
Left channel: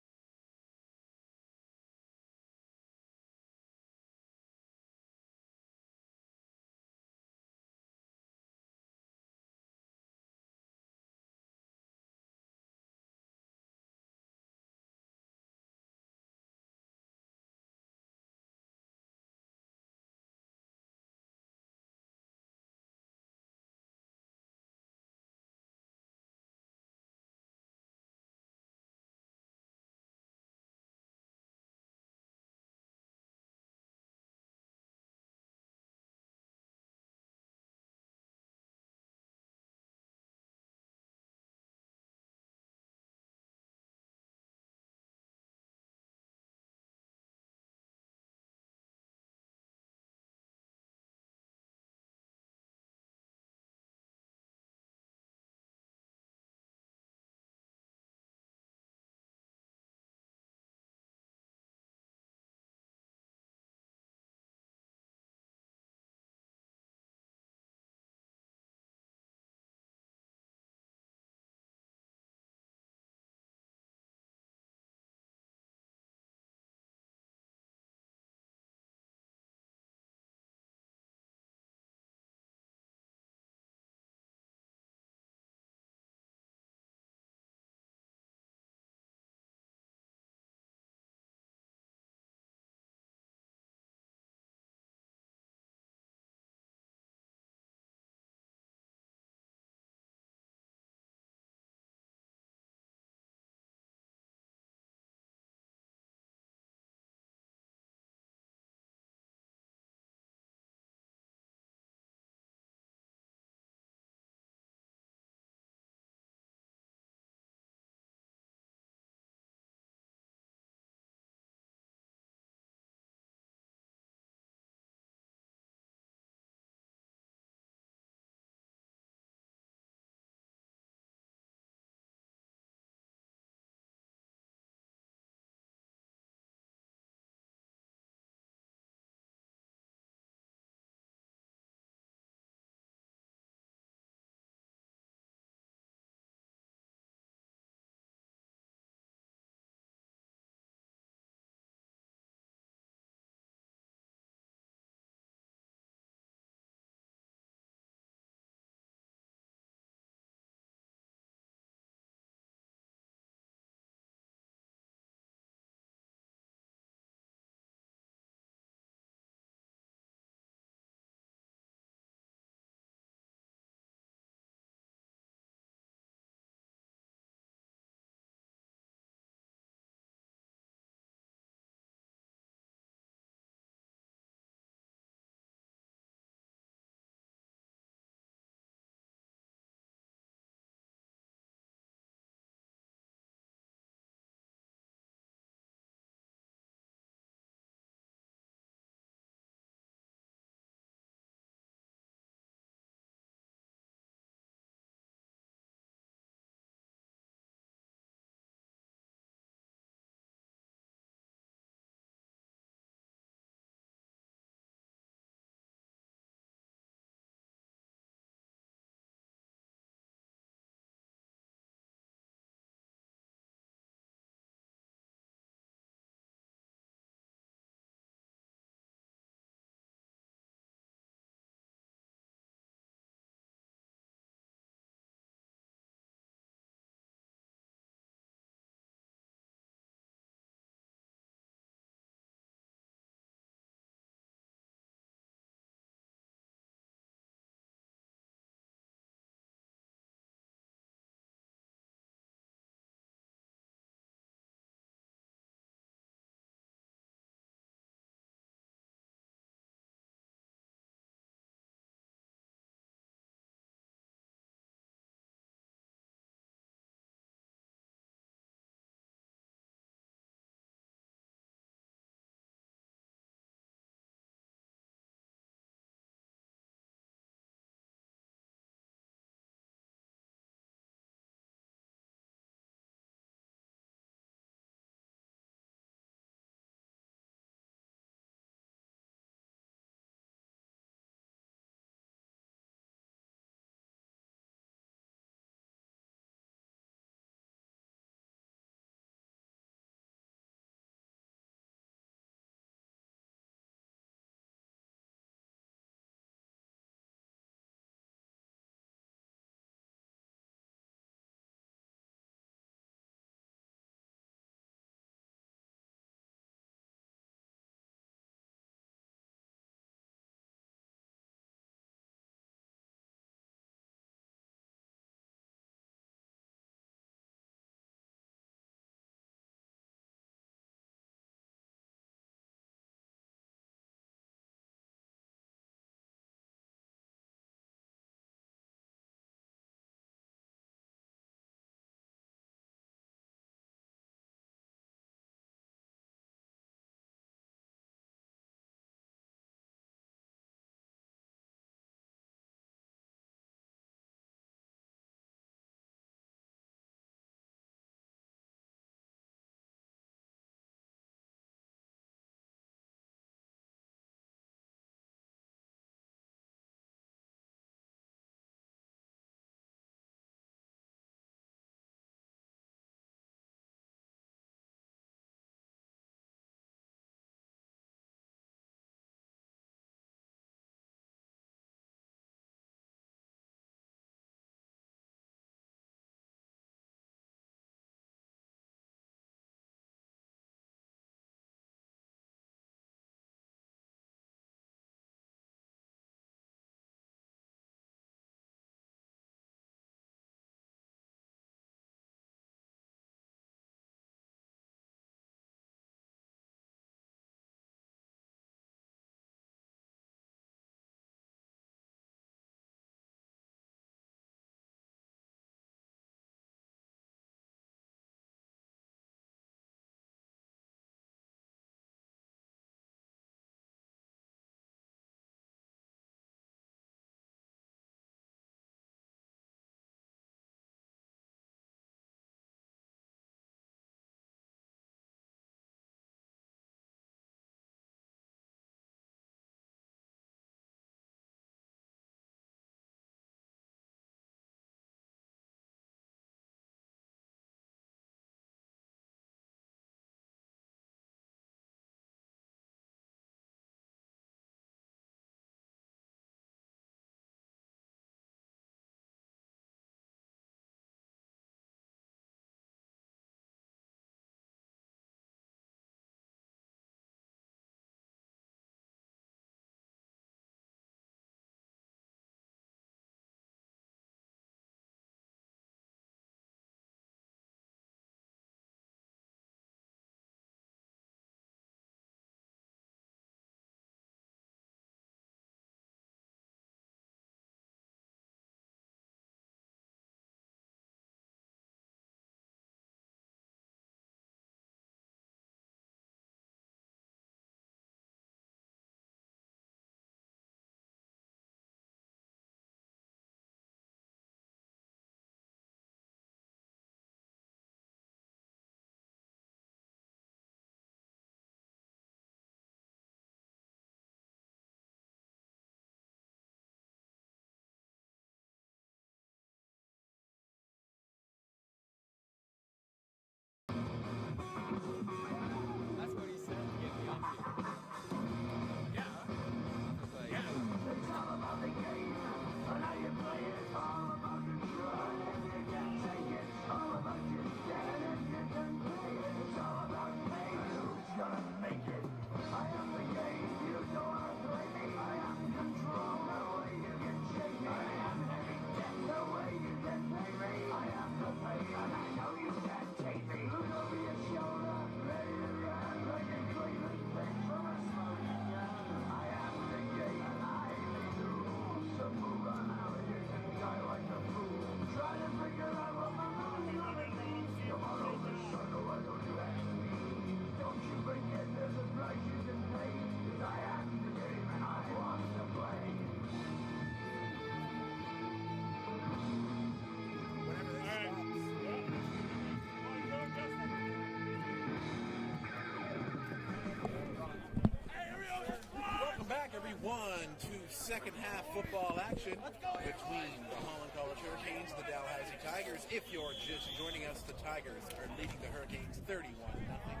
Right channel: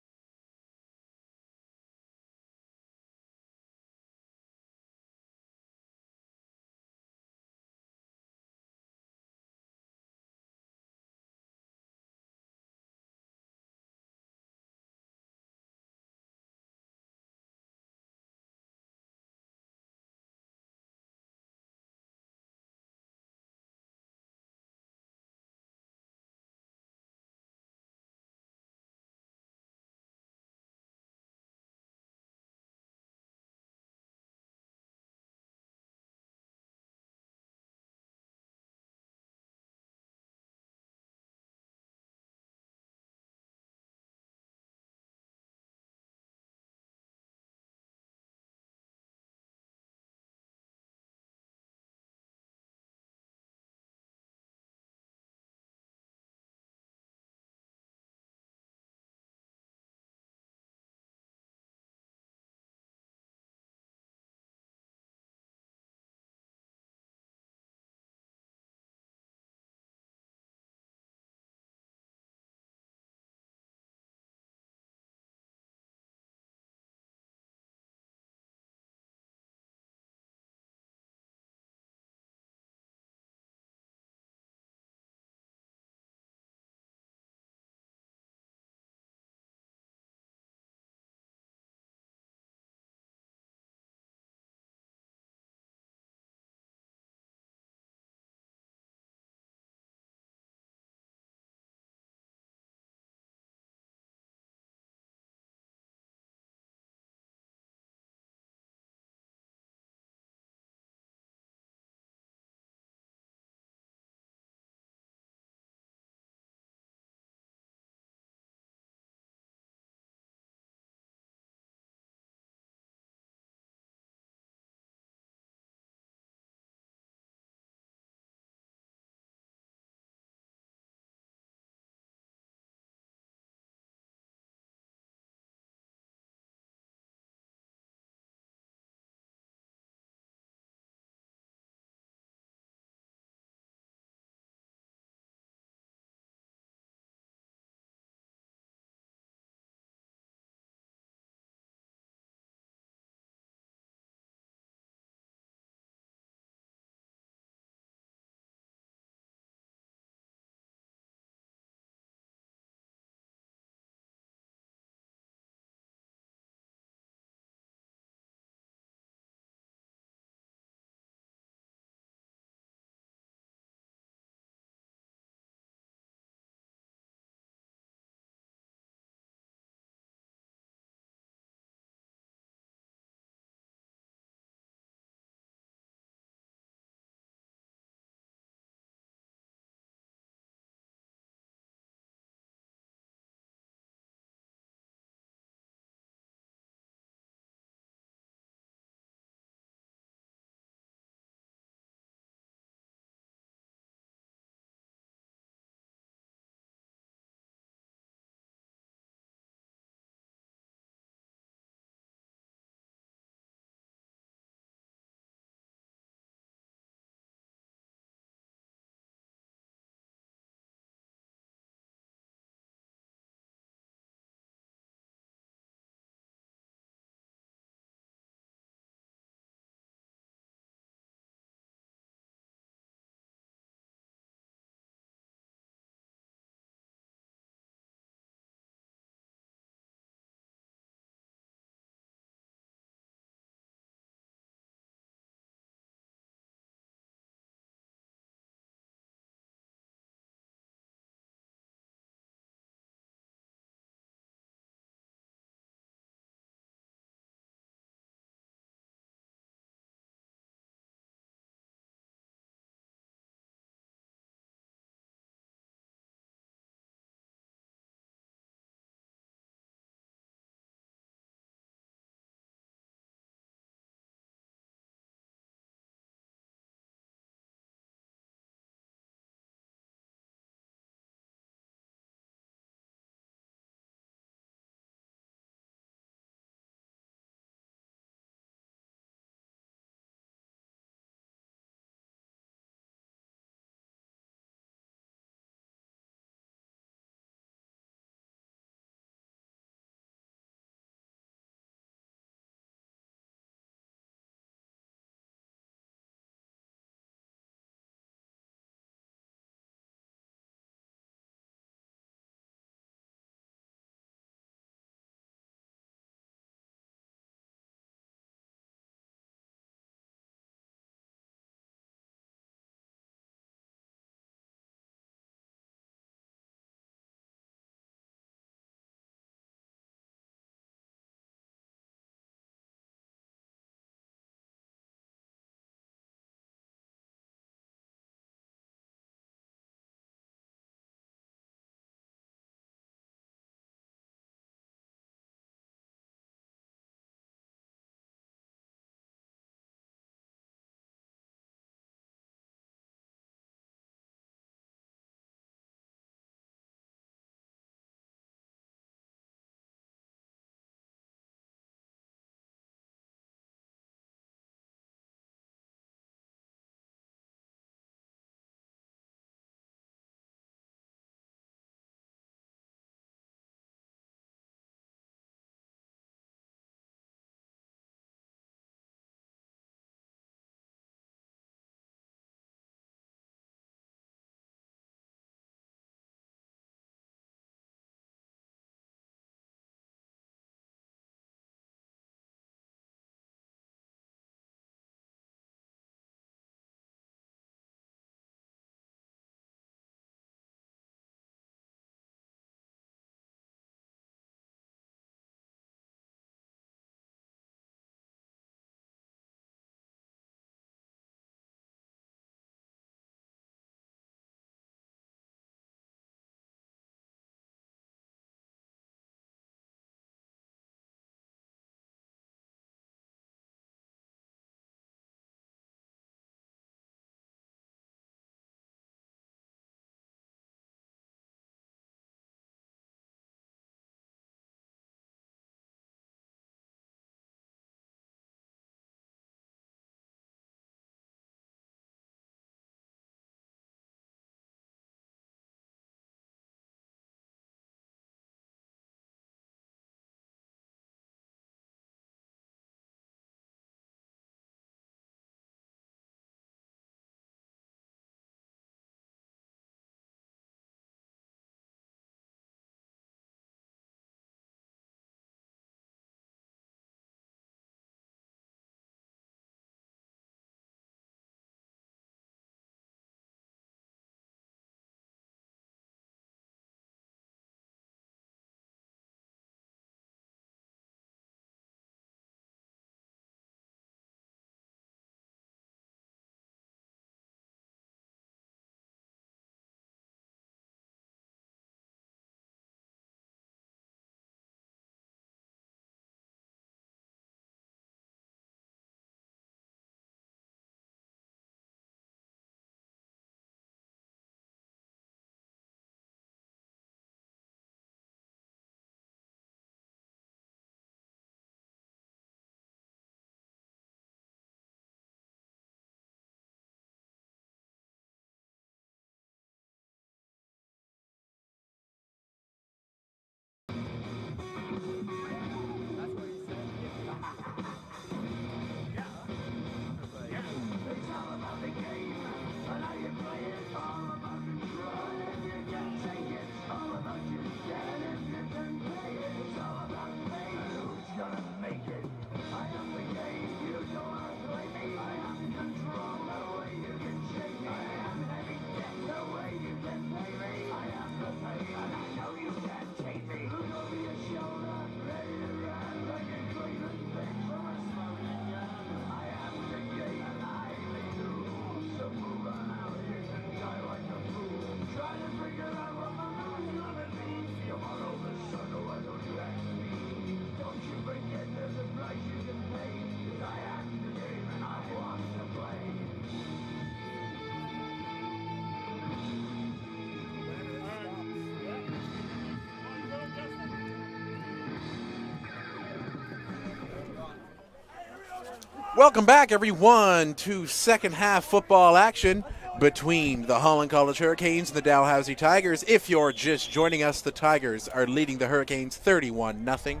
Welcome back, everyone, to second half football action between the Holland College Hurricanes and the Dalhousie Tigers. If you're just joining us, the Tigers are leading the Hurricanes 31-0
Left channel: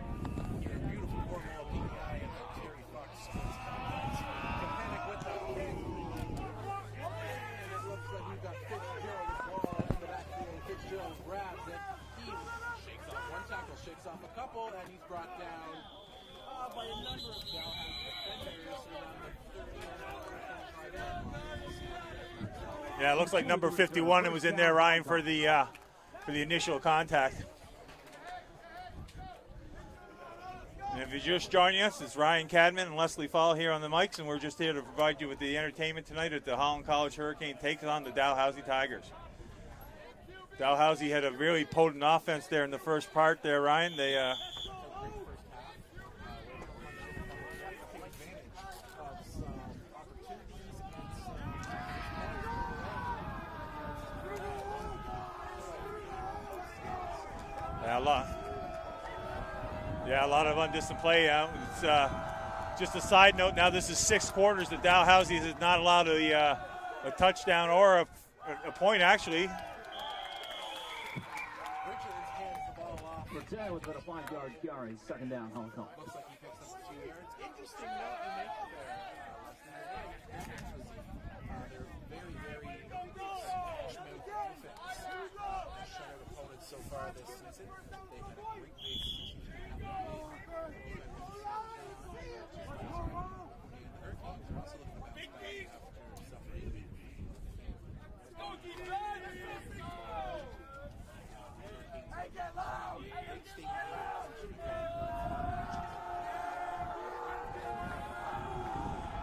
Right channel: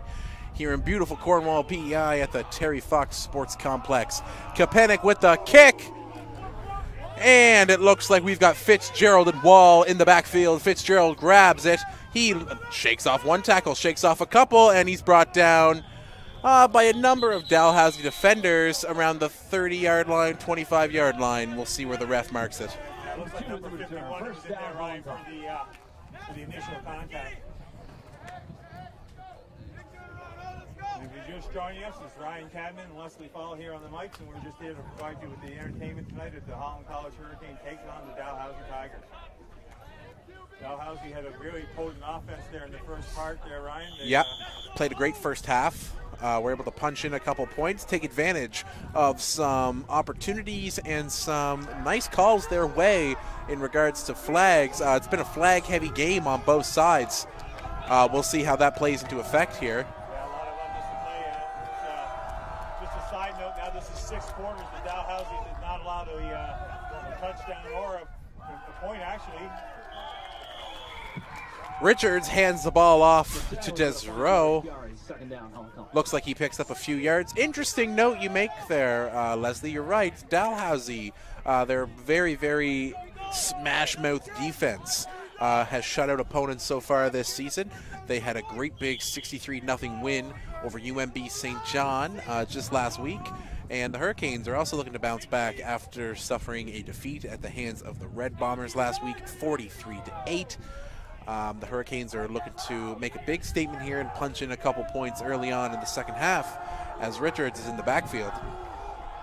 here in beautiful Cornwall, PEI at the Terry Fox Sports Complex. Kapanik with the kick. And it looks like we've got Fitzgerald and Wall in the backfield. Fitzgerald grabs it. He shakes off one tackle, shakes off a couple, and he's brought down by a number of Dalhousie defenders around the 30-yard line, 25-yard line. We'll see where the ref marks it. Yeah, it looks like number 51 it was in there, Ryan, for the initial contact. And if you're just joining us, it's Ryan Cadman and Leslie Fall here on the mics, and we're just here to provide you with the entertainment tonight at the Holland College Hurricane takes on the Dalhousie Tigers. Dalhousie had a really potent offense there in the first part there, Ryan. They played a great first half. Were able to punch in a couple points, take advantage of some opportunities and some nice calls their way in regards to flags. It's been a flag-heavy game on both sides. We'll see how that plays into effect here. Yeah, a lot of undisciplined play. It's just a side note. Now this is 6 quarters that Dalhousie has not allowed a touchdown or a point, actually. Richards hands the ball off to Desrow. Looks like he picks up a few yards. Interesting note you make there, Leslie. You're right. Dalhousie, their very, very smash-mouth defense has shut out opponents so far this season. They had a great big 63-0 win over UMB St. John just last week. And the Hurricanes are also looking to bounce back after suffering a defeat at the hands of the Red Bombers last week, 43-8. The Hurricanes are looking to make a big statement here and punch in a couple points early on in the second half as Richards is in the backfield.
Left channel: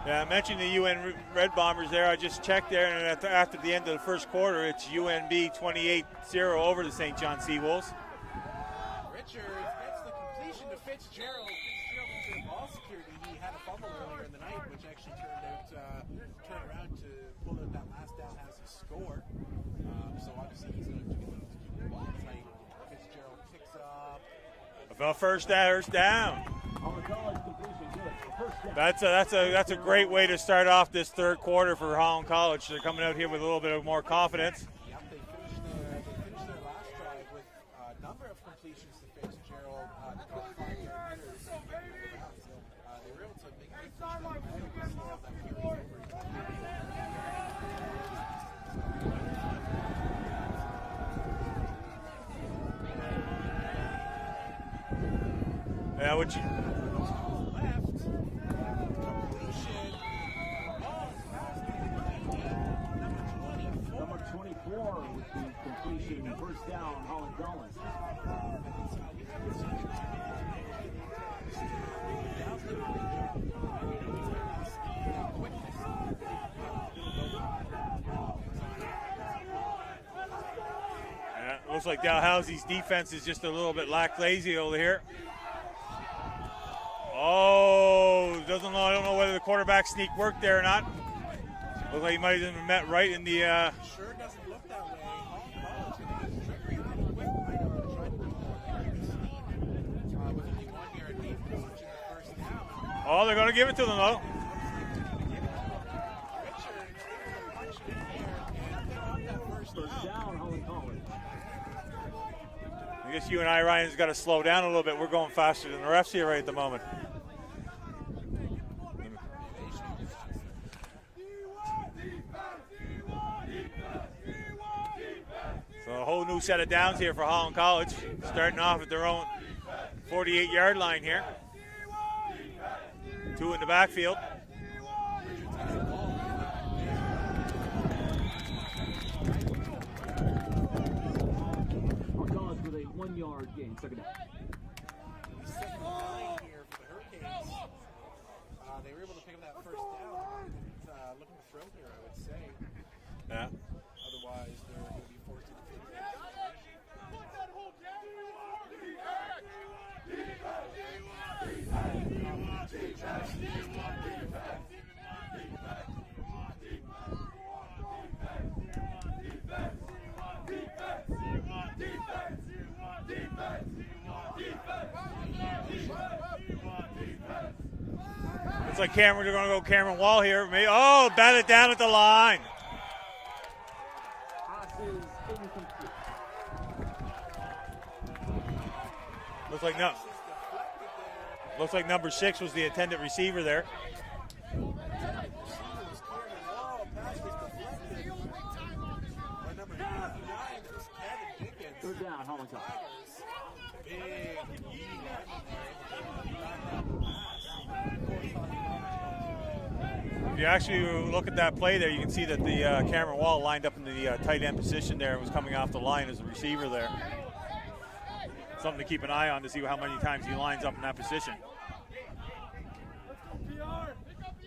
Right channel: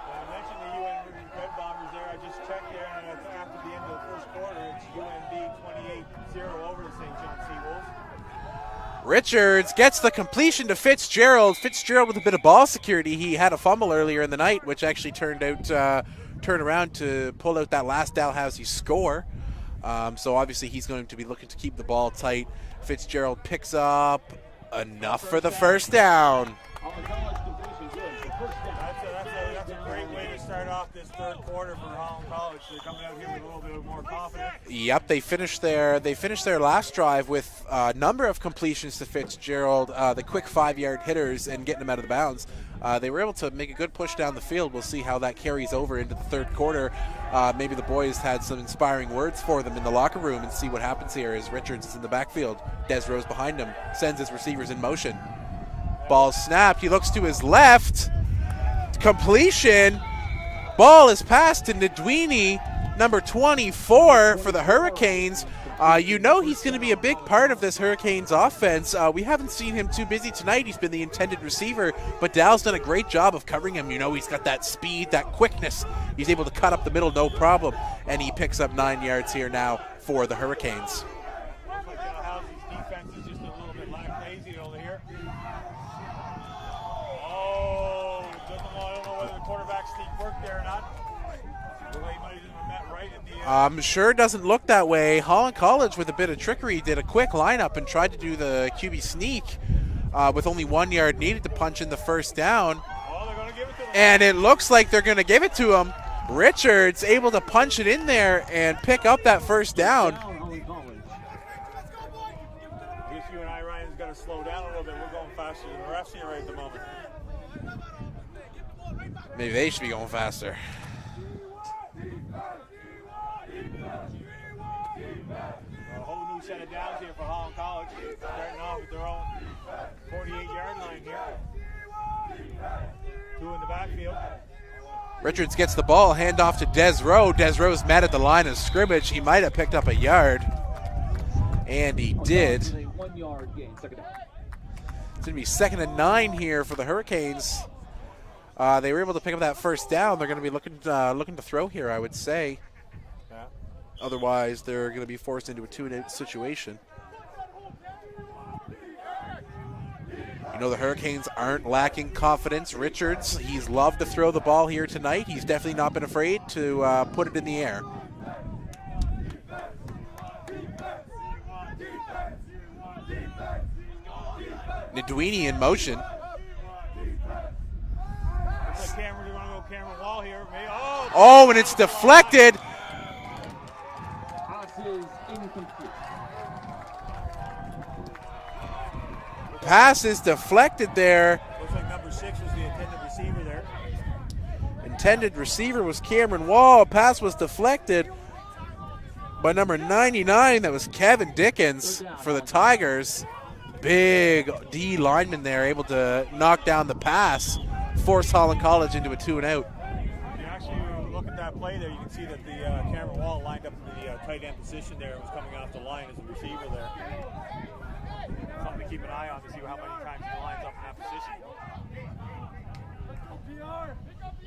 Yeah, I mentioned the UN Red Bombers there. I just checked there, and after the end of the first quarter, it's UNB 28-0 over the St. John Seawolves. Richards gets the completion to Fitzgerald. Fitzgerald with a bit of ball security. He had a fumble earlier in the night, which actually turned around to pull out that last Dalhousie score. So obviously he's going to be looking to keep the ball tight. Fitzgerald picks up enough for the first down. That's a great way to start off this third quarter for Holland College. They're coming out here with a little bit of more confidence. Yep, they finished their last drive with a number of completions to Fitzgerald, the quick 5-yard hitters and getting them out of the bounds. They were able to make a good push down the field. We'll see how that carries over into the third quarter. Maybe the boys had some inspiring words for them in the locker room and see what happens here as Richards is in the backfield. Desrow's behind him, sends his receivers in motion. Ball snapped. He looks to his left. Completion. Ball is passed to Ndwini, number 24 for the Hurricanes. You know he's going to be a big part of this Hurricanes offense. We haven't seen him too busy tonight. He's been the intended receiver, but Dal's done a great job of covering him. You know, he's got that speed, that quickness. He's able to cut up the middle, no problem. And he picks up 9 yards here now for the Hurricanes. Looks like Dalhousie's defense is just a little bit lackadaisy over here. Oh, I don't know whether the quarterback sneak worked there or not. Looked like he might have met right in the... I'm sure it doesn't look that way. Holland College, with a bit of trickery, did a quick lineup and tried to do the QB sneak with only 1 yard needed to punch in the first down. Oh, they're going to give it to them. And it looks like they're going to give it to him. Richards able to punch it in there and pick up that first down. I guess you and I, Ryan, has got to slow down a little bit. We're going faster than the refs here right at the moment. Maybe they should be going faster. So a whole new set of downs here for Holland College, starting off at their own 48-yard line here. 2 in the backfield. Richards gets the ball, handoff to Desrow. Desrow's mad at the line of scrimmage. He might have picked up a yard. And he did. It's going to be 2nd and 9 here for the Hurricanes. They were able to pick up that first down. They're going to be looking to throw here, I would say. Yeah. Otherwise, they're going to be forced into a 2-and-8 situation. You know, the Hurricanes aren't lacking confidence. Richards, he's loved to throw the ball here tonight. He's definitely not been afraid to put it in the air. Looks Ndwini in motion. Looks like they're going to go Cameron Wall here. Oh, and it's deflected. Pass is incomplete. Pass is deflected there. Looks like number 6 was the intended receiver there. Intended receiver was Cameron Wall. Pass was deflected by number 99. That was Kevin Dickens for the Tigers. Big D lineman there, able to knock down the pass, force Holland College into a 2-and-out. If you actually look at that play there, you can see that the Cameron Wall lined up in the tight end position there and was coming off the line as a receiver there. Something to keep an eye on to see how many times he lines up in that position.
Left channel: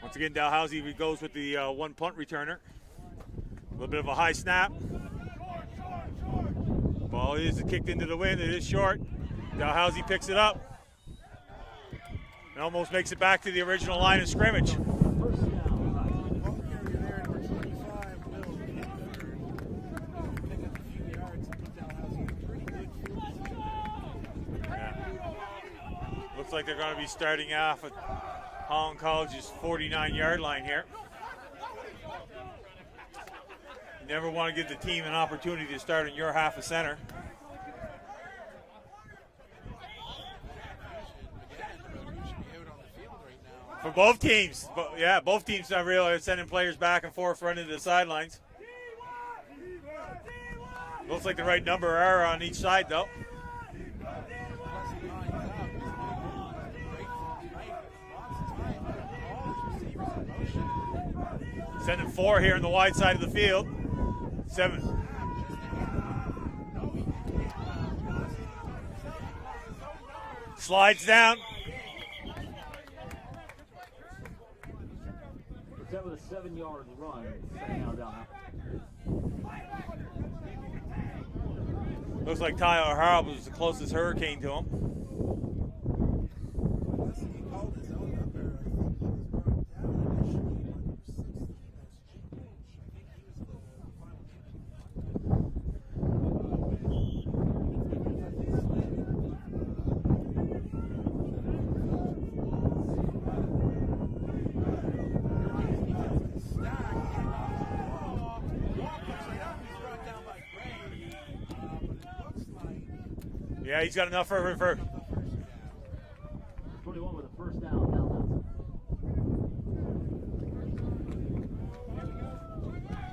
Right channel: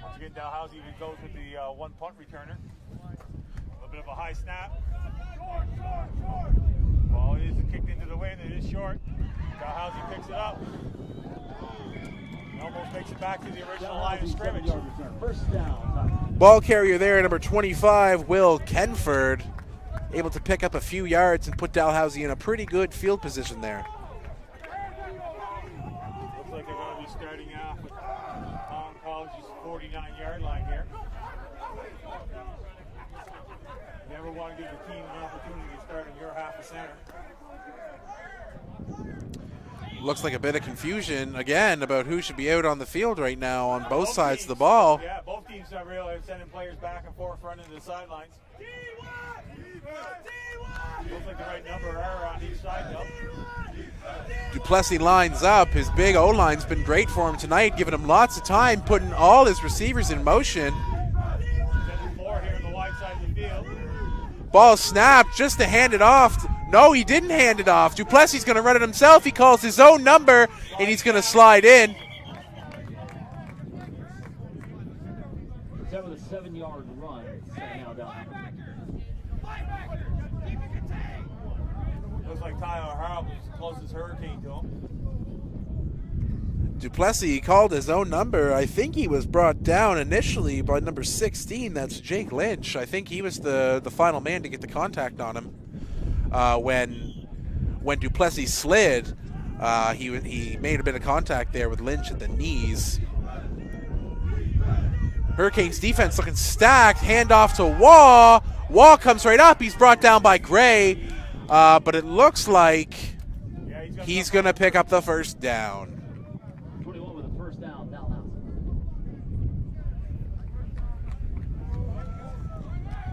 Once again, Dalhousie goes with the one punt returner. A little bit of a high snap. Ball is kicked into the wind. It is short. Dalhousie picks it up. And almost makes it back to the original line of scrimmage. Ball carrier there, number 25, Will Kenford, able to pick up a few yards and put Dalhousie in a pretty good field position there. Looks like they're going to be starting off at Holland College's 49-yard line here. Never want to give the team an opportunity to start in your half of center. Looks like a bit of confusion again about who should be out on the field right now on For both sides teams. of the ball. Yeah, both teams not really sending players back and forth running to the sidelines. Looks like the right number are on each side though. Duplessis lines up. His big O-line's been great for him tonight, giving him lots of time, putting all his receivers in motion. Sending 4 here in the wide side of the field. Ball snapped just to hand it off. No, he didn't hand it off. Duplessis going to run it himself. He calls his own number, and he's going to slide in. That was a 7-yard run. Now down. Looks like Tyler Harrell was the closest Hurricane to him. Duplessis called his own number. I think he was brought down initially by number 16. That's Jake Lynch. I think he was the final man to get the contact on him. When Duplessis slid, he made a bit of contact there with Lynch at the knees. Hurricanes defense looking stacked. Handoff to Waugh. Waugh comes right up. He's brought down by Gray, but it looks like he's going to pick up the first down. 21 with a first down. Dalhousie.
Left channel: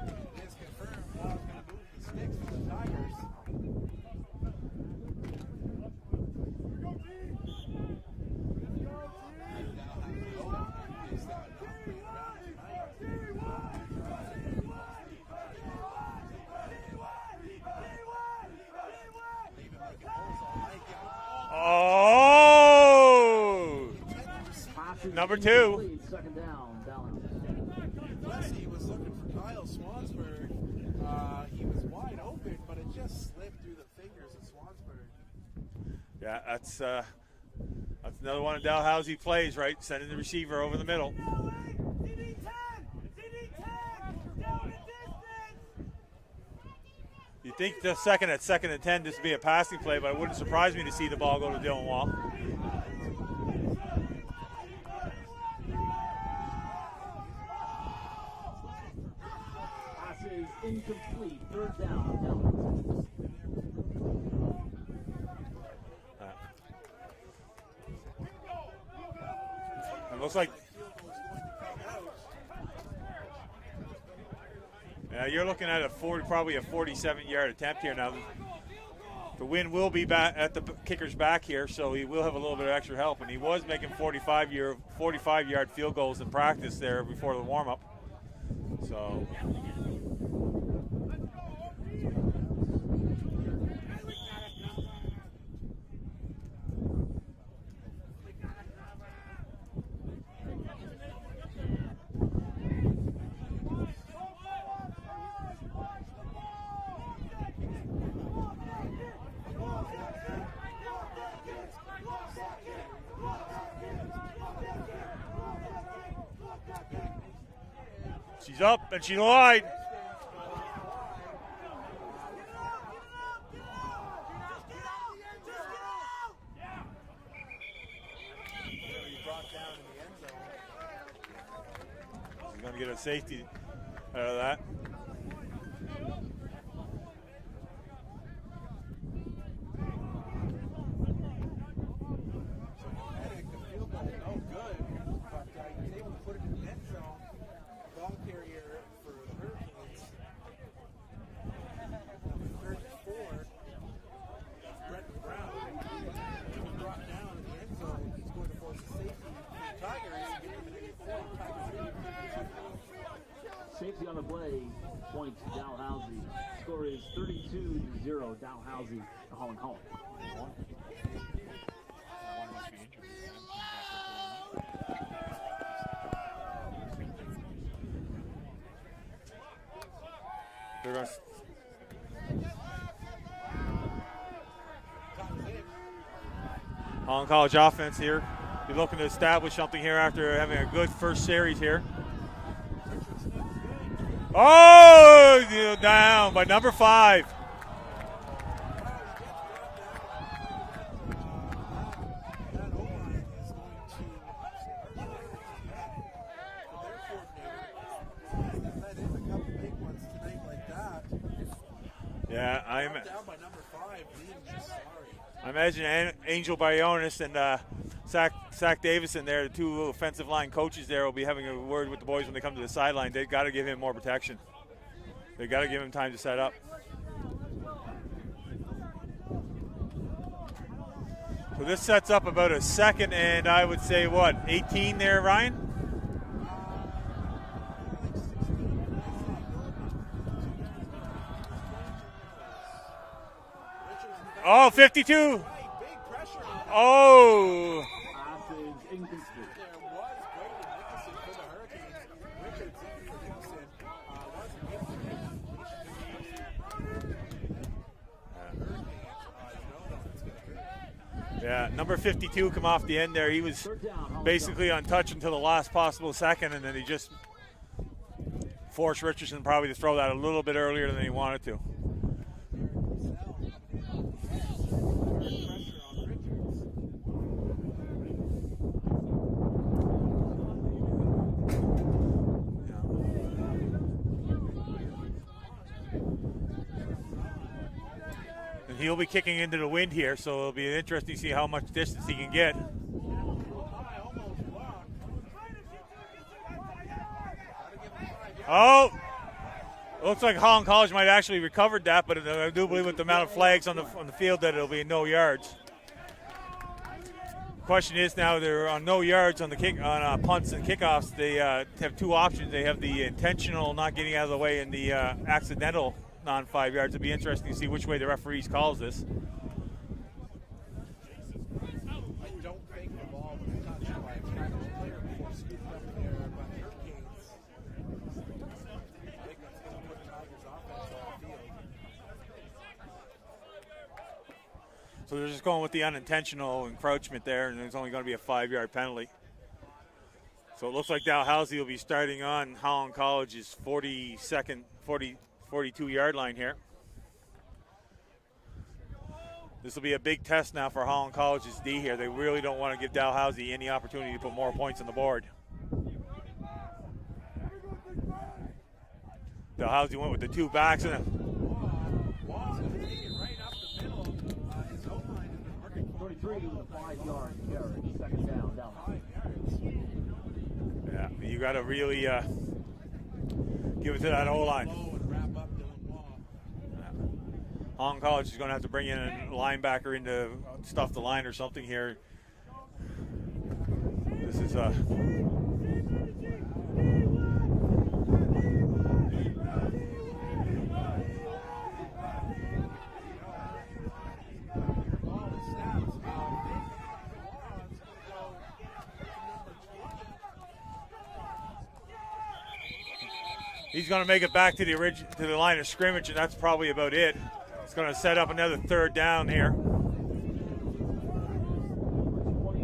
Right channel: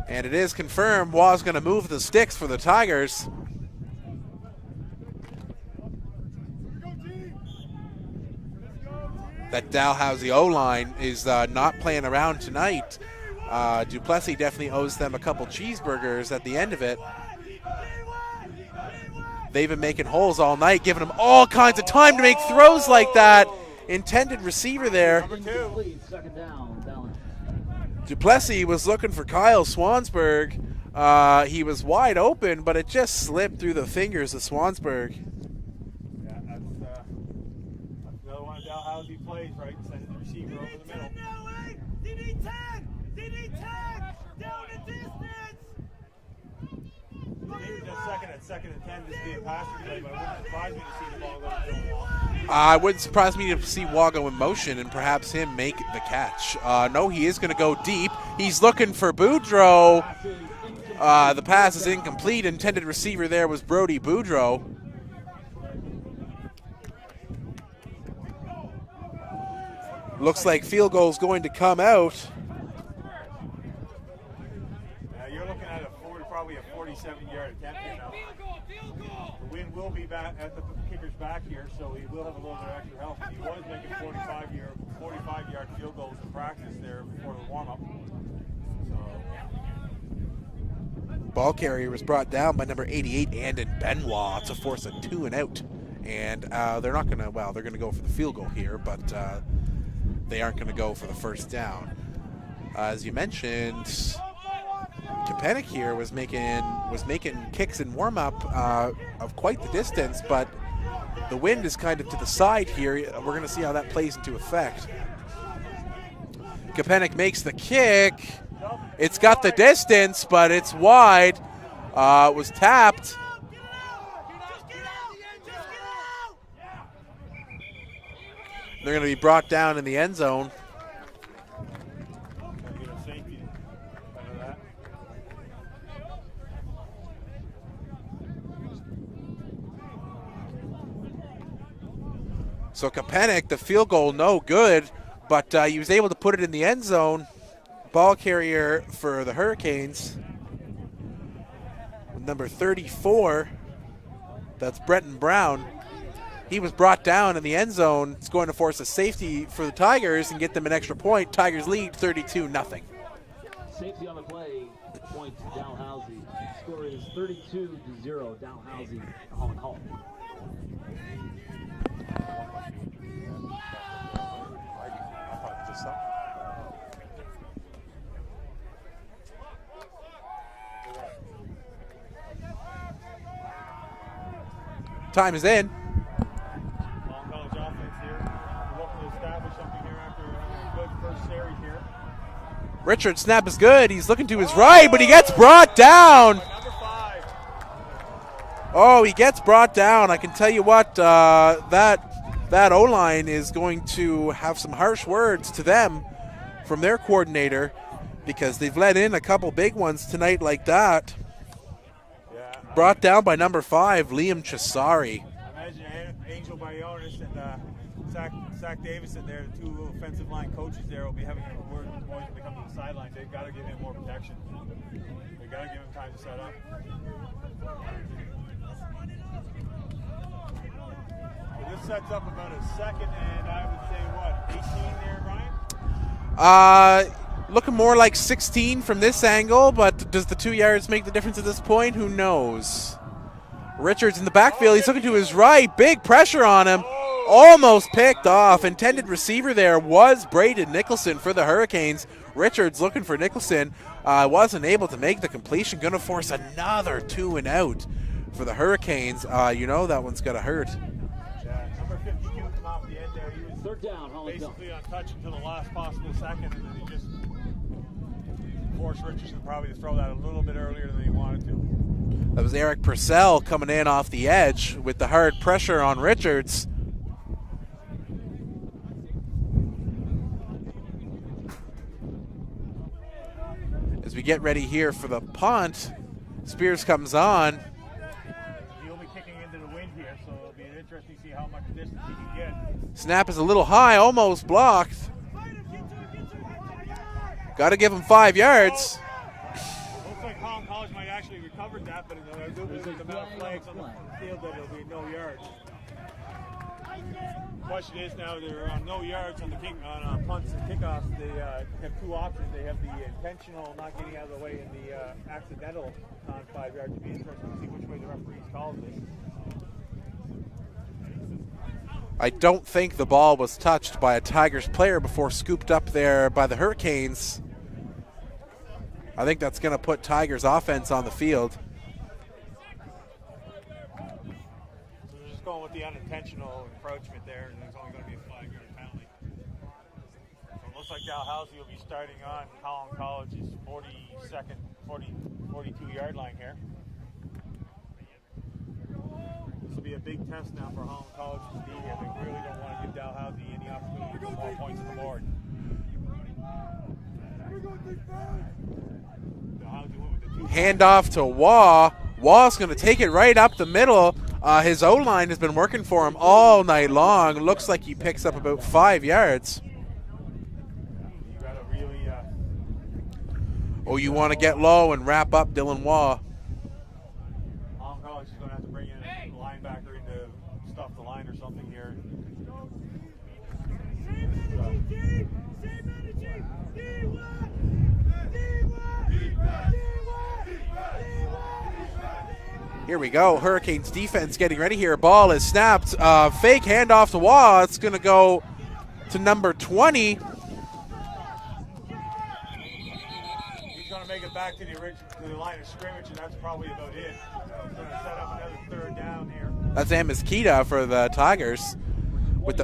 And it is confirmed Waugh's going to move the sticks for the Tigers. That Dalhousie O-line is not playing around tonight. Duplessis definitely owes them a couple cheeseburgers at the end of it. They've been making holes all night, giving them all kinds of time to make throws like that. Intended receiver there. Number 2. Second down. Duplessis was looking for Kyle Swansburg. He was wide open, but it just slipped through the fingers of Swansburg. Yeah, that's another one of Dalhousie plays, right? Sending the receiver over the middle. You think the second and 10 this would be a passing play, but it wouldn't surprise me to see the ball go to Dylan Wall. It wouldn't surprise me to see Waugh go in motion and perhaps him make the catch. No, he is going to go deep. He's looking for Boudreaux. The pass is incomplete. Intended receiver there was Brody Boudreaux. Looks like field goal's going to come out. Yeah, you're looking at probably a 47-yard attempt here now. The wind will be back at the kicker's back here, so he will have a little bit of extra help. And he was making 45-yard field goals in practice there before the warm-up. So, ball carrier was brought down by number 88, Andon Benoit, to force a 2-and-out. And they're not going to, well, they're going to go for the field goal here, but they aren't going to go for the first down. As you mentioned, Kapanik here was making kicks in warm-up of quite the distance, but the wind is kind of to the side here. We're going to see how that plays into effect. Kapanik makes the kick. She's up. It's got the distance, but it's wide. It was tapped. They're going to be brought down in the end zone. to get a safety out of that. So Kapanik, the field goal, no good, but he was able to put it in the end zone. Ball carrier for the Hurricanes, number 34, that's Brenton Brown. He was brought down in the end zone. It's going to force a safety for the Tigers and get them an extra point. Tigers lead 32-0. Safety on the play, point Dalhousie. Score is 32-0, Dalhousie, Holland. Time is in. Holland College offense here. They're looking to establish something here after having a good first series here. Richard's snap is good. He's looking to his right, but he gets brought down by number 5. Oh, he gets brought down. I can tell you what, that O-line is going to have some harsh words to them from their coordinator, because they've let in a couple big ones tonight like that. Yeah, brought down by number 5, Liam Chisari. I imagine Angel Bayonis and Zach Davison there, the 2 offensive line coaches there, will be having a word with the boys when they come to the sideline. They've got to give him more protection. They've got to give him time to set up. So this sets up about a second and I would say, what, 18 there, Ryan? Looking more like 16 from this angle, but does the 2 yards make the difference at this point? Who knows? Richards in the backfield. He's looking to his right. Big pressure on him. Almost picked off. Intended receiver there was Braden Nicholson for the Hurricanes. Richards looking for Nicholson. Wasn't able to make the completion. Going to force another 2 and out for the Hurricanes. You know that one's going to hurt. Yeah, number 52 come off the end there. He was basically untouched until the last possible second, and then he just forced Richardson probably to throw that a little bit earlier than he wanted to. That was Eric Purcell coming in off the edge with the hard pressure on Richards. As we get ready here for the punt, Spears comes on. And he'll be kicking into the wind here, so it'll be interesting to see how much distance he can get. Snap is a little high, almost blocked. Got to give him 5 yards. Looks like Holland College might actually recovered that, but I do believe with the amount of flags on the field that it'll be no yards. Question is now they're on no yards on the punts and kickoffs. They have 2 options. They have the intentional not getting out of the way and the accidental non-5 yards. It'll be interesting to see which way the referees calls this. I don't think the ball was touched by a Tigers player before scooped up there by the Hurricanes. I think that's going to put Tigers offense on the field. So they're just going with the unintentional encroachment there, and there's only going to be a 5-yard penalty. So it looks like Dalhousie will be starting on Holland College's 42-yard line here. This will be a big test now for Holland College's D here. They really don't want to give Dalhousie any opportunity to put more points on the board. Dalhousie went with the 2 hand off to Waugh. Waugh's going to take it right up the middle. His O-line has been working for him all night long. Looks like he picks up about 5 yards. Yeah, you got to really. You want to get low and wrap up Dylan Waugh. Holland College is going to have to bring in a linebacker in to stuff the line or something here. This is Here we go. Hurricanes defense getting ready here. Ball is snapped. Fake handoff to Waugh. It's going to go to number 20. He's going to make it back to the line of scrimmage, and that's probably about it. It's going to set up another 3rd down here. That's Amos Kita for the Tigers.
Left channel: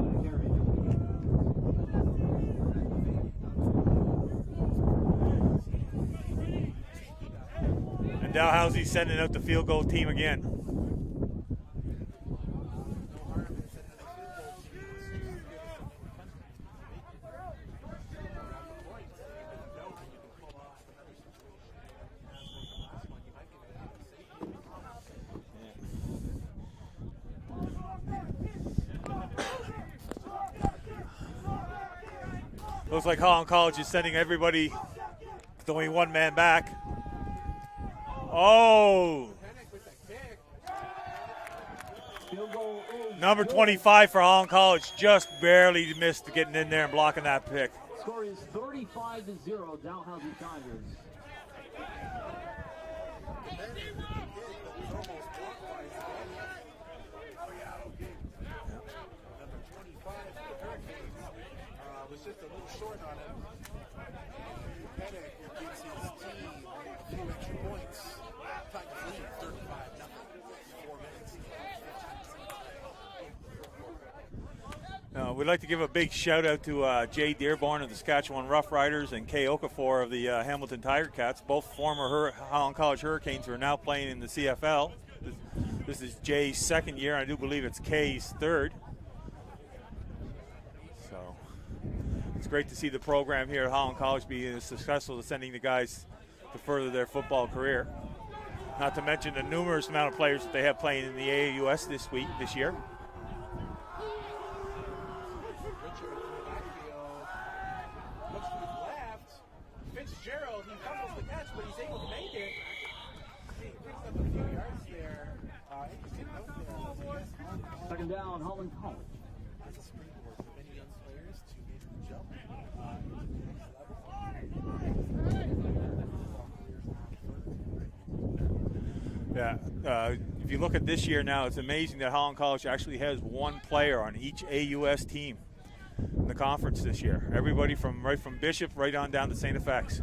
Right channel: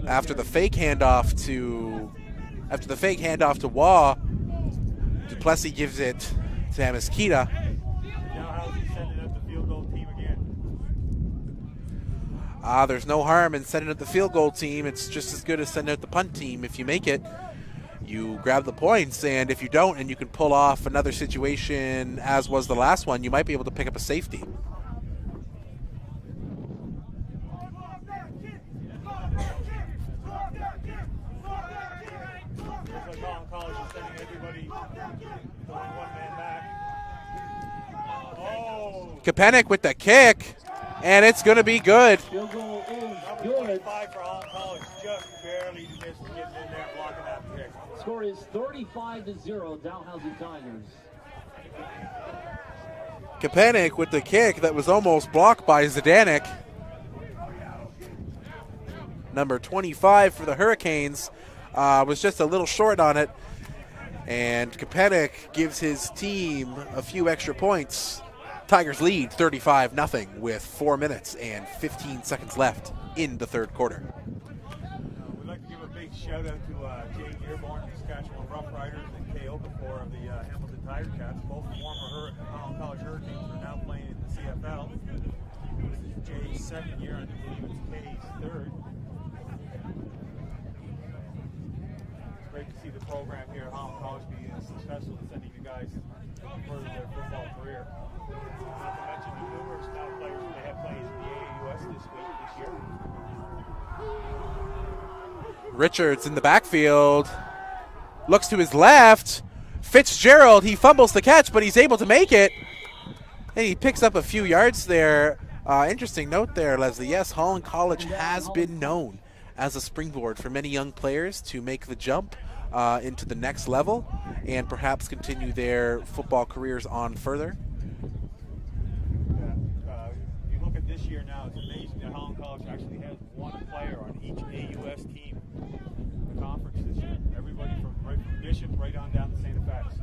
After the fake handoff to Waugh, Duplessis gives it to Amos Kita. And Dalhousie sending out the field goal team again. There's no harm in sending out the field goal team. It's just as good as sending out the punt team. If you make it, you grab the points, and if you don't and you can pull off another situation as was the last one, you might be able to pick up a safety. Looks like Holland College is sending everybody with only one man back. Oh! Kapanik with the kick, and it's going to be good. Number 25 for Holland College just barely missed getting in there and blocking that pick. Score is 35-0, Dalhousie Tigers. Kapanik with the kick that was almost blocked by Zdanek. Number 25 for the Hurricanes was just a little short on it, and Kapanik gives his team a few extra points. Tigers lead 35-0 with 4 minutes and 15 seconds left in the third quarter. We'd like to give a big shout out to Jay Dearborn of the Saskatchewan Roughriders and Kay Okafor of the Hamilton Tiger Cats, both former Holland College Hurricanes who are now playing in the CFL. This is Jay's second year, and I do believe it's Kay's third. So it's great to see the program here at Holland College be successful in sending the guys to further their football career. Not to mention the numerous amount of players that they have playing in the AAUS this year. Richards in the backfield, looks to his left. Fitzgerald, he fumbles the catch, but he's able to make it. And he picks up a few yards there. Interesting note there, Leslie. Yes, Holland College has been known as a springboard for many young players to make the jump into the next level and perhaps continue their football careers on further. Yeah, if you look at this year now, it's amazing that Holland College actually has one player on each AUS team in the conference this year. Everybody right from Bishop right on down to St. FX.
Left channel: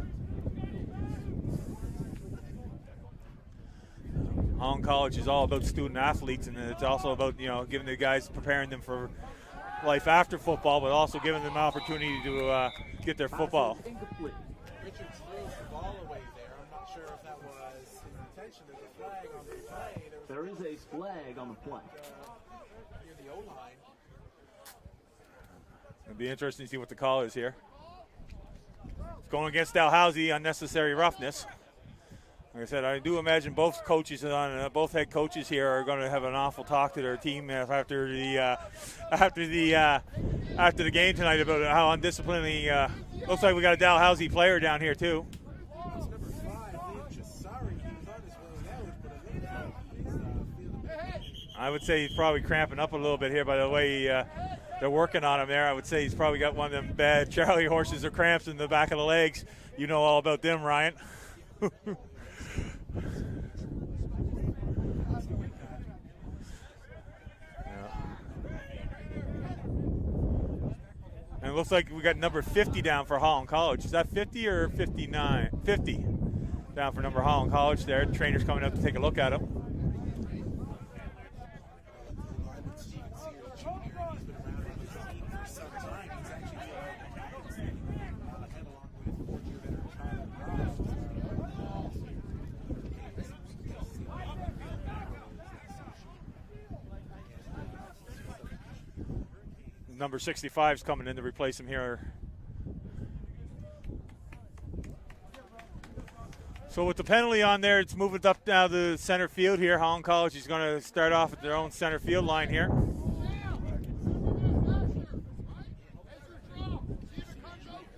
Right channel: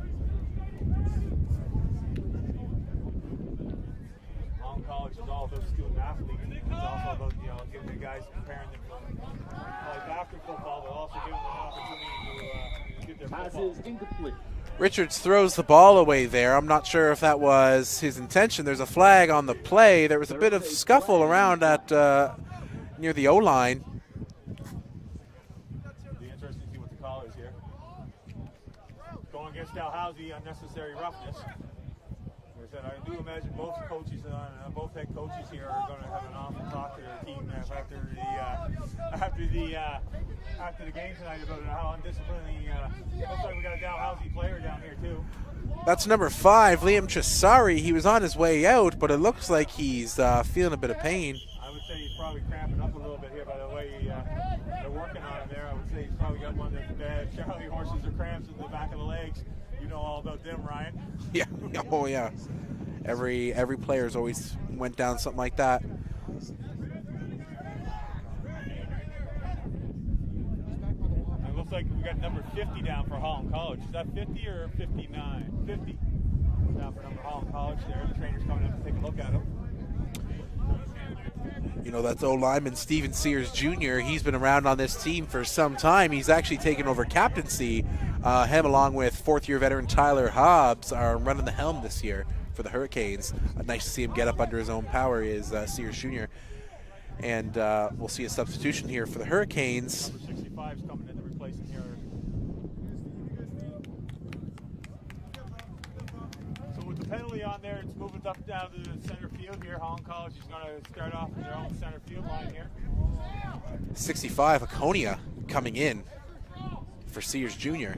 Holland College is all about student athletes, and it's also about giving the guys, preparing them for life after football, but also giving them an opportunity to get their football. Richards throws the ball away there. I'm not sure if that was his intention. There's a flag on the play. There was a bit of scuffle around at near the O-line. It'll be interesting to see what the call is here. Going against Dalhousie, unnecessary roughness. Like I said, I do imagine both head coaches here are going to have an awful talk to their team after the game tonight about how undisciplined looks like we got a Dalhousie player down here too. That's number 5, Liam Chisari. He was on his way out, but it looks like he's feeling a bit of pain. I would say he's probably cramping up a little bit here by the way they're working on him there. I would say he's probably got one of them bad Charlie horses or cramps in the back of the legs. You know all about them, Ryan. Yeah. Oh yeah. Every player's always went down something like that. And it looks like we got number 50 down for Holland College. Is that 50 or 59? 50 down for number Holland College there. The trainer's coming up to take a look at him. You know, that's O-lineman Steven Sears Jr. He's been around on this team for some time. He's actually taken over captaincy. Him along with fourth-year veteran Tyler Hobbs are running the helm this year for the Hurricanes. Nice to see him get up under his own power is Sears Jr. And we'll see a substitution here for the Hurricanes. Number 65 is coming in to replace him here. So with the penalty on there, it's moving up now to the center field here. Holland College is going to start off at their own center field line here. 65, Laconia coming in for Sears Jr.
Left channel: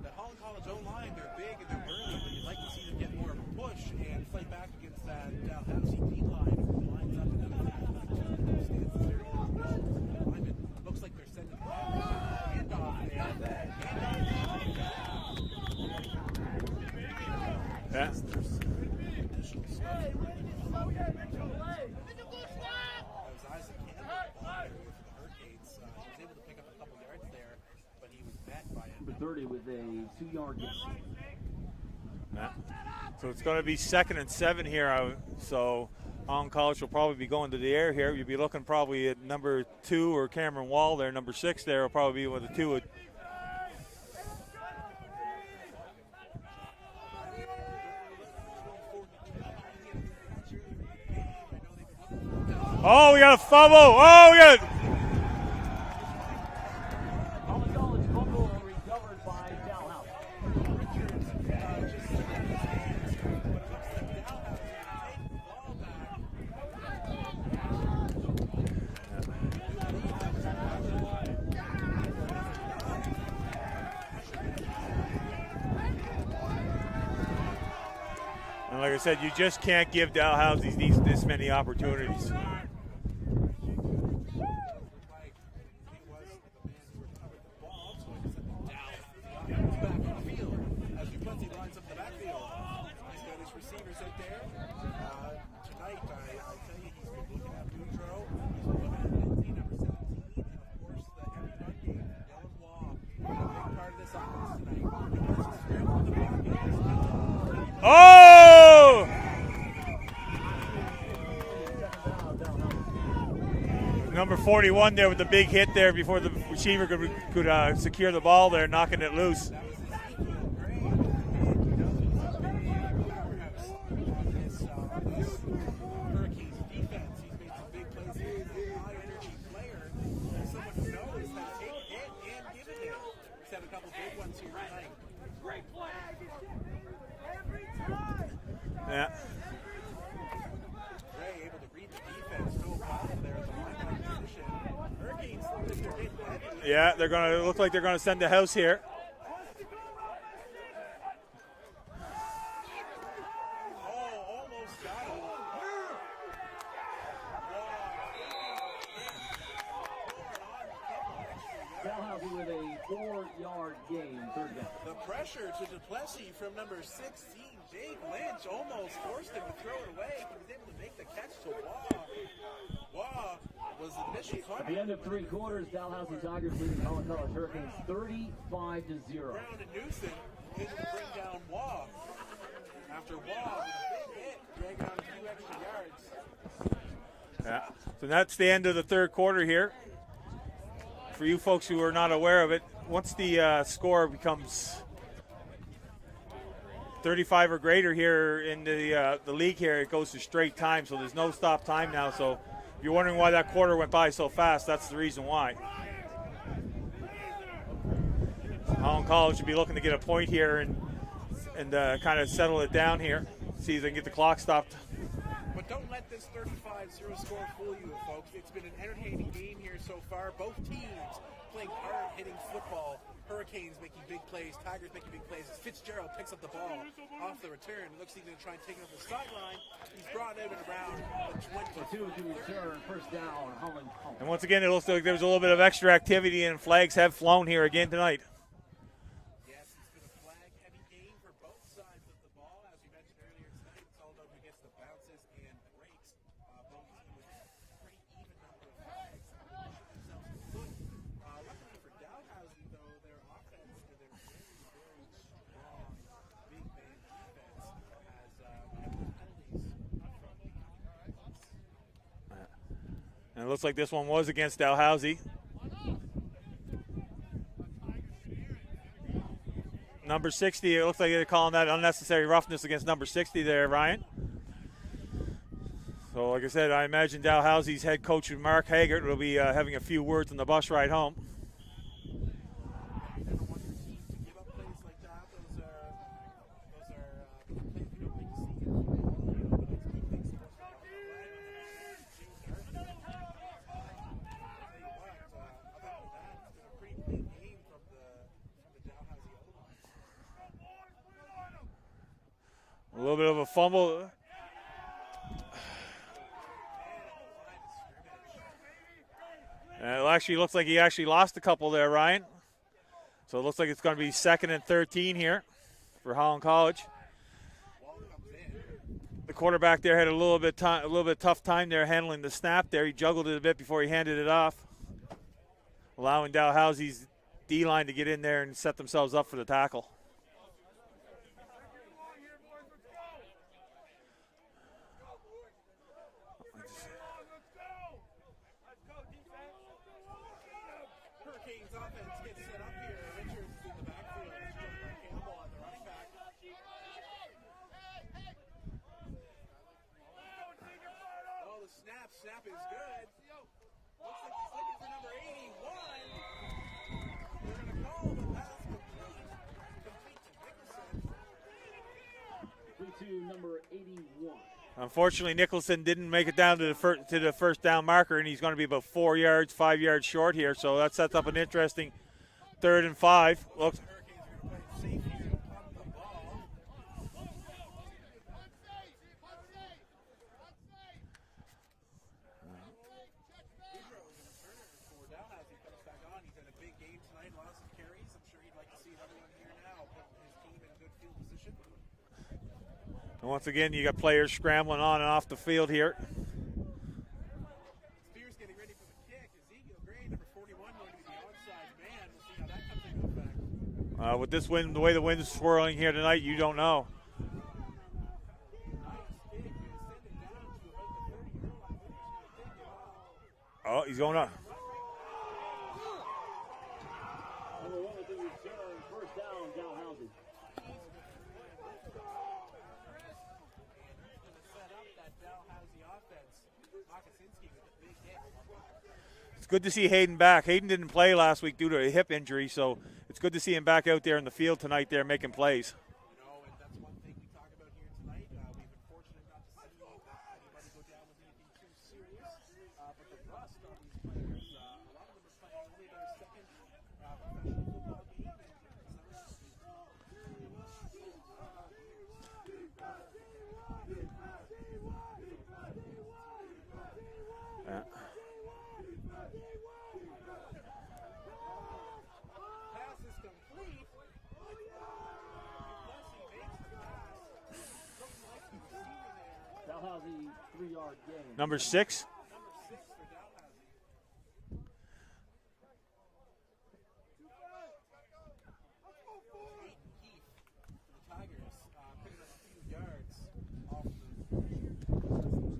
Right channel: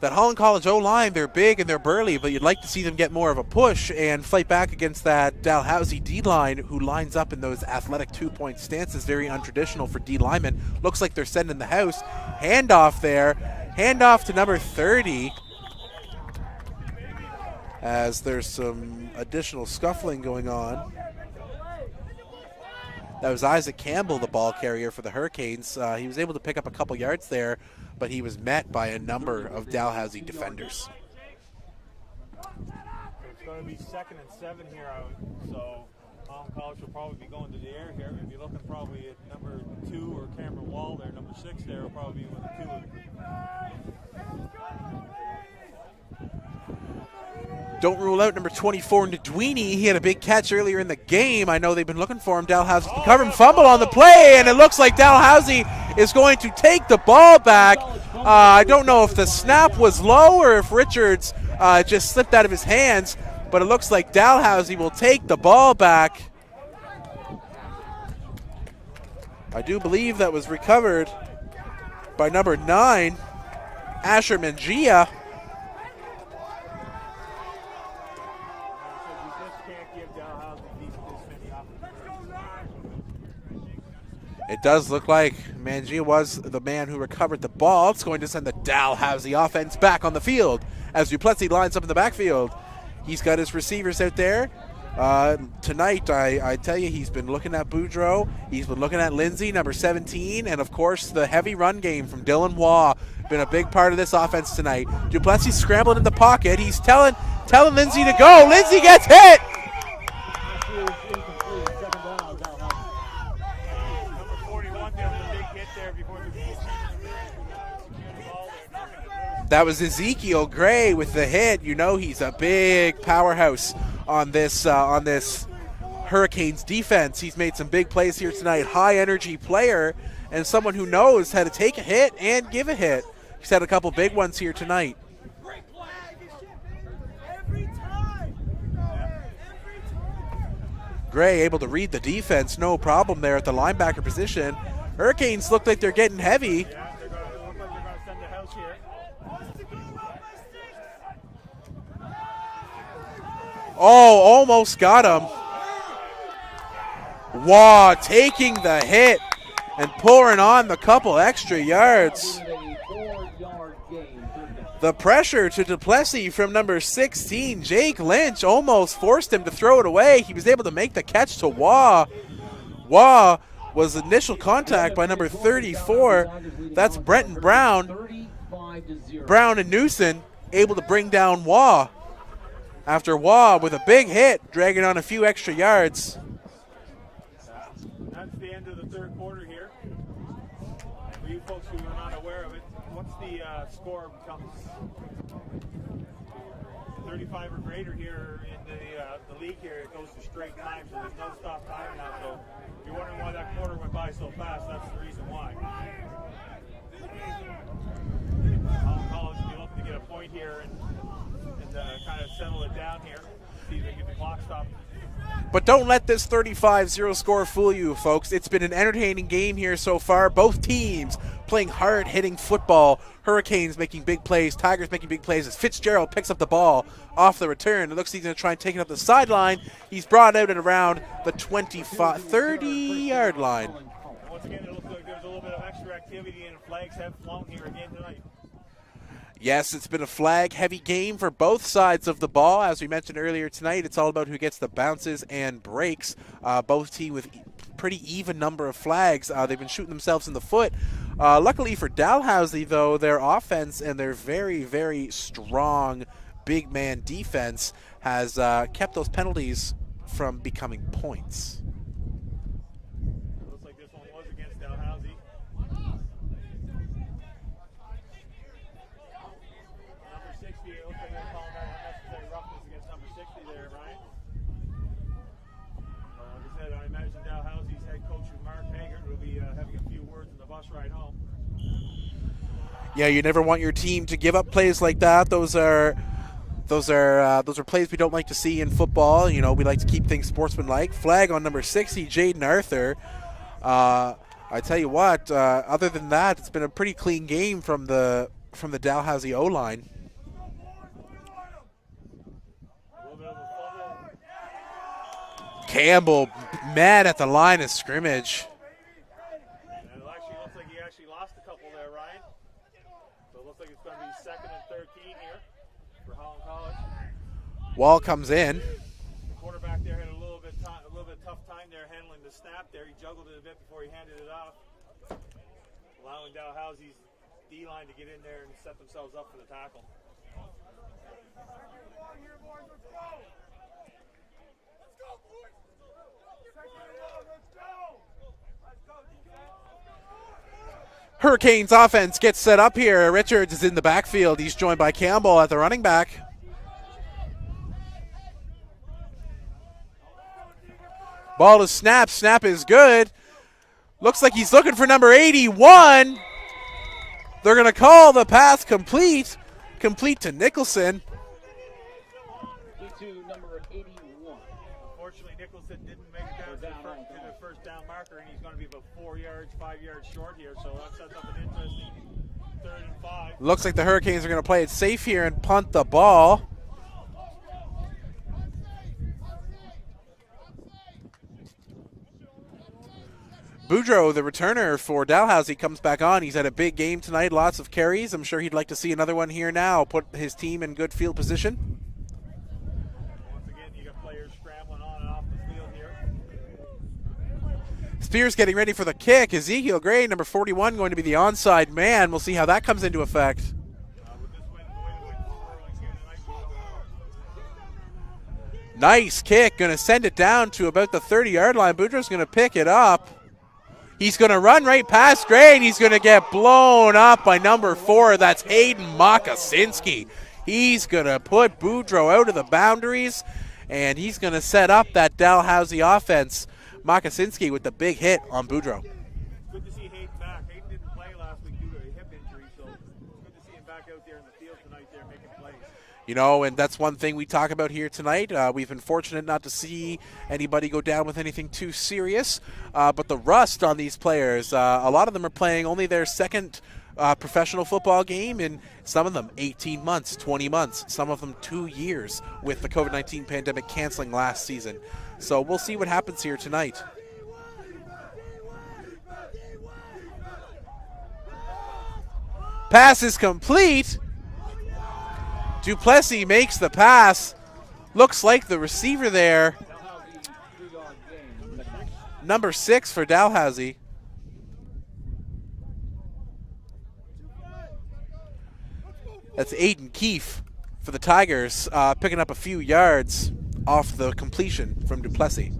That Holland College O-line, they're big and they're burly, but you'd like to see them get more of a push and fight back against that Dalhousie D-line who lines up in those athletic two-point stances, very untraditional for D linemen. Looks like they're sending the house. Handoff there. Handoff to number 30 as there's some additional scuffling going on. That was Isaac Campbell, the ball carrier for the Hurricanes. He was able to pick up a couple yards there, but he was met by a number of Dalhousie defenders. So it's going to be 2nd and 7 here. So Holland College will probably be going to the air here. You'll be looking probably at number 2 or Cameron Wall there. Number 6 there will probably be with the 2. Don't rule out number 24, Ndwini. He had a big catch earlier in the game. I know they've been looking for him. Dalhousie cover and fumble on the play, and it looks like Dalhousie is going to take the ball back. I don't know if the snap was low or if Richards just slipped out of his hands, but it looks like Dalhousie will take the ball back. I do believe that was recovered by number 9, Asher Mangia. And like I said, you just can't give Dalhousie this many opportunities. It does look like Mangia was the man who recovered the ball. It's going to send the Dalhousie offense back on the field as Duplessis lines up in the backfield. He's got his receivers out there. Tonight, I tell you, he's been looking at Boudreaux. He's been looking at Lindsay, number 17, and of course the heavy run game from Dylan Waugh. Been a big part of this offense tonight. Duplessis scrambling in the pocket. He's telling Lindsay to go. Lindsay gets hit. Number 41 there with the big hit there before the receiver could secure the ball there, knocking it loose. That was Ezekiel Gray with the hit. You know he's a big powerhouse on this Hurricanes defense. He's made some big plays here tonight. High energy player and someone who knows how to take a hit and give a hit. He's had a couple big ones here tonight. Yeah. Gray able to read the defense, no problem there at the linebacker position. Hurricanes look like they're getting heavy. Yeah, they're going to look like they're going to send the house here. Oh, almost got him. Waugh taking the hit and pouring on the couple extra yards. The pressure to Duplessis from number 16, Jake Lynch, almost forced him to throw it away. He was able to make the catch to Waugh. Waugh was initial contact by number 34. That's Brenton Brown. Brown and Newson able to bring down Waugh. After Waugh with a big hit, dragging on a few extra yards. Yeah. So that's the end of the third quarter here. For you folks who are not aware of it, once the score becomes 35 or greater here in the league here, it goes to straight time, so there's no stop time now. So if you're wondering why that quarter went by so fast, that's the reason why. Holland College should be looking to get a point here and kind of settle it down here, see if they can get the clock stopped. But don't let this 35-0 score fool you, folks. It's been an entertaining game here so far. Both teams playing hard-hitting football. Hurricanes making big plays. Tigers making big plays as Fitzgerald picks up the ball off the return. It looks like he's going to try and take it up the sideline. He's brought out at around the 30-yard line. And once again, it looks like there's a little bit of extra activity, and flags have flown here again tonight. Yes, it's been a flag-heavy game for both sides of the ball. As we mentioned earlier tonight, it's all about who gets the bounces and breaks. Both teams with pretty even number of flags. They've been shooting themselves in the foot. Luckily for Dalhousie, though, their offense and their very, very strong big man defense has kept those penalties from becoming points. And it looks like this one was against Dalhousie. Number 60, it looks like they're calling that unnecessary roughness against number 60 there, Ryan. So, like I said, I imagine Dalhousie's head coach, Mark Haggart, will be having a few words on the bus ride home. Yeah, you never want your team to give up plays like that. Those are plays we don't like to see in football. You know, we like to keep things sportsmanlike. Flag on number 60, Jaden Arthur. I tell you what, other than that, it's been a pretty clean game from the Dalhousie O-line. A little bit of a fumble. Campbell mad at the line of scrimmage. It actually looks like he actually lost a couple there, Ryan. So it looks like it's going to be 2nd and 13 here for Holland College. Wall comes in. The quarterback there had a little bit tough time there handling the snap there. He juggled it a bit before he handed it off, allowing Dalhousie's D-line to get in there and set themselves up for the tackle. Hurricanes offense gets set up here. Richards is in the backfield. He's joined by Campbell at the running back. Ball is snapped. Snap is good. Looks like he's looking for number 81. They're going to call the pass complete to Nicholson. To number 81. Unfortunately, Nicholson didn't make it down to the first down marker, and he's going to be about 5 yards short here. So that sets up an interesting 3rd and 5. Looks like the Hurricanes are going to play it safe here and punt the ball. Boudreau, the returner for Dalhousie, comes back on. He's had a big game tonight, lots of carries. I'm sure he'd like to see another one here now, put his team in good field position. Once again, you got players scrambling on and off the field here. Spears getting ready for the kick. Ezekiel Gray, number 41, going to be the onside man. We'll see how that comes into effect. With this wind, the way the wind's swirling here tonight, you don't know. Nice kick. Going to send it down to about the 30-yard line. Boudreau's going to pick it up. Oh, He's going to run right past Gray, and he's going to get blown up by number 4. That's Hayden Mokosinski. He's going to put Boudreau out of the boundaries, and he's going to set up that Dalhousie offense. Mokosinski with the big hit on Boudreau. It's good to see Hayden back. Hayden didn't play last week due to a hip injury, so it's good to see him back out there in the field tonight there making plays. You know, and that's one thing we talk about here tonight. We've been fortunate not to see anybody go down with anything too serious, but the rust on these players, a lot of them are playing only their second professional football game, and some of them 18 months, 20 months, some of them 2 years with the COVID-19 pandemic canceling last season. So we'll see what happens here tonight. Pass is complete. Duplessis makes the pass. Looks like the receiver there. Number 6? Number 6 for Dalhousie. That's Aiden Keefe for the Tigers, picking up a few yards off the completion from Duplessis.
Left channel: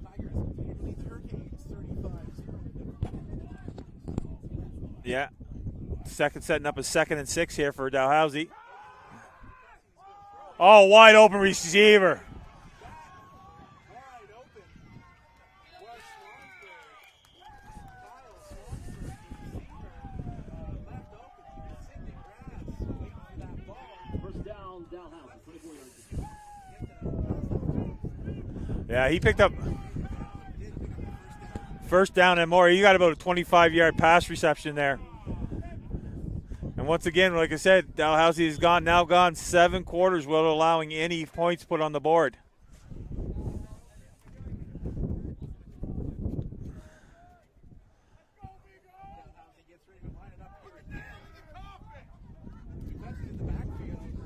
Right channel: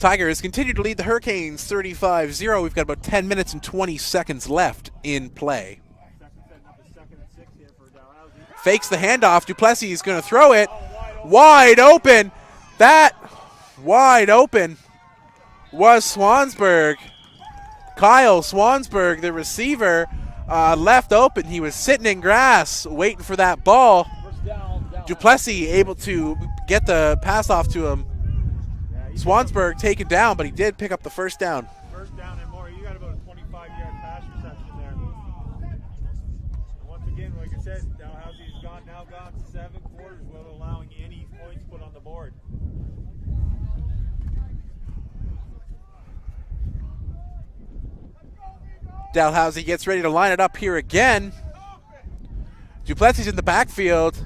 Tigers continue to lead the Hurricanes 35-0. We've got about 10 minutes and 20 seconds left in play. Setting up a 2nd and 6 here for Dalhousie. Fakes the handoff. Duplessis is going to throw it. Oh, wide open. Wide receiver. open. That wide open was Swansburg. Kyle Swansburg, the receiver, left open. He was sitting in grass waiting for that ball. Duplessis able to get the pass off to him. Yeah, he Swansburg taken down, but he did pick up the first down. First down and more. You got about a 25-yard pass reception there. And once again, like I said, Dalhousie has now gone 7 quarters without allowing any points put on the board. Dalhousie gets ready to line it up here again. Duplessis in the backfield.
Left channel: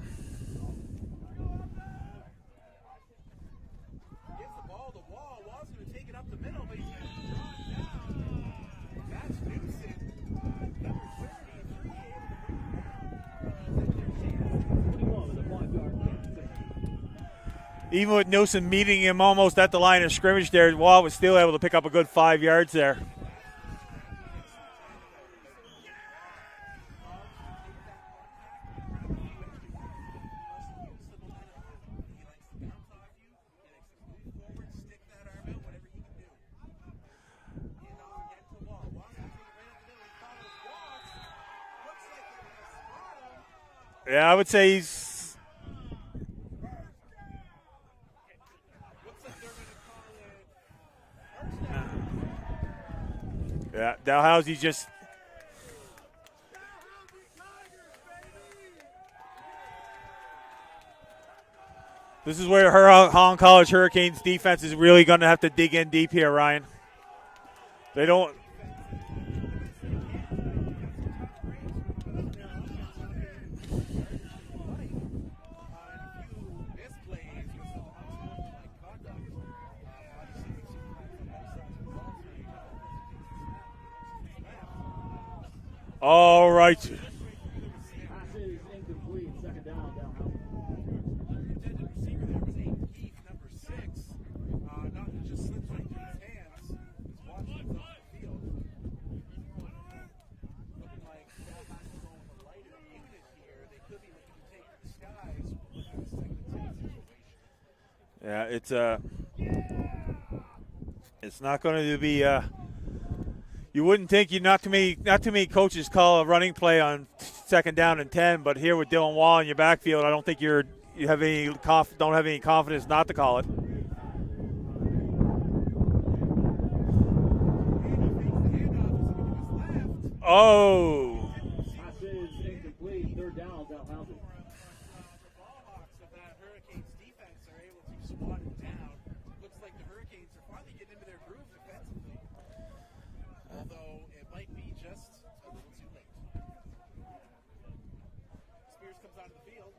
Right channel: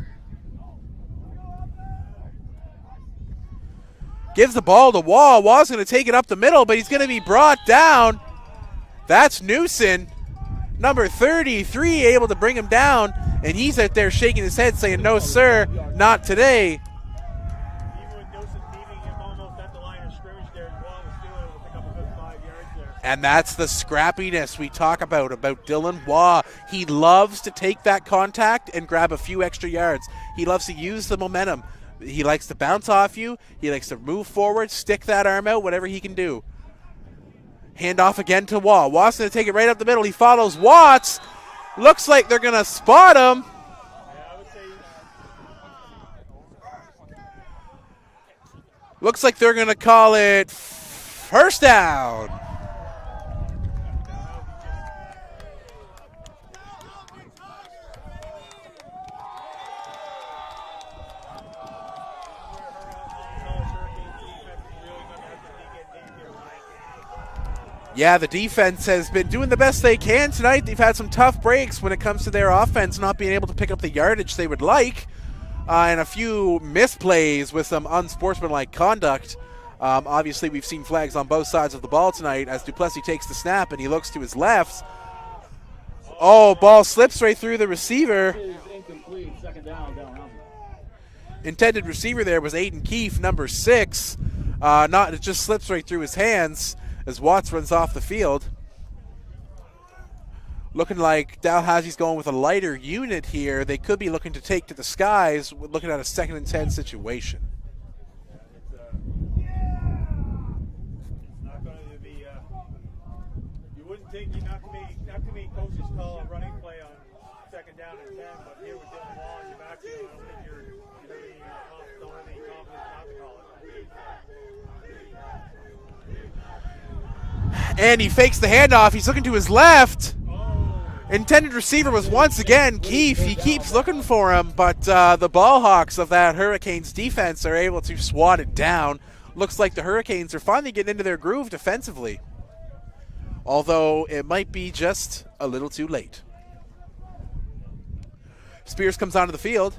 Gives the ball to Waugh. Waugh's going to take it up the middle, but he's going to be brought down. That's Newson, number 33, able to bring him down, and he's out there shaking his head saying, no, sir, not today. Even with Newson meeting him almost at the line of scrimmage there, Waugh was still able to pick up a good 5 yards there. And that's the scrappiness we talk about Dylan Waugh. He loves to take that contact and grab a few extra yards. He loves to use the momentum. He likes to bounce off you. He likes to move forward, stick that arm out, whatever he can do. Hand off again to Waugh. Waugh's going to take it right up the middle. He follows Watts. Looks like they're going to spot him. Yeah, I would say he's... Looks like they're going to call it first down. Yeah, Dalhousie just... This is where Holland College Hurricanes defense is really going to have to dig in deep here, Ryan. Yeah, the defense has been doing the best they can tonight. They've had some tough breaks when it comes to their offense not being able to pick up the yardage they would like, and a few misplays with some unsportsmanlike conduct. Obviously, we've seen flags on both sides of the ball tonight as Duplessis takes the snap and he looks to his left. Oh, right. Ball slips right through the receiver. Incomplete. Second down, Dalhousie. Intended receiver there was Aiden Keefe, number 6. It just slips right through his hands as Watts runs off the field. Looking like Dalhousie's going with a lighter unit here. They could be looking to take to the skies, looking at a 2nd and 10 situation. Yeah, it's not going to be You wouldn't think not too many coaches call a running play on 2nd down and 10, but here with Dylan Wall in your backfield, I don't think don't have any confidence not to call it. And he fakes the handoff. He's looking to his left. Oh. Intended receiver was once again Keefe. He keeps looking for him, but the ball hawks of that Hurricanes defense are able to swat it down. Looks like the Hurricanes are finally getting into their groove defensively, although it might be just a little too late. Spears comes onto the field.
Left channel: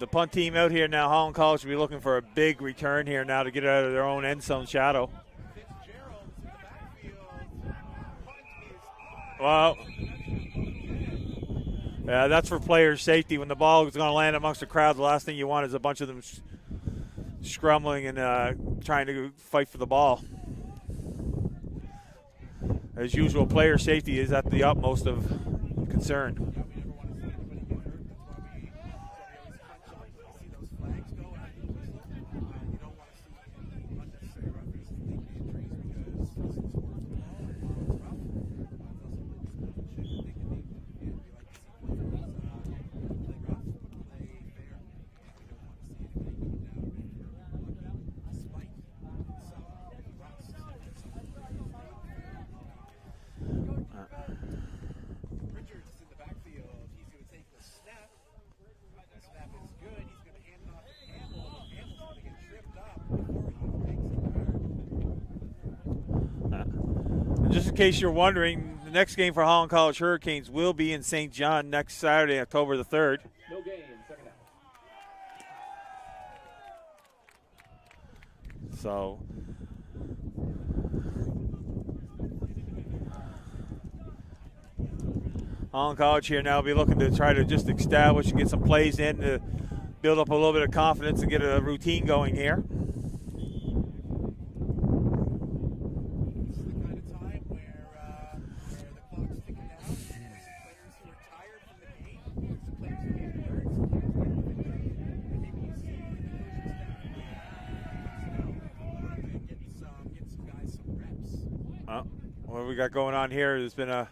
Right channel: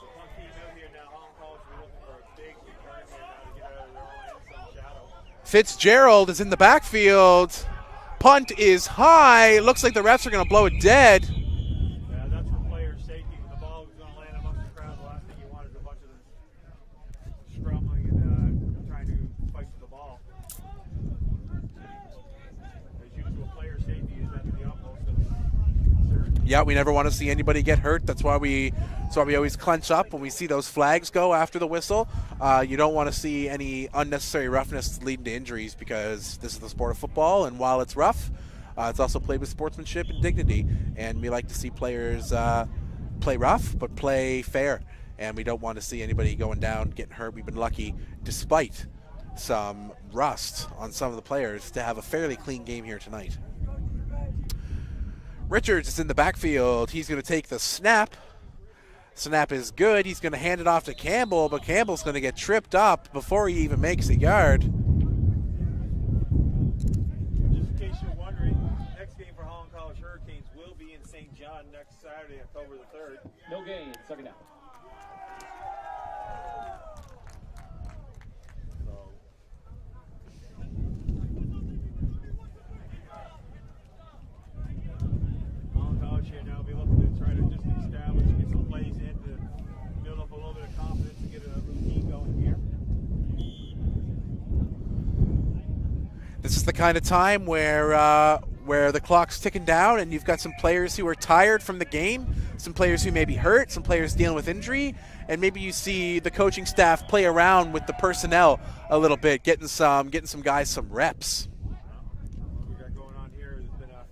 The punt team out here now, Holland College will be looking for a big return here now to get out of their own end zone shadow. Fitzgerald is in the backfield. Punt is high. Looks like the refs are going to blow it dead. Yeah, that's for player safety. When the ball is going to land amongst the crowd, the last thing you want is a bunch of them scrambling and trying to fight for the ball. As usual, player safety is at the utmost of concern. Yeah, we never want to see anybody get hurt. That's why we always clench up when we see those flags go after the whistle. You don't want to see any unnecessary roughness leading to injuries, because this is the sport of football, and while it's rough, it's also played with sportsmanship and dignity, and we like to see players play rough but play fair, and we don't want to see anybody going down, getting hurt. We've been lucky, despite some rust on some of the players, to have a fairly clean game here tonight. Richards is in the backfield. He's going to take the snap. Snap is good. He's going to hand it off to Campbell, but Campbell's going to get tripped up before he even makes a yard. Just in case you're wondering, the next game for Holland College Hurricanes will be in St. John next Saturday, October the 3rd. No gain, 2nd down. So Holland College here now will be looking to try to just establish and get some plays in to build up a little bit of confidence and get a routine going here. This is the kind of time where the clock's ticking down and you've got some players who are tired from the game, some players who may be hurt, some players dealing with injury, and maybe you see the coaching staff play around with the personnel a little bit, getting some guys some reps. What we got going on here, there's been a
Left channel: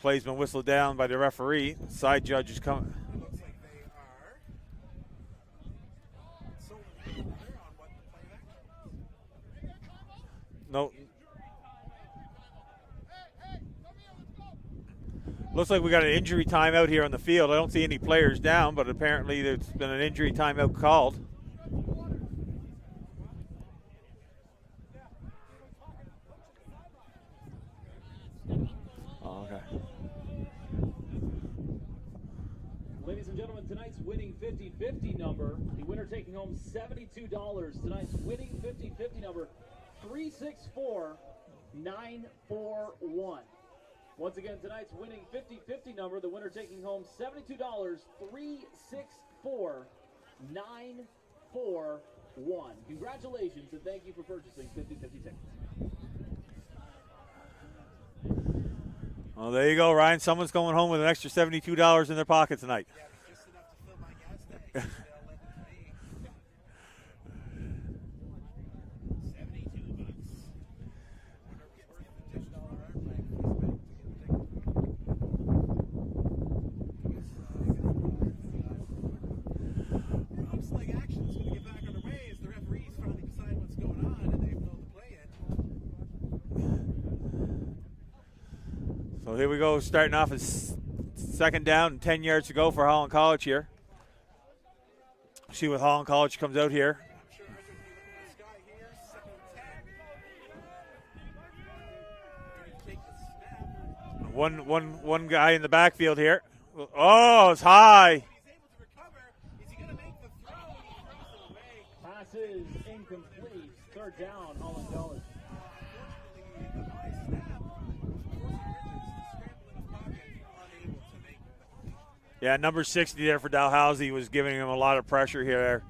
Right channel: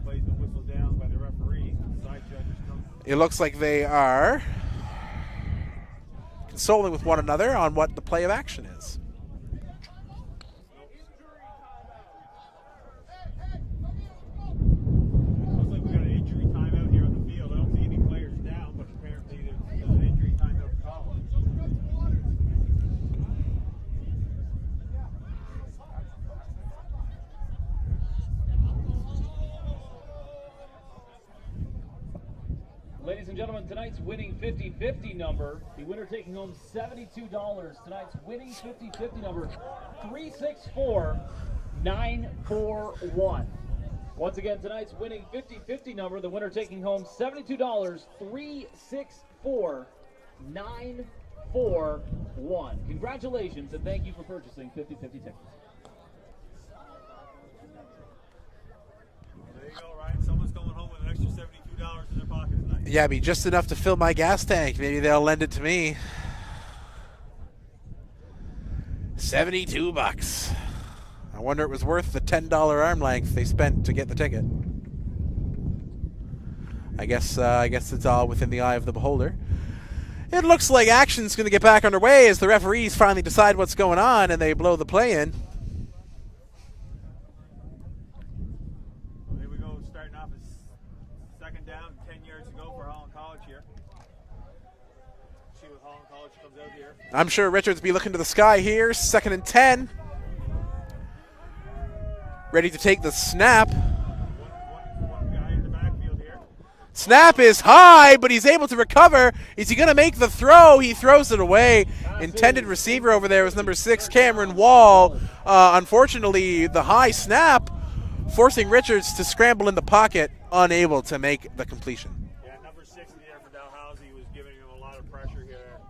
play's been whistled down by the referee. Side judge is coming. It looks like they are consoling with one another on what the play of action is. No. Looks like we got an injury timeout here on the field. I don't see any players down, but apparently there's been an injury timeout called. Ladies and gentlemen, tonight's winning 50-50 number, the winner taking home $72. Tonight's winning 50-50 number, 364941. Once again, tonight's winning 50-50 number, the winner taking home $72, 364941. Congratulations and thank you for purchasing 50-50 tickets. Well, there you go, Ryan. Someone's going home with an extra $72 in their pocket tonight. Yeah, be just enough to fill my gas tank. Maybe they'll lend it to me. $72. I wonder it was worth the $10 arm length they spent to get the ticket. I guess it's all within the eye of the beholder. It looks like action's going to get back underway as the referees finally decide what's going on and they blow the play in. So here we go, starting off as 2nd down and 10 yards to go for Holland College here. See what Holland College comes out here. I'm sure Richards will be looking to the sky here. 2nd and 10. Ready to take the snap. One guy in the backfield here. Snap is high, but he's able to recover. Is he going to make the throw? He throws it away. Intended receiver over there was number 6, Cameron Wall. Unfortunately, the high snap forcing Richards to scramble in the pocket, unable to make the completion. Yeah, number 60 there for Dalhousie was giving him a lot of pressure here.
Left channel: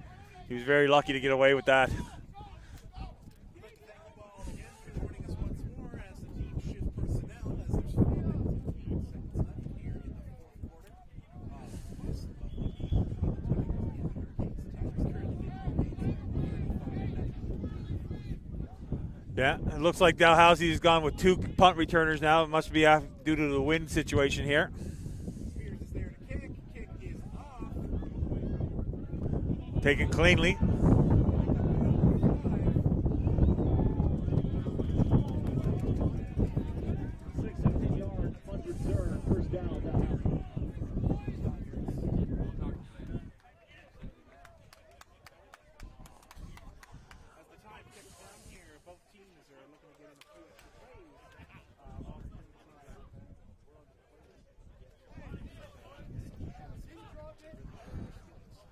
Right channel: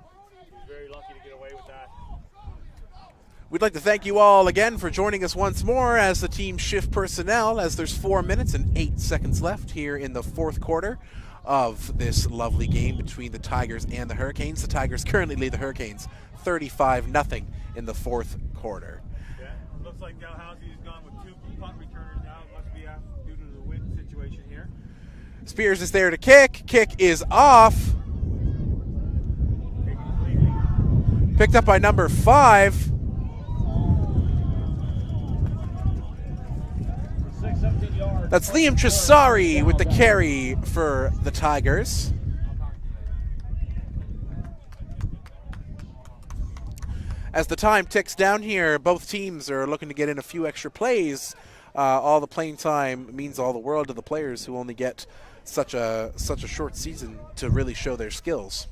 He was very lucky to get away with that. We'd like to thank you all again for joining us once more as the team shift personnel, as there's 4 minutes and 8 seconds left here in the 4th quarter of this lovely game between the Tigers and the Hurricanes. The Tigers currently lead the Hurricanes 35-0 in the fourth quarter. Yeah, it looks like Dalhousie has gone with 2 punt returners now. It must be due to the wind situation here. Spears is there to kick. Kick is off. Taken cleanly. Picked up by number 5. That's Liam Tresari with the carry for the Tigers. As the time ticks down here, both teams are looking to get in a few extra plays. All the playing time means all the world to the players who only get such a short season to really show their skills.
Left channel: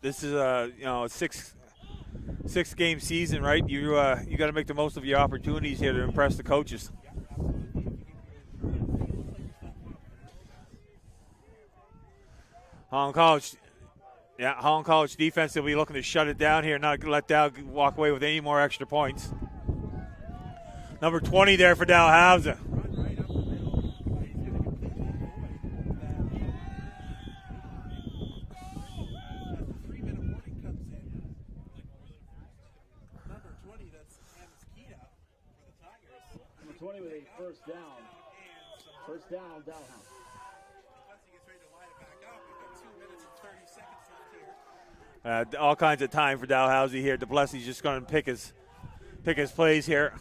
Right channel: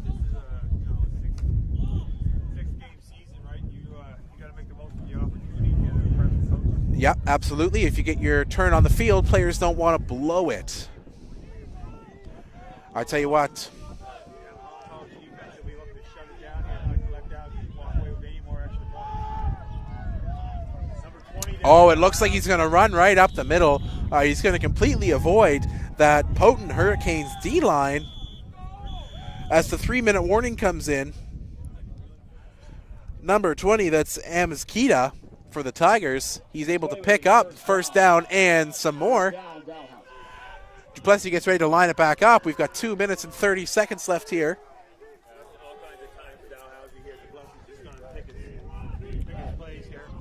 This is a six-game season, right? You got to make the most of your opportunities here to impress the coaches. Yeah, absolutely. If you get your turn on the field, players don't want to blow it. I'll tell you what. Yeah, Holland College defense will be looking to shut it down here, not let Dow walk away with any more extra points. Number 20 there for it looks like he's going to run right up the middle. He's going to completely avoid that potent Hurricanes D-line as the 3-minute warning comes in. Number 20, that's Amizkita for the Tigers. He's able to pick up first down and some more. Duplessis gets ready to line it back up. We've got 2 minutes and 30 seconds left here. All kinds of time for Dalhousie here. Duplessis just going to pick his plays here.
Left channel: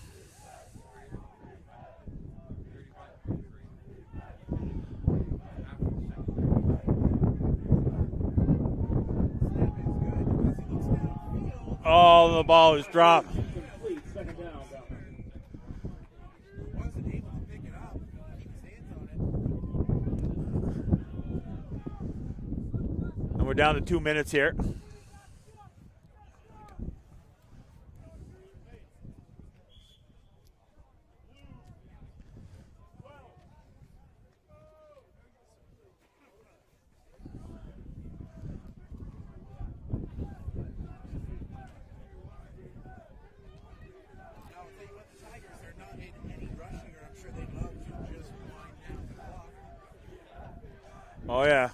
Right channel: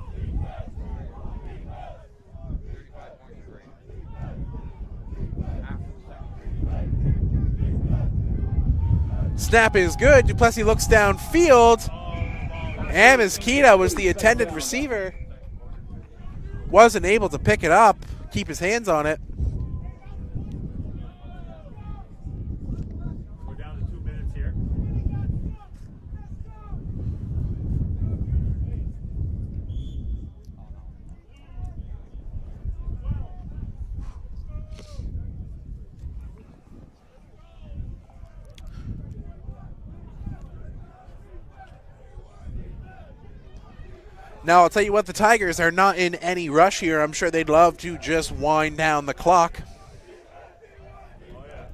Snap is good. Duplessis looks downfield. Oh, the ball is dropped. Amizkita was the intended receiver. Wasn't able to pick it up, keep his hands on it. And we're down to 2 minutes here. Now, I'll tell you what, the Tigers are not in any rush here. I'm sure they'd love to just wind down the clock. Oh, yeah.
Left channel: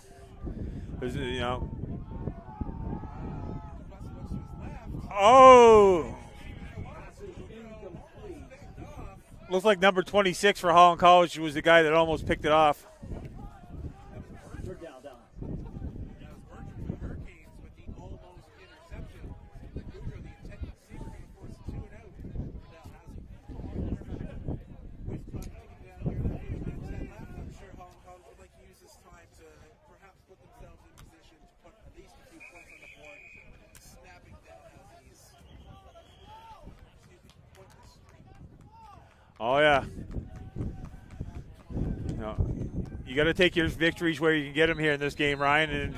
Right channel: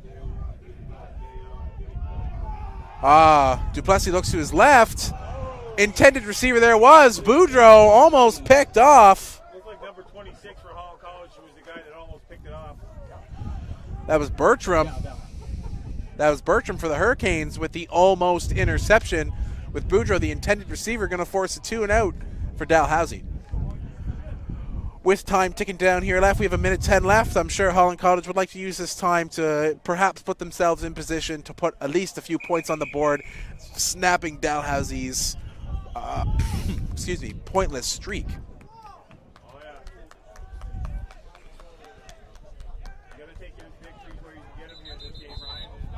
Duplessis looks to his left. Oh! Intended receiver there was Boudreau, almost picked off. Looks like number 26 for Holland College was the guy that almost picked it off. That was Bertram. That was Bertram for the Hurricanes with the almost interception. With Boudreau, the intended receiver, going to force a 2-and-out for Dalhousie. With time ticking down here left, we have 1:10 left. I'm sure Holland College would like to use this time to perhaps put themselves in position to put at least a few points on the board, snapping Dalhousie's pointless streak. Oh, yeah. You got to take your victories where you can get them here in this game, Ryan. And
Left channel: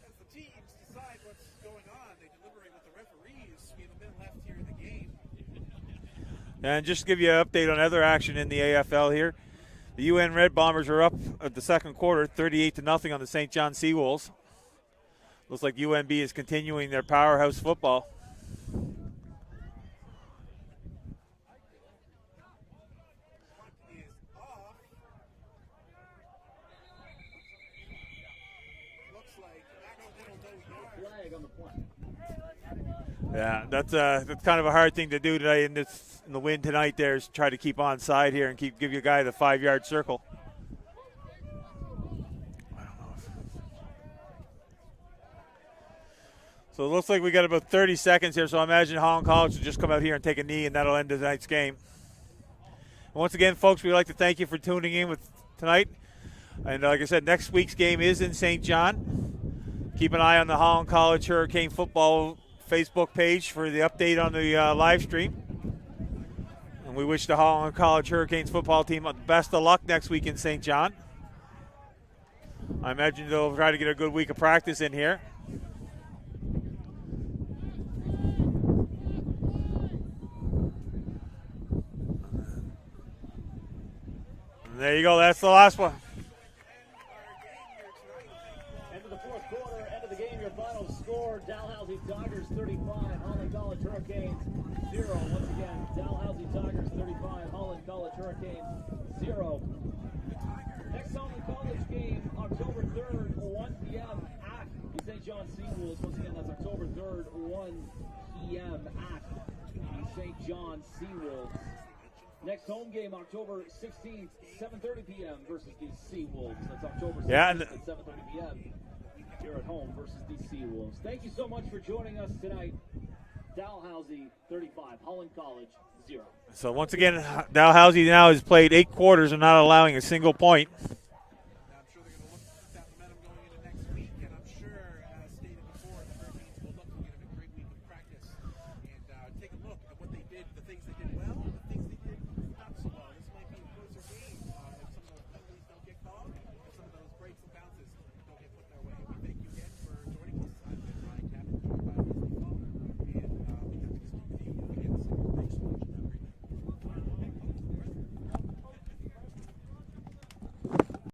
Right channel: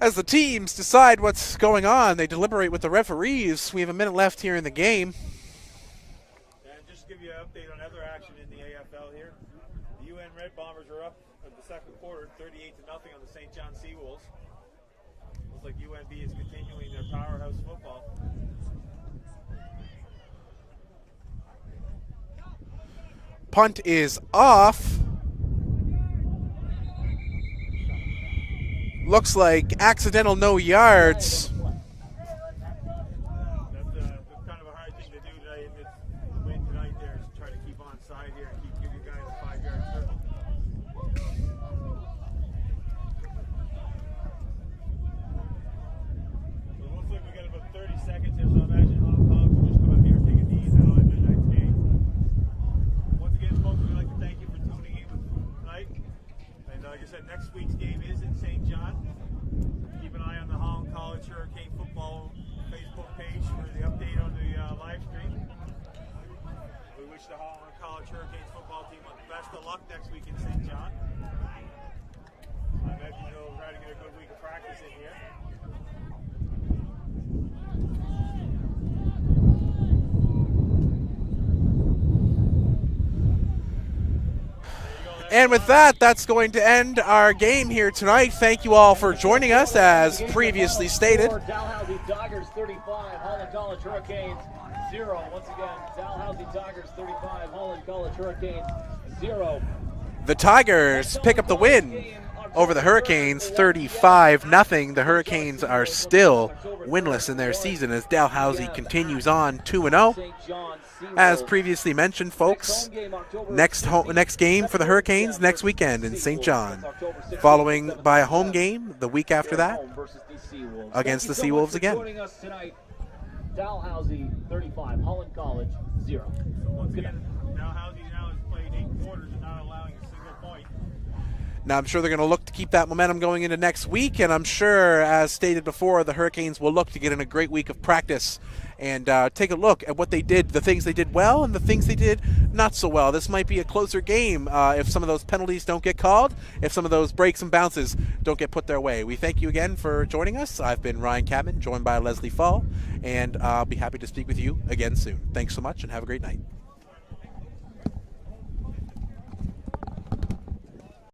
as the teams decide what's going on, they deliberate with the referees. We have 1 minute left here in the game. And just to give you an update on other action in the AFL here, the UN Red Bombers are up at the second quarter, 38-0 on the St. John Seawolves. Looks like UNB is continuing their powerhouse football. Punt is off. Looks like accidental no yards. Yeah, that's kind of a hard thing to do today in the wind tonight. There is try to keep on side here and give your guy the 5-yard circle. So it looks like we got about 30 seconds here. So I imagine Holland College will just come out here and take a knee, and that'll end tonight's game. And once again, folks, we'd like to thank you for tuning in with tonight. And like I said, next week's game is in St. John. Keep an eye on the Holland College Hurricane Football Facebook page for the update on the live stream. And we wish the Holland College Hurricanes football team the best of luck next week in St. John. I imagine they'll try to get a good week of practice in here. There you go. That's And the with last that, one. that's going to end our game here tonight. Thank you all for joining us, as previously stated. Dalhousie Tigers 35, Holland College Hurricanes 0. Once again, Dalhousie Tigers 35, Holland College Hurricanes 0. The Tigers pick up the win over the Hurricanes, 35-0. The Hurricanes are still winless in their season as Dalhousie continues on 2-0. As previously mentioned, folks, next game for the Hurricanes next weekend in St. John, following by a home game the week after that against the Seawolves again. Dalhousie 35, Holland College 0. So once again, Dalhousie now has played 8 quarters and not allowing a single point. Now, I'm sure they're going to look to keep that momentum going into next week, and I'm sure, as stated before, the Hurricanes will look to get in a great week of practice and take a look at what they did, the things they did well and the things they did not so well. This might be a closer game if some of those penalties don't get called, if some of those breaks and bounces don't get put their way. We thank you again for joining us. I've been Ryan Cadman, joined by Leslie Fall, and I'll be happy to speak with you again soon. Thanks so much, and have a great night.